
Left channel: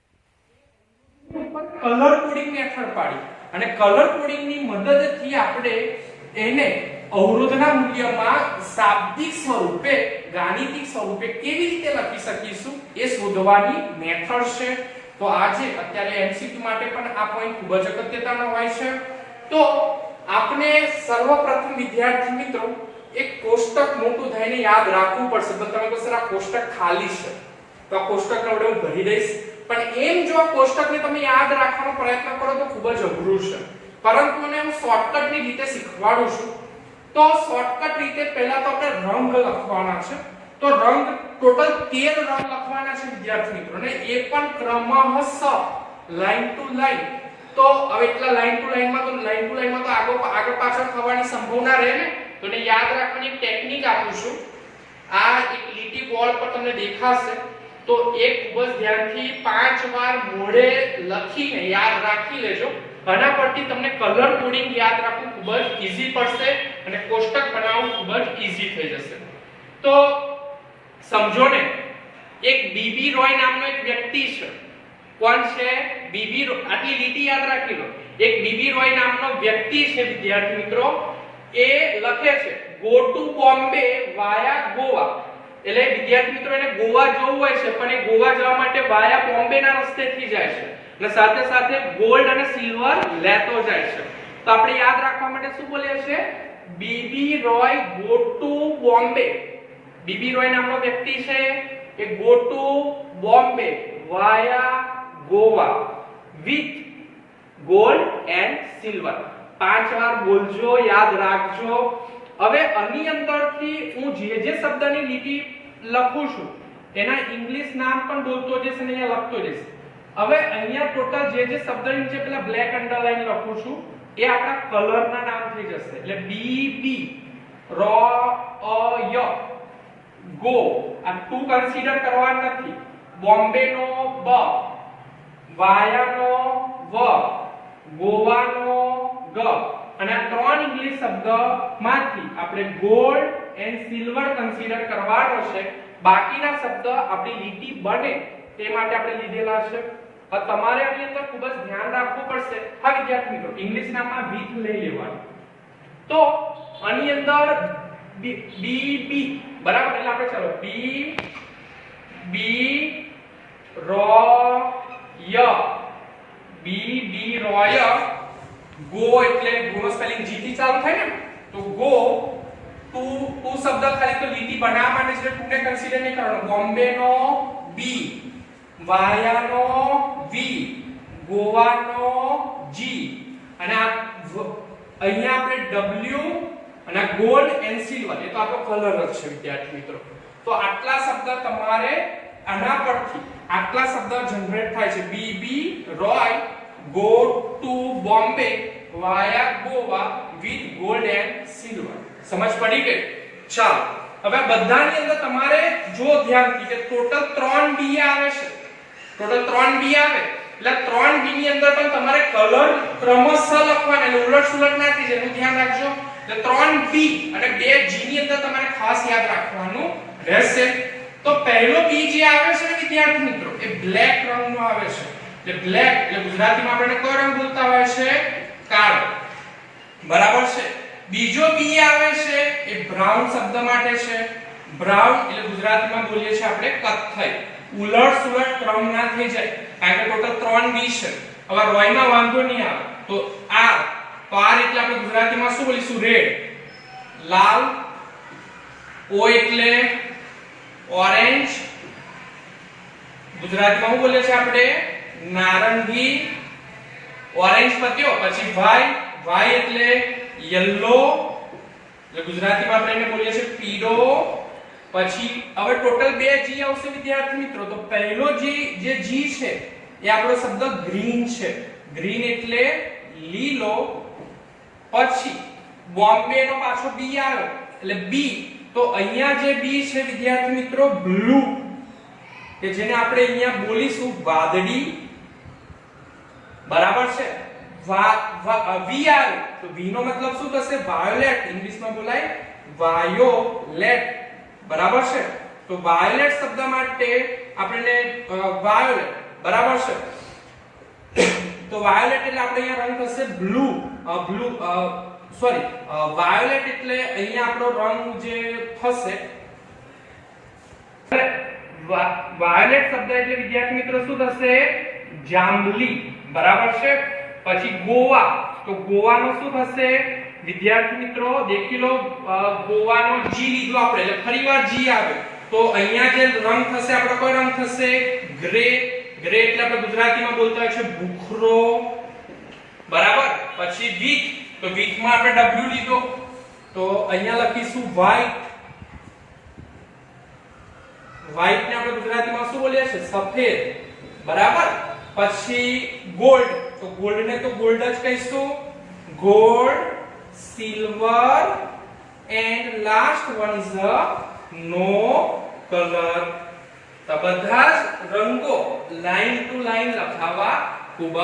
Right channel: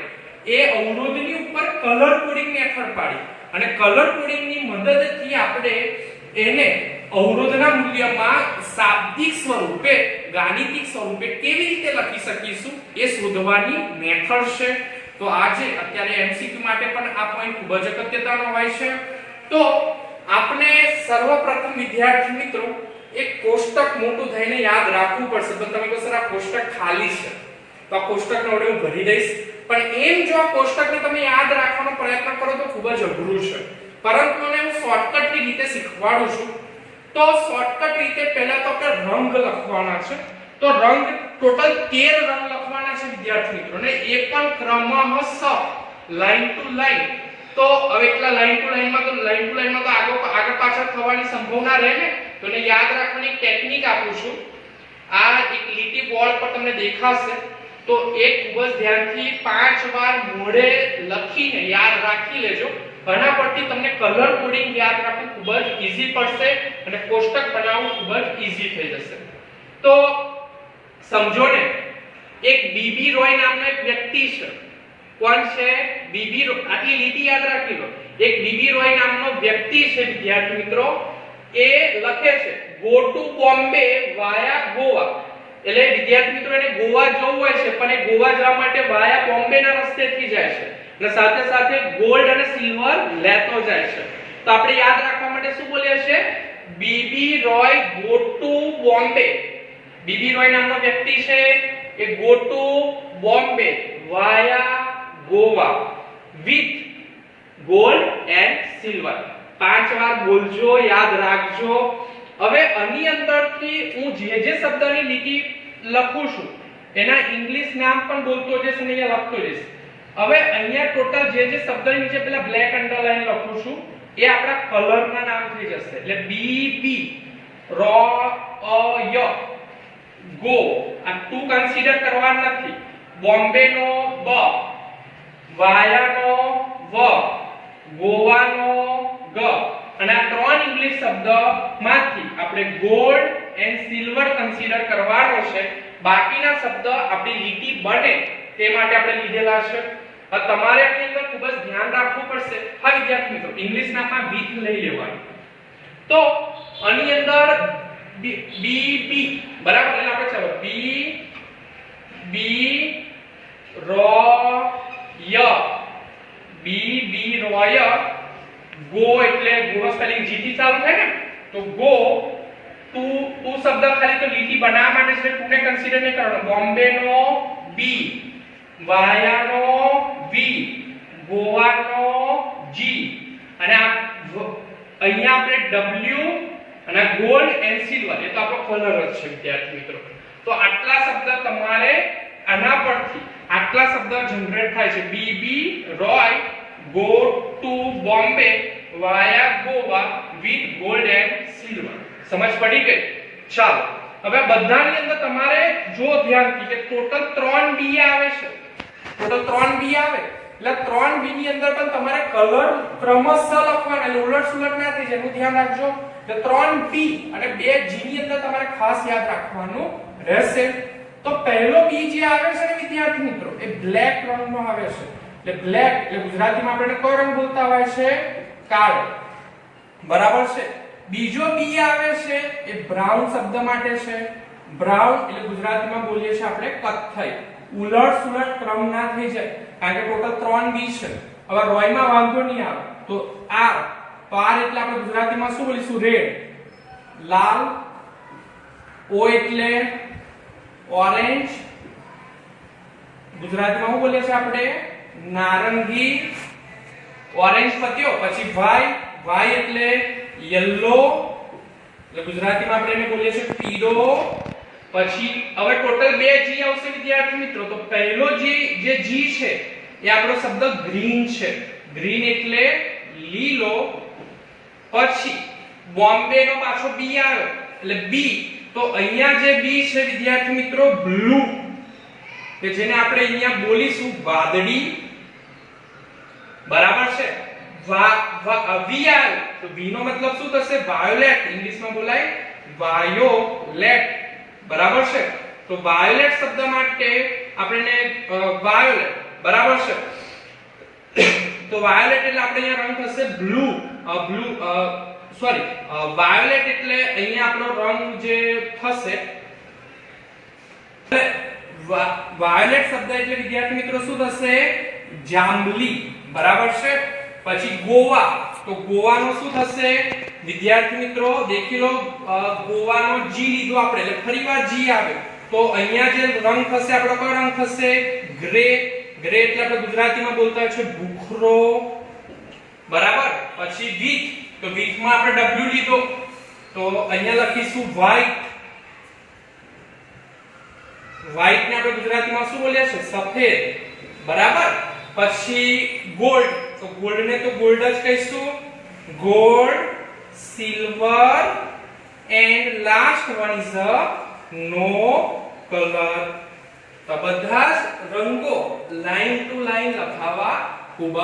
એ અવરોધની ઉપર કલર કોડિંગ મેથડ પાડી અને કલર કોડિંગની મદદથી આપણે એને અવરોધના મૂલ્યમાં શાબ્દિક સ્વરૂપે, ગાણિતિક સ્વરૂપે કેવી રીતે લખી શકીશું એ શોધવાની મેથડ છે. તો આજે અત્યારે એમસીક્યુ માટે પણ આ પોઈન્ટ ખૂબ જ અગત્યનો હોય છે. તો આપણે સર્વપ્રથમ વિદ્યાર્થી મિત્રો એક કોષ્ટક મોટું થઈને યાદ રાખવું પડશે. તો તમે કહો સર આ કોષ્ટક ખાલી છે, તો આ કોષ્ટકને હવે હું ભરી દઈશ. પણ એમ જો આ કોષ્ટકને તમે યાદ રાખવાનો પ્રયત્ન કરો તો ખૂબ જ અઘરું છે, પરંતુ મને હું શોર્ટકટની રીતે શીખવાડું છું. તો શોર્ટકટ રીતે પહેલા તો આપણે રંગ લખવાના છે. તો રંગ ટોટલ 13 રંગ લખવાના છે વિદ્યાર્થી મિત્રો, અને એ પણ ક્રમશઃ લાઈન ટુ લાઈન. તો હવે એકલા લાઈન ટુ લાઈનમાં તો આગળ પાછળ થવાની સંભાવના રહે ને, તો એને યાદ રાખવાની ટેકનિક આપું છું. આ એક લીટી બોર્ડ પર તમને દેખાશે, તો એક ખૂબ જ ધ્યાનથી 5 વાર મોઢે લખીને યાદ રાખી લેજો. આના પરથી તમને કલર કોડિંગ યાદ રાખવું ખૂબ જ ઈઝી પડશે અને કોષ્ટક બનાવવું ખૂબ જ ઈઝી થઈ જશે. તો સમજો ને, એક બીબી રોય નામનો એક વ્યક્તિ છે. કોણ છે? બીબી રોય. આટલી લીટી યાદ રાખી લો. એક બીબી રોય નામનો વ્યક્તિ છે વિદ્યાર્થી મિત્રો. એ લખે છે go to Bombay via Goa. એટલે વિદ્યાર્થી મિત્રો એને ગોવા જવું હોય છે, પણ એ ગોવા જવા માટે વાયા બોમ્બેના રસ્તેથી જાય છે અને સાથે સાથે ગોલ્ડ અને સિલ્વર લેતો જાય છે. તો આપણે યાદ રાખવા માટે શું બોલીએ છે? B B Roy go to Bombay. B B Roy નામનો વ્યક્તિ છે એ go to Bombay via Goa with gold and silver. 5 વાર બોલજો, યાદ રાખજો. હવે આની અંદરથી હું જે શબ્દની લીટી લખું છું એના ઇંગ્લિશ નામ પણ બોલતો જઈશ અને અહીંયા લખતો જઈશ. હવે અહીંયા ટોટલ જે શબ્દની નીચે પેલા બ્લેક અંડરલાઈન લખું છું એ આપણા કલરના નામ થઈ જશે. એટલે બી બી રો અ ય ગો. આ ટુ કન્સિડર કરવા નથી. બોમ્બે નો બ, વાયાનો વ, ગોવાનો ગ. અને આ 3 ઇંગ્લિશ શબ્દમાંથી આપણે ગોલ્ડ એન્ડ સિલ્વર કન્સિડર કરવાનો છે. બાકીના શબ્દ આપણી લીટી બને તે માટે આપણે લીધેલા છે. હવે તમારે આની અંદર ખૂબ જ ધ્યાન રાખવું પડશે. હા વિદ્યાર્થી મિત્રો, ઇંગ્લિશ નામમાં વિથ લઈ લેવાનું. તો આની અંદર બી બી બરાબર. એટલે આપણે ચાલો બી બી રો ય, બી બી રોય ગો. એટલે ગો નો સ્પેલિંગ જી થી ચાલુ થાય ને, તો ગો ટુ શબ્દ ખાલી તો લીટી બનાવવા માટે છે, ટુ ને કન્સિડર નહીં કરવાનો. બોમ્બે નો બી, વાયાનો વી, ગોવાનો જી, અને અહીંયા આપણે ડબલ્યુ અને ગોલ્ડ એન્ડ સિલ્વર એ તો આપણો કલર જ છે વિદ્યાર્થી મિત્રો. તો આટલા શબ્દ તમારે આના પરથી આટલા શબ્દ જનરેટ થાય છે. B B Roy go to Bombay via Goa with gold and silver. સમજ પડી ગઈ? ચાલો, હવે બધાની અંદર તમારે જો ધ્યાનથી કે ટોટલ 3 બી આવે છે. ટોટલ 3 બી આવે એટલે 3 બી ની અંદર પણ તમારે કલર ક્રમશઃ લખવાના, એટલે ઉલટ-સુલટ ના થઈ જાય એનું ધ્યાન રાખજો. એટલે 3 બી અને 2 જી ની અંદર તમારે ખાસ યાદ રાખવાનું રહેશે. તો પહેલો બી જે આવે છે ને વિદ્યાર્થી મિત્રો, એ બ્લેક રંગનો આવે છે. એટલે બ્લેક એટલે ગુજરાતીમાં આપણે કયો રંગ બોલતા હોય છે? કાળો. બરાબર છે. બીજો બી આવે છે એ બ્રાઉન શબ્દ માટે છે. બ્રાઉન એટલે ગુજરાતીમાં બોલીએ છીએ આપણે કથ્થઈ. ઉલટ-સુલટ ક્રમ ના થઈ જાય કારણ કે ટોટલ 3 બી છે. હવે રોયમાં વાંધો નહીં આવે તો આર. તો આર એટલે આપણે ગુજરાતીમાં શું બોલીશું? રેડ, લાલ. ઓ એટલે ઓરેન્જ, ગુજરાતીમાં શું બોલીએ છીએ આપણે? નારંગી. ઓરેન્જ પત્યો. પછી વાય, વાય એટલે યલો, એટલે ગુજરાતીમાં આપણે એને બોલીએ છીએ પીળો. પછી હવે ટોટલ 2 જી આવશે વિદ્યાર્થી મિત્રો. તો પહેલો જે જી છે એ આપણો શબ્દ ગ્રીન છે. ગ્રીન એટલે લીલો. પછી બોમ્બે નો પાછો બી આવે એટલે બી. તો અહીંયા જે બી છે વિદ્યાર્થી મિત્રો બ્લુ. કે જેને આપણે અહીંયા બોલીશું વાદળી, બરાબર છે. વીઆર, તો વી નો મતલબ શું થશે? વાયોલેટ. ઇંગ્લિશમાં બોલાય વાયોલેટ, બરાબર છે. તો વાયોલેટ શબ્દ માટે આપણે વાયોલેટ, બરાબર છે. તો વાયોલેટ એટલે આપણે અહીંયા રંગ થશે બ્લુ. વાયોલેટ એટલે અહીંયા આપણો રંગ જે થશે, વાયોલેટ શબ્દ એટલે વિદ્યાર્થી મિત્રો શું થશે? જાંબલી, બરાબર છે. પછી ગોવા, તો ગોવાનો શું થશે વિદ્યાર્થી મિત્રો? દેખી લો, ગોવાનો જી લીધો આપણે એટલે ફરીવાર જી આવે, તો અહીંયા જે રંગ થશે આપણો કયો રંગ થશે? ગ્રે. ગ્રે એટલે આપણે ગુજરાતીમાં બોલતા હોય છે ભૂખરો, બરાબર. પછી વ્હીટ, તો વ્હીટ માં આપણે ડબલ્યુ લીધો, તો અહીંયા લખીશું વ્હાઈટ. વ્હાઈટ ને આપણે ગુજરાતીમાં શું બોલીએ છીએ? સફેદ, બરાબર. પછી ગોલ્ડ, તો ગોલ્ડ ને તો ગોલ્ડ જ કહીશું. Gold, silver and last one is no colour. તો બધા જ રંગો લાઈન ટુ લાઈન લખાવવા ખૂબ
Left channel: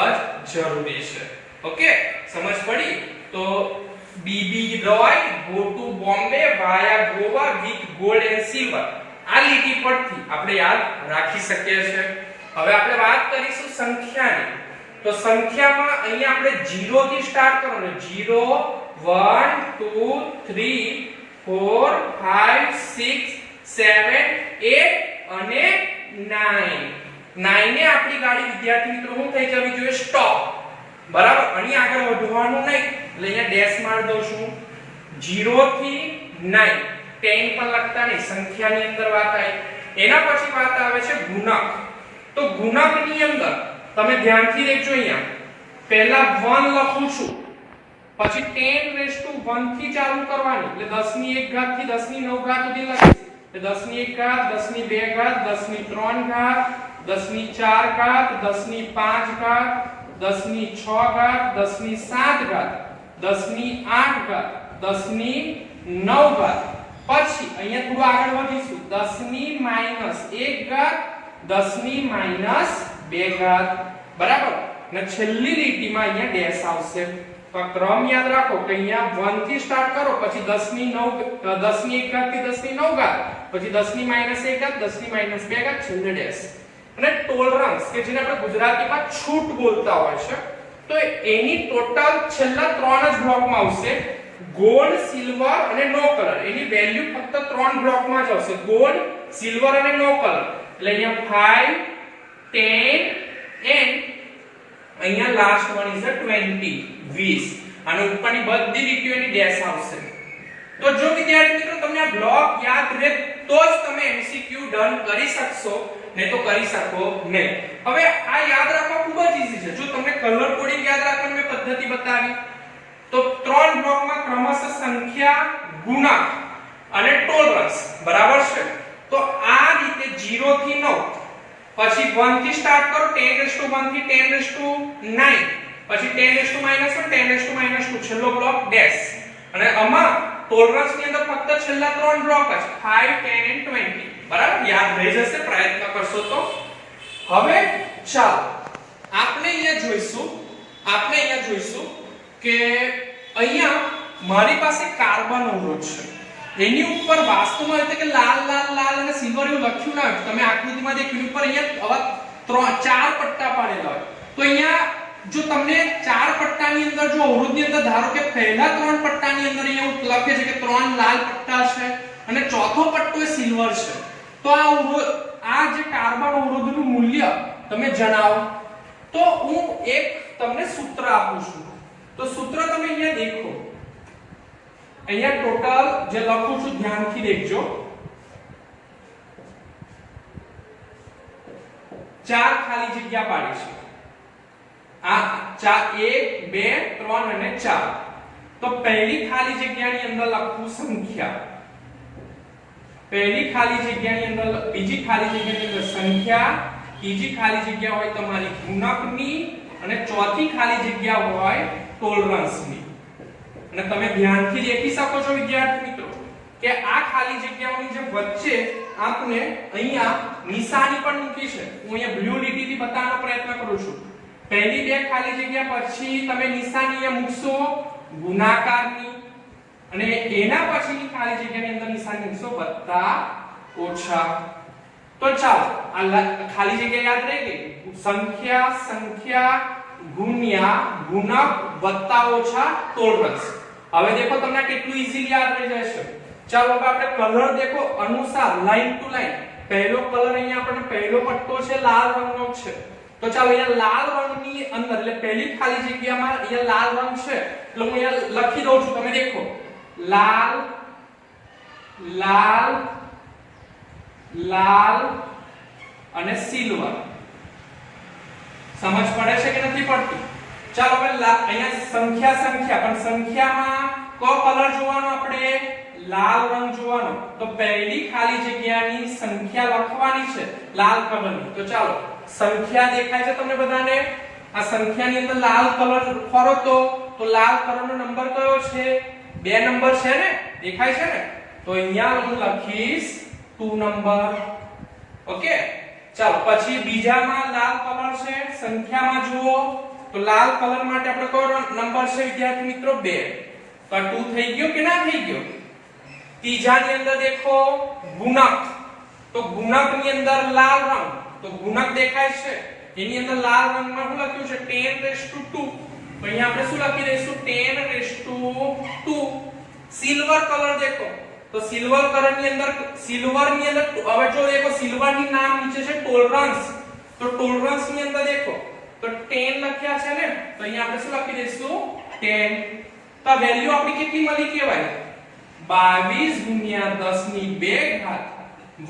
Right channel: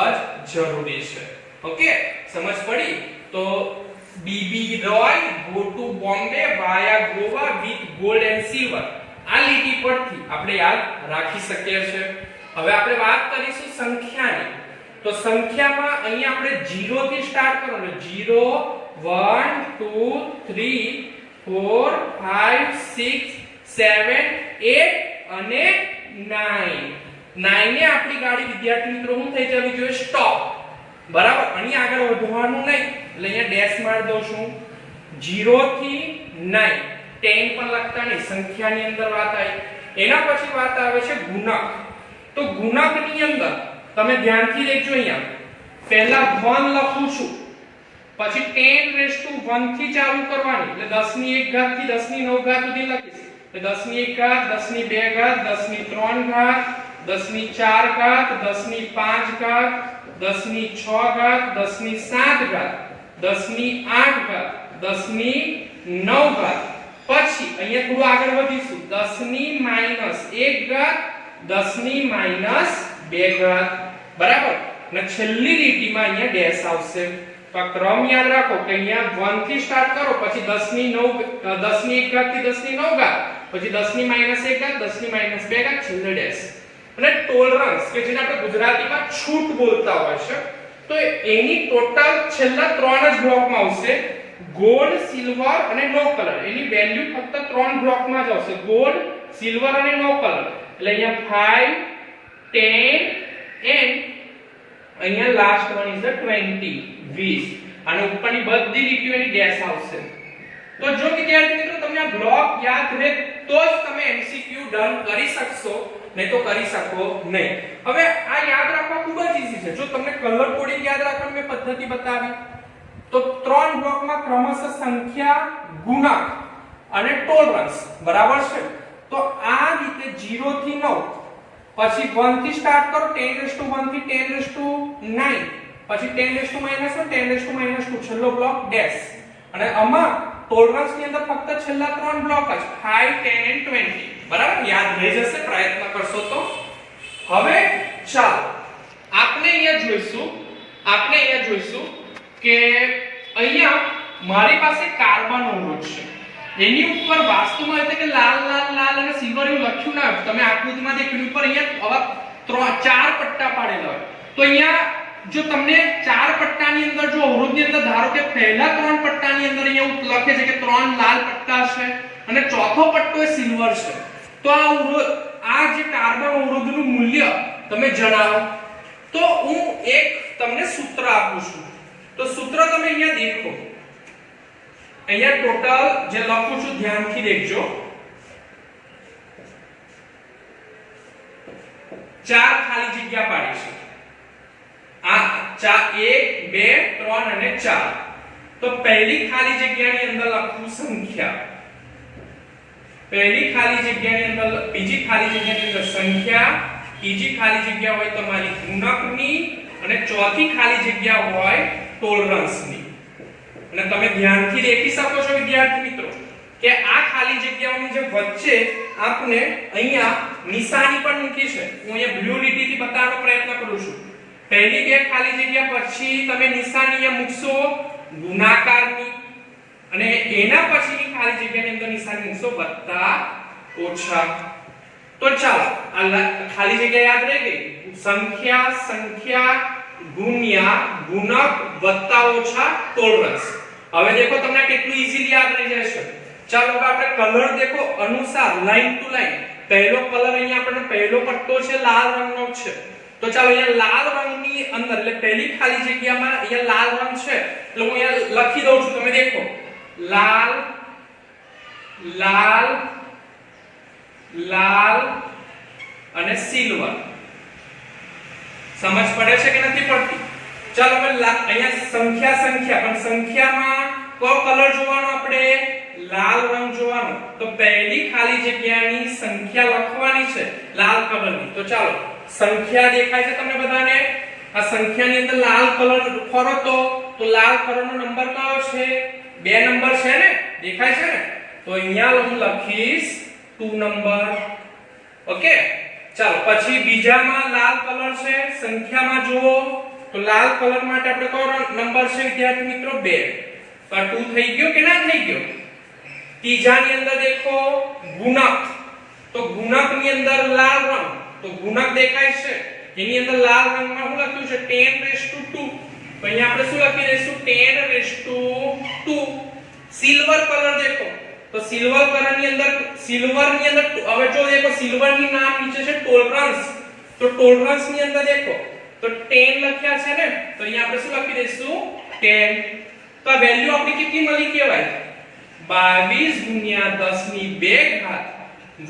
જ જરૂરી છે. ઓકે, સમજ પડી? તો B B Roy go to Bombay via Goa with gold and silver. આ લીટી પરથી આપણે યાદ રાખી શકીએ છીએ. હવે આપણે વાત કરીશું સંખ્યાની. તો સંખ્યામાં અહીંયા આપણે 0 થી સ્ટાર્ટ કરવાનું. 0 1 2 3 4 5 6 7 8 અને 9. 9 ને આપણી ગાડી વિદ્યાર્થી મિત્રો શું થઈ જવી જોઈએ? સ્ટોપ, બરાબર. અહીં આગળ વધવાનું નહીં એટલે અહીંયા ડેશ માર દઉં છું. 0 થી 9 10 પણ લખતા નહીં, સંખ્યાની અંદર વાત આવી. એના પછી વાત આવે છે ગુણક. તો ગુણકની અંદર તમે ધ્યાનથી દેખજો. અહીંયા પહેલા 1 લખું છું, પછી 10⁻1 થી ચાલુ કરવાની એટલે 10 ની 1 ઘાત થી 10 ની 9 ઘાત સુધી લખીશ. 10 ની 1 ઘાત, 10 ની 2 ઘાત, 10 ની 3 ઘાત, 10 ની 4 ઘાત, 10 ની 5 ઘાત, 10 ની 6 ઘાત, 10 ની 7 ઘાત, 10 ની 8 ઘાત, 10 ની 9 ઘાત. પછી અહીંયા થોડું આગળ વધીશું. 10 ની -1 ઘાત, 10 ની -2 ઘાત, બરાબર. અને છેલ્લી લીટીમાં અહીંયા ડેશ આવશે. તો આ ક્રમ યાદ રાખો કે અહીંયા 1 થી સ્ટાર્ટ કરો, પછી 10 ની 1 ઘાત થી 10 ની 9 ઘાત, પછી 10 ની -1 ઘાત, 10 ની -2 ઘાત, છેલ્લે ડેશ. અને ટોલરન્સ કે જેને આપણે ગુજરાતીમાં છૂટ બોલતા હોય છે, તો એની ટોટલ છેલ્લા 3 જ બ્લોકમાં આવશે. ગોલ્ડ, સિલ્વર અને નો કલર. એની વેલ્યુ ફક્ત 3 બ્લોકમાં જ આવશે. ગોલ્ડ, સિલ્વર અને નો કલર. એટલે અહીંયા 5 10 એન્ડ અહીંયા લાસ્ટ વન ઇઝ 20 20. અને ઉપરની બધી લીટીઓની ડેશ આવશે. તો જો વિદ્યાર્થી મિત્રો તમને આ બ્લોક યાદ રહે તો જ તમે MCQ ડન કરી શકશો, નહીં તો કરી શકો નહીં. હવે આ યાદ રાખવા ખૂબ જ ઈઝી છે. જો તમને કલર કોડિંગ યાદ રાખવાની મેં પદ્ધતિ બતાવી, તો 3 બ્લોકમાં ક્રમશઃ સંખ્યા, ગુણક અને ટોલરન્સ, બરાબર છે. તો આ રીતે 0 થી 9, પછી 1 થી સ્ટાર્ટ કરો, 10⁻1 થી 10⁻9, પછી 10⁻1 10⁻2, છેલ્લો બ્લોક ડેશ. અને આમાં ટોલરન્સ ની અંદર ફક્ત છેલ્લા 3 બ્લોક જ 5 10 અને 20, બરાબર. યાદ રહી જશે પ્રયત્ન કરશો તો. હવે ચાલો આપણે અહીંયા જોઈશું કે અહીંયા મારી પાસે કાર્બન અવરોધ છે. એની ઉપર વાસ્તવમાં એટલે કે લાલ લાલ લાલ અને સિલ્વર એવું લખ્યું ના હોય. તમે આકૃતિમાં દેખ્યું ઉપર અહીંયા આવા 4 પટ્ટા પાડેલા હોય. તો અહીંયા જો તમને 4 પટ્ટાની અંદર જો અવરોધની અંદર ધારો કે પહેલા 3 પટ્ટાની અંદર અહીંયા લખે છે કે 3 લાલ પટ્ટા છે અને ચોથો પટ્ટો એ સિલ્વર છે, તો આ જે કાર્બન અવરોધનું મૂલ્ય તમે જણાવો. તો હું એક તમને સૂત્ર આપું છું. તો સૂત્ર તમે અહીંયા દેખો. અહીંયા ટોટલ જે લખું છું ધ્યાનથી દેખજો. 4 ખાલી જગ્યા પાડી છે. આ 1 2 3 અને 4. તો પહેલી ખાલી જગ્યાની અંદર લખું સંખ્યા, પહેલી ખાલી જગ્યાની અંદર, બીજી ખાલી જગ્યાની અંદર સંખ્યા, ત્રીજી ખાલી જગ્યા હોય તમારી ગુણકની અને ચોથી ખાલી જગ્યા હોય ટોલરન્સની. અને તમે ધ્યાનથી દેખી શકો છો વિદ્યાર્થી મિત્રો કે આ ખાલી જગ્યાઓની જે વચ્ચે આપણે અહીંયા નિશાની પણ મૂકી છે. હું અહીંયા બ્લુ લીટીથી બતાવવાનો પ્રયત્ન કરું છું. પહેલી બે ખાલી જગ્યા પછી તમે નિશાની અહીંયા મૂકશો ગુણાકારની, અને એના પછીની ખાલી જગ્યાની અંદર નિશાની મૂકશો વત્તા ઓછા. તો ચાલો આ ખાલી જગ્યા યાદ રહી ગઈ. સંખ્યા સંખ્યા ગુણ્યા ગુણક વત્તા ઓછા ટોલરન્સ. હવે દેખો તમને કેટલું ઈઝીલી યાદ રહી જશે. ચાલો હવે આપણે કલર દેખો અનુસાર લાઈન ટુ લાઈન. પહેલો કલર અહીંયા આપણને પહેલો પટ્ટો છે લાલ રંગનો છે. તો ચાલો અહીંયા લાલ રંગની અંદર એટલે પહેલી ખાલી જગ્યામાં અહીંયા લાલ રંગ છે એટલે હું અહીંયા લખી દઉં છું. તમે દેખો લાલ લાલ લાલ અને સિલ્વર. સમજ પડે છે કે નથી પડતી? ચાલો હવે અહીંયા સંખ્યા સંખ્યા પણ સંખ્યામાં કયો કલર જોવાનો આપણે? લાલ રંગ જોવાનો. તો પહેલી ખાલી જગ્યાની સંખ્યા લખવાની છે લાલ કલરની. તો ચાલો સંખ્યા દેખાય છે તમને બધાને? આ સંખ્યાની અંદર લાલ કલર ખરો તો લાલ કલરનો નંબર કયો છે? 2 નંબર છે ને? દેખાય છે ને? તો અહીંયા હું લખીશ 2 નંબર. ઓકે, ચાલો પછી બીજામાં લાલ કલર છે. સંખ્યામાં જુઓ તો લાલ કલર માટે આપણે કયો નંબર છે વિદ્યાર્થી મિત્રો? 2. તો 2 થઈ ગયો કે ના થઈ ગયો? ત્રીજાની અંદર દેખો ગુણક. તો ગુણકની અંદર લાલ રંગ, તો ગુણક દેખાય છે એની અંદર લાલ રંગમાં શું લખ્યું છે? 10⁻². તો અહીંયા આપણે શું લખી દઈશું? 10⁻². સિલ્વર કલર દેખો તો સિલ્વર કલરની અંદર હવે જો દેખો સિલ્વરની નામ નીચે છે ટોલરન્સ. તો ટોલરન્સ ની અંદર દેખો તો 10 લખ્યા છે ને? તો અહીંયા આપણે શું લખી દઈશું? 10. તો આ વેલ્યુ આપણી કેટલી મળી કહેવાય? 22 × 10⁻²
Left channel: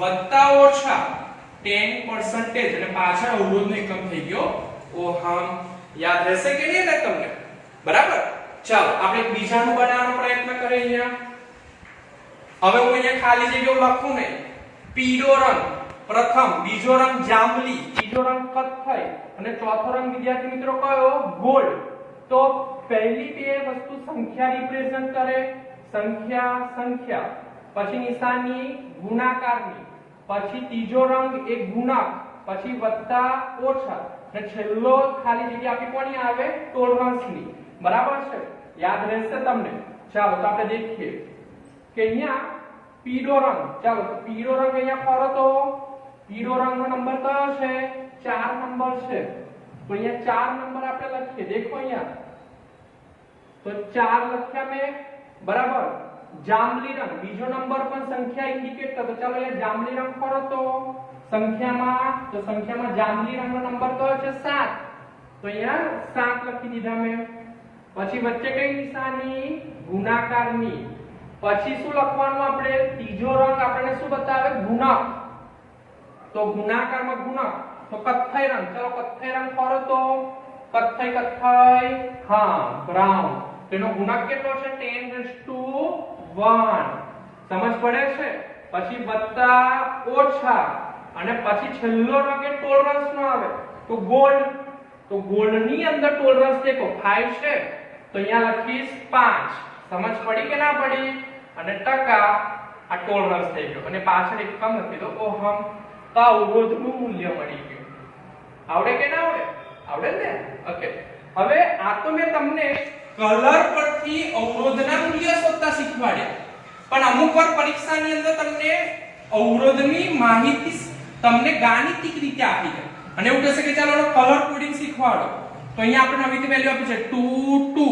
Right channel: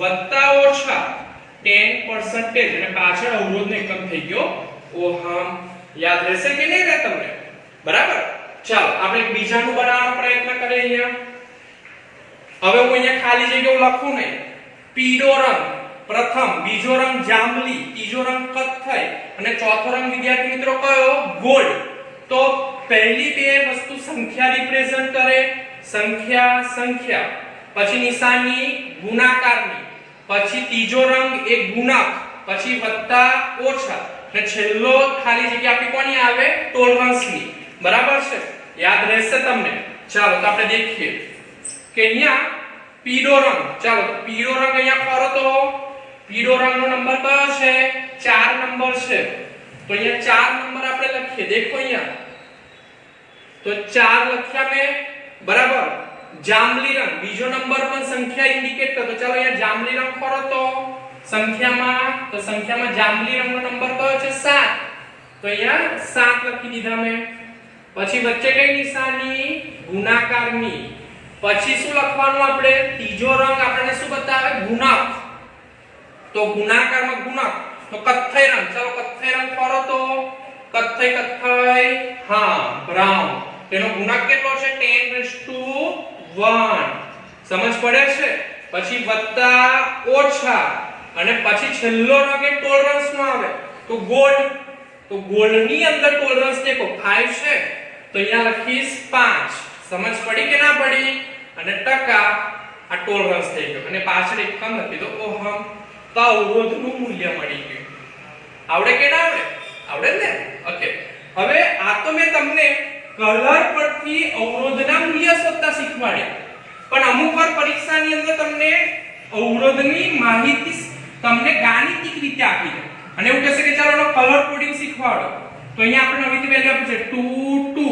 વત્તા ઓછા 10% અને પાછળ અવરોધનો એકમ થઈ ગયો ઓહમ. યાદ રહેશે કે નહીં રહે તમને? બરાબર. ચાલો આપણે બીજાનું બનાવવાનો પ્રયત્ન કરીએ. અહીંયા હવે હું અહીંયા ખાલી જગ્યાઓ લખું નહીં. પીળો રંગ પ્રથમ, બીજો રંગ જાંબલી, ત્રીજો રંગ કથ્થઈ અને ચોથો રંગ વિદ્યાર્થી મિત્રો કયો? ગોલ્ડ. તો પહેલી બે વસ્તુ સંખ્યા રિપ્રેઝન્ટ કરે. સંખ્યા સંખ્યા, પછી નિશાની ગુણાકારની, પછી ત્રીજો રંગ એ ગુણક, પછી વત્તા ઓછા અને છેલ્લો ખાલી જગ્યા આપણી કોની આવે? ટોલરન્સની. બરાબર છે? યાદ રહેશે તમને? ચાલો તો આપણે દેખીએ કે અહીંયા પીળો રંગ. ચાલો તો પીળો રંગ અહીંયા ફરો તો પીળો રંગનો નંબર કયો છે? 4 નંબર છે. તો અહીંયા 4 નંબર આપણે લખીએ. દેખો અહીંયા તો 4 લખ્યા મેં. બરાબર. જાંબલી રંગ બીજો નંબર પણ સંખ્યા ઇન્ડિકેટ કરતો. ચાલો અહીંયા જાંબલી રંગ ફરો તો સંખ્યામાં જાંબલી રંગનો નંબર કયો છે? 7. તો અહીંયા 7 લખી દીધા મેં. પછી વચ્ચે કઈ નિશાની? ગુણાકારની. પછી શું લખવાનું આપણે? ત્રીજો રંગ આપણને શું બતાવે? ગુણક. તો ગુણાકારમાં ગુણક તો કથ્થઈ રંગ. ચાલો કથ્થઈ રંગ ફરો તો કથ્થઈ હા બ્રાઉન. તેનો ગુણક કેટલો છે? 10⁻1. સમજ પડે છે? પછી વત્તા ઓછા અને પછી છેલ્લો રંગ એ ટોલરન્સ નો આવે તો ગોલ્ડ. તો ગોલ્ડ ની અંદર ટોલરન્સ દેખો 5 છે. તો અહીંયા લખીશ 5. સમજ પડી કે ના પડી? અને ટકા આ ટોલરન્સ થઈ ગયો અને પાછળ એકમ લખી દો ઓહમ. તો અવરોધનું મૂલ્ય મળી ગયું. આવડે કે ના આવડે? આવડે ને? ઓકે. હવે આ તો મેં તમને કલર પરથી અવરોધના મૂલ્ય શોધતા શીખવાડ્યા. પણ અમુક વાર પરીક્ષાની અંદર તમને અવરોધની માહિતી તમને ગાણિતિક રીતે આપી દે અને એવું કહેશે કે ચાલો એનો કલર કોડિંગ શીખવાડો. તો અહીંયા આપણે નવી વેલ્યુ આપી છે 2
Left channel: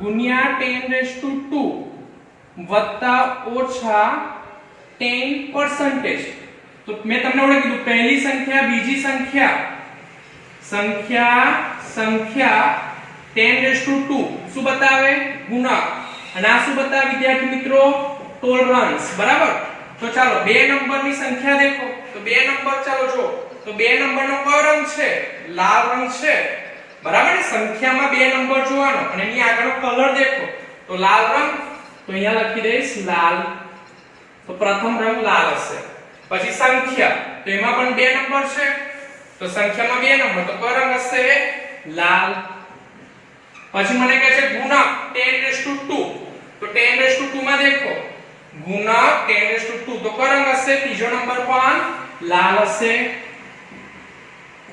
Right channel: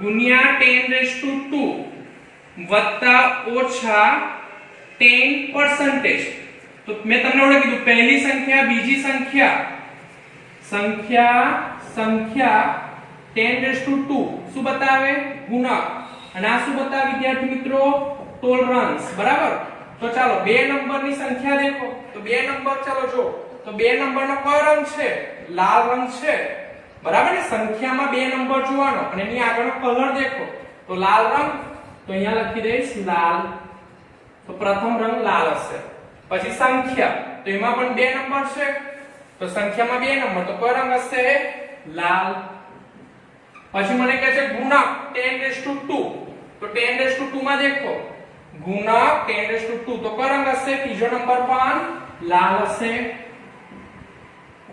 ગુણ્યા 10⁻² વત્તા ઓછા 10%. તો મેં તમને ઓળખી કીધું પહેલી સંખ્યા બીજી સંખ્યા 10⁻² શું બતાવે? ગુણક. અને આ શું બતાવે વિદ્યાર્થી મિત્રો? ટોલરન્સ. બરાબર. તો ચાલો બે નંબરની સંખ્યા દેખો તો બે નંબર ચાલો જો તો બે નંબરનો કયો રંગ છે? લાલ રંગ છે. બરાબર ને? સંખ્યામાં બે નંબર જોવાનો અને એની આગળનો કલર દેખો તો લાલ રંગ. તો અહીંયા લખી દઈશ લાલ. તો પ્રથમ રંગ લાલ હશે. પછી સંખ્યા તો એમાં પણ બે નંબર છે. તો સંખ્યામાં બે નંબર તો કયો રંગ હશે? લાલ. પછી મને કહે છે ગુણક 10⁻². તો 10⁻² માં દેખો ગુણક 10⁻². તો કયો રંગ હશે? ત્રીજો નંબર પણ લાલ હશે.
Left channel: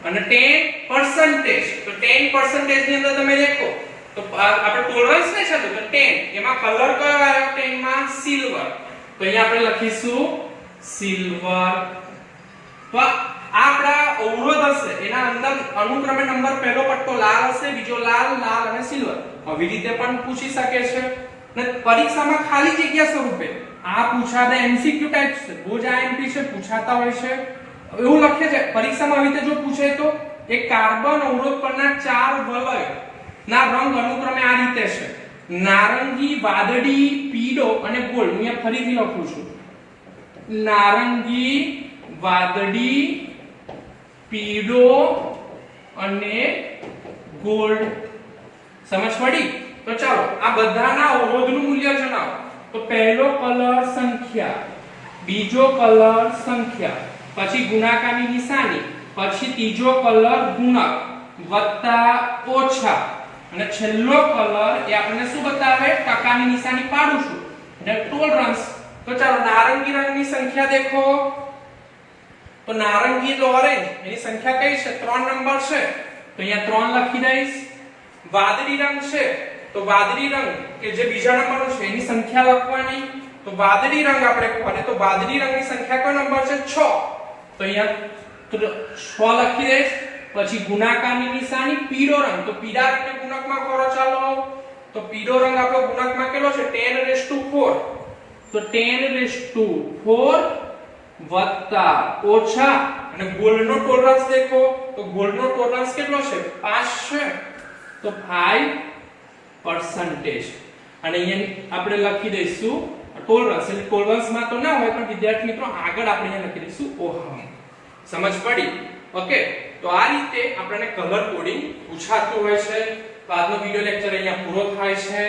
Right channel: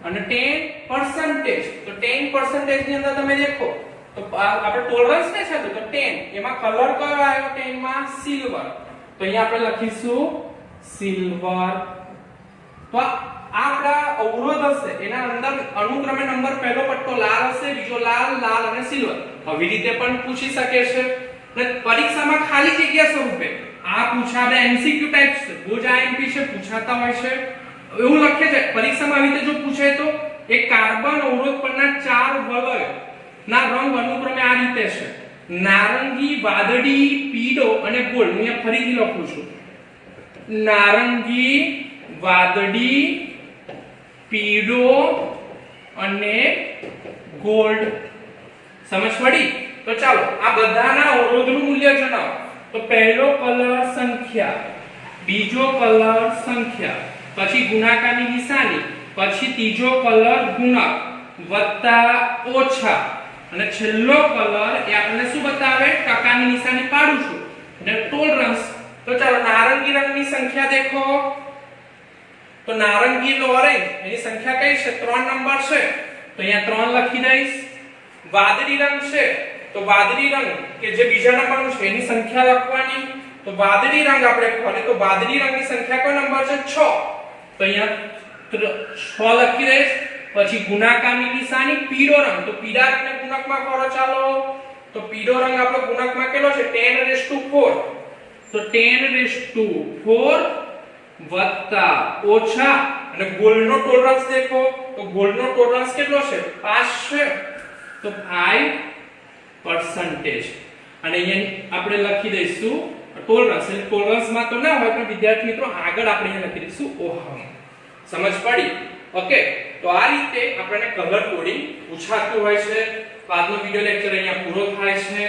અને 10% તો 10% ની અંદર તમે દેખો તો આપણે ટોલરન્સ ને છે તો 10 એમાં કલર કયો આવ્યો? 10 માં સિલ્વર. તો અહીંયા આપણે લખીશું સિલ્વર. તો આપડા અવરોધ હશે એના અંદર અનુક્રમે નંબર પહેલો પટ્ટો લાલ હશે, બીજો લાલ, લાલ અને સિલ્વર. આવી રીતે પણ પૂછી શકે છે. અને પરીક્ષામાં ખાલી જગ્યા સ્વરૂપે આ પૂછાને એમસીક્યુ ટાઈપ છે, બહુ જ આઈએમપી છે, પૂછાતા હોય છે. એવું લખે છે પરીક્ષામાં આવી રીતે જો પૂછે તો એક કાર્બન અવરોધ પરના 4 વલય ના રંગ અનુક્રમે આ રીતે છે: નારંગી, વાદળી, પીળો અને ગોલ્ડ. હું અહીંયા ફરીથી લખું છું: નારંગી, વાદળી, પીળો અને ગોલ્ડ. સમજ પડી? તો ચાલો આ બધાના અવરોધનું મૂલ્ય જણાવો. તો પહેલો કલર સંખ્યા, બીજો કલર સંખ્યા, પછી ગુણાકારની નિશાની, પછી ત્રીજો કલર ગુણક વત્તા ઓછા અને છેલ્લો કલર એ આપણને શું બતાવે? ટકાની નિશાની પાડું છું અને ટોલરન્સ. તો ચાલો નારંગી રંગની સંખ્યા દેખો. તો નારંગી એટલે ઓરેન્જ, એની સંખ્યા કઈ છે? 3 નંબર છે. તો અહીંયા 3 લખી દઈશ. વાદળી રંગ છે તો વાદળી રંગ કે જે બીજા નંબરનું છે એની સંખ્યા લખવાની. તો વાદળી રંગ આપણે ખોલે તો વાદળી રંગની સંખ્યા કયો નંબર છે? 6. તો અહીંયા 6 લખી દઈશ. પછી ગુણાકારની નિશાની પીળો રંગ. તો પીળા રંગને ગુણકમાં કરો ચાલો. તો પીળો રંગ આપણો ગુણકમાં કેટલો છે? 10⁻4. તો 10⁻4 વત્તા ઓછા અને ગોલ્ડનો ટોલરન્સ દેખો. તો ગોલ્ડનો ટોલરન્સ કેટલો છે? 5 છે. તો 5%. અને અહીંયા આપણે લખી દઈશું ટોલરન્સ. એટલે ટોલરન્સમાં તો ના હોય પણ વિદ્યાર્થી મિત્રો આગળ આપણે અહીંયા લખી દઈશું ઓહમ. સમજ પડી? ઓકે. તો આ રીતે આપણને કલર કોડિંગ પૂછાતું હોય છે. તો આજનો વિડિયો લેક્ચર અહીંયા પૂરો થાય છે.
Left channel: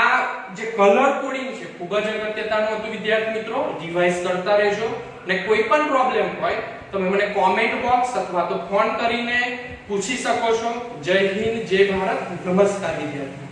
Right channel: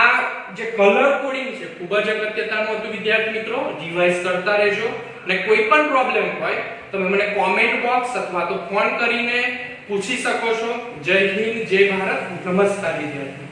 આ જે કલર કોડિંગ છે ખૂબ જ અગત્યતાનું હતું વિદ્યાર્થી મિત્રો. રિવાઇઝ કરતા રહેજો અને કોઈ પણ પ્રોબ્લેમ હોય તમે મને કોમેન્ટ બોક્સ અથવા તો ફોન કરીને પૂછી શકો છો. જય હિન્દ, જય ભારત, નમસ્કાર વિદ્યાર્થી.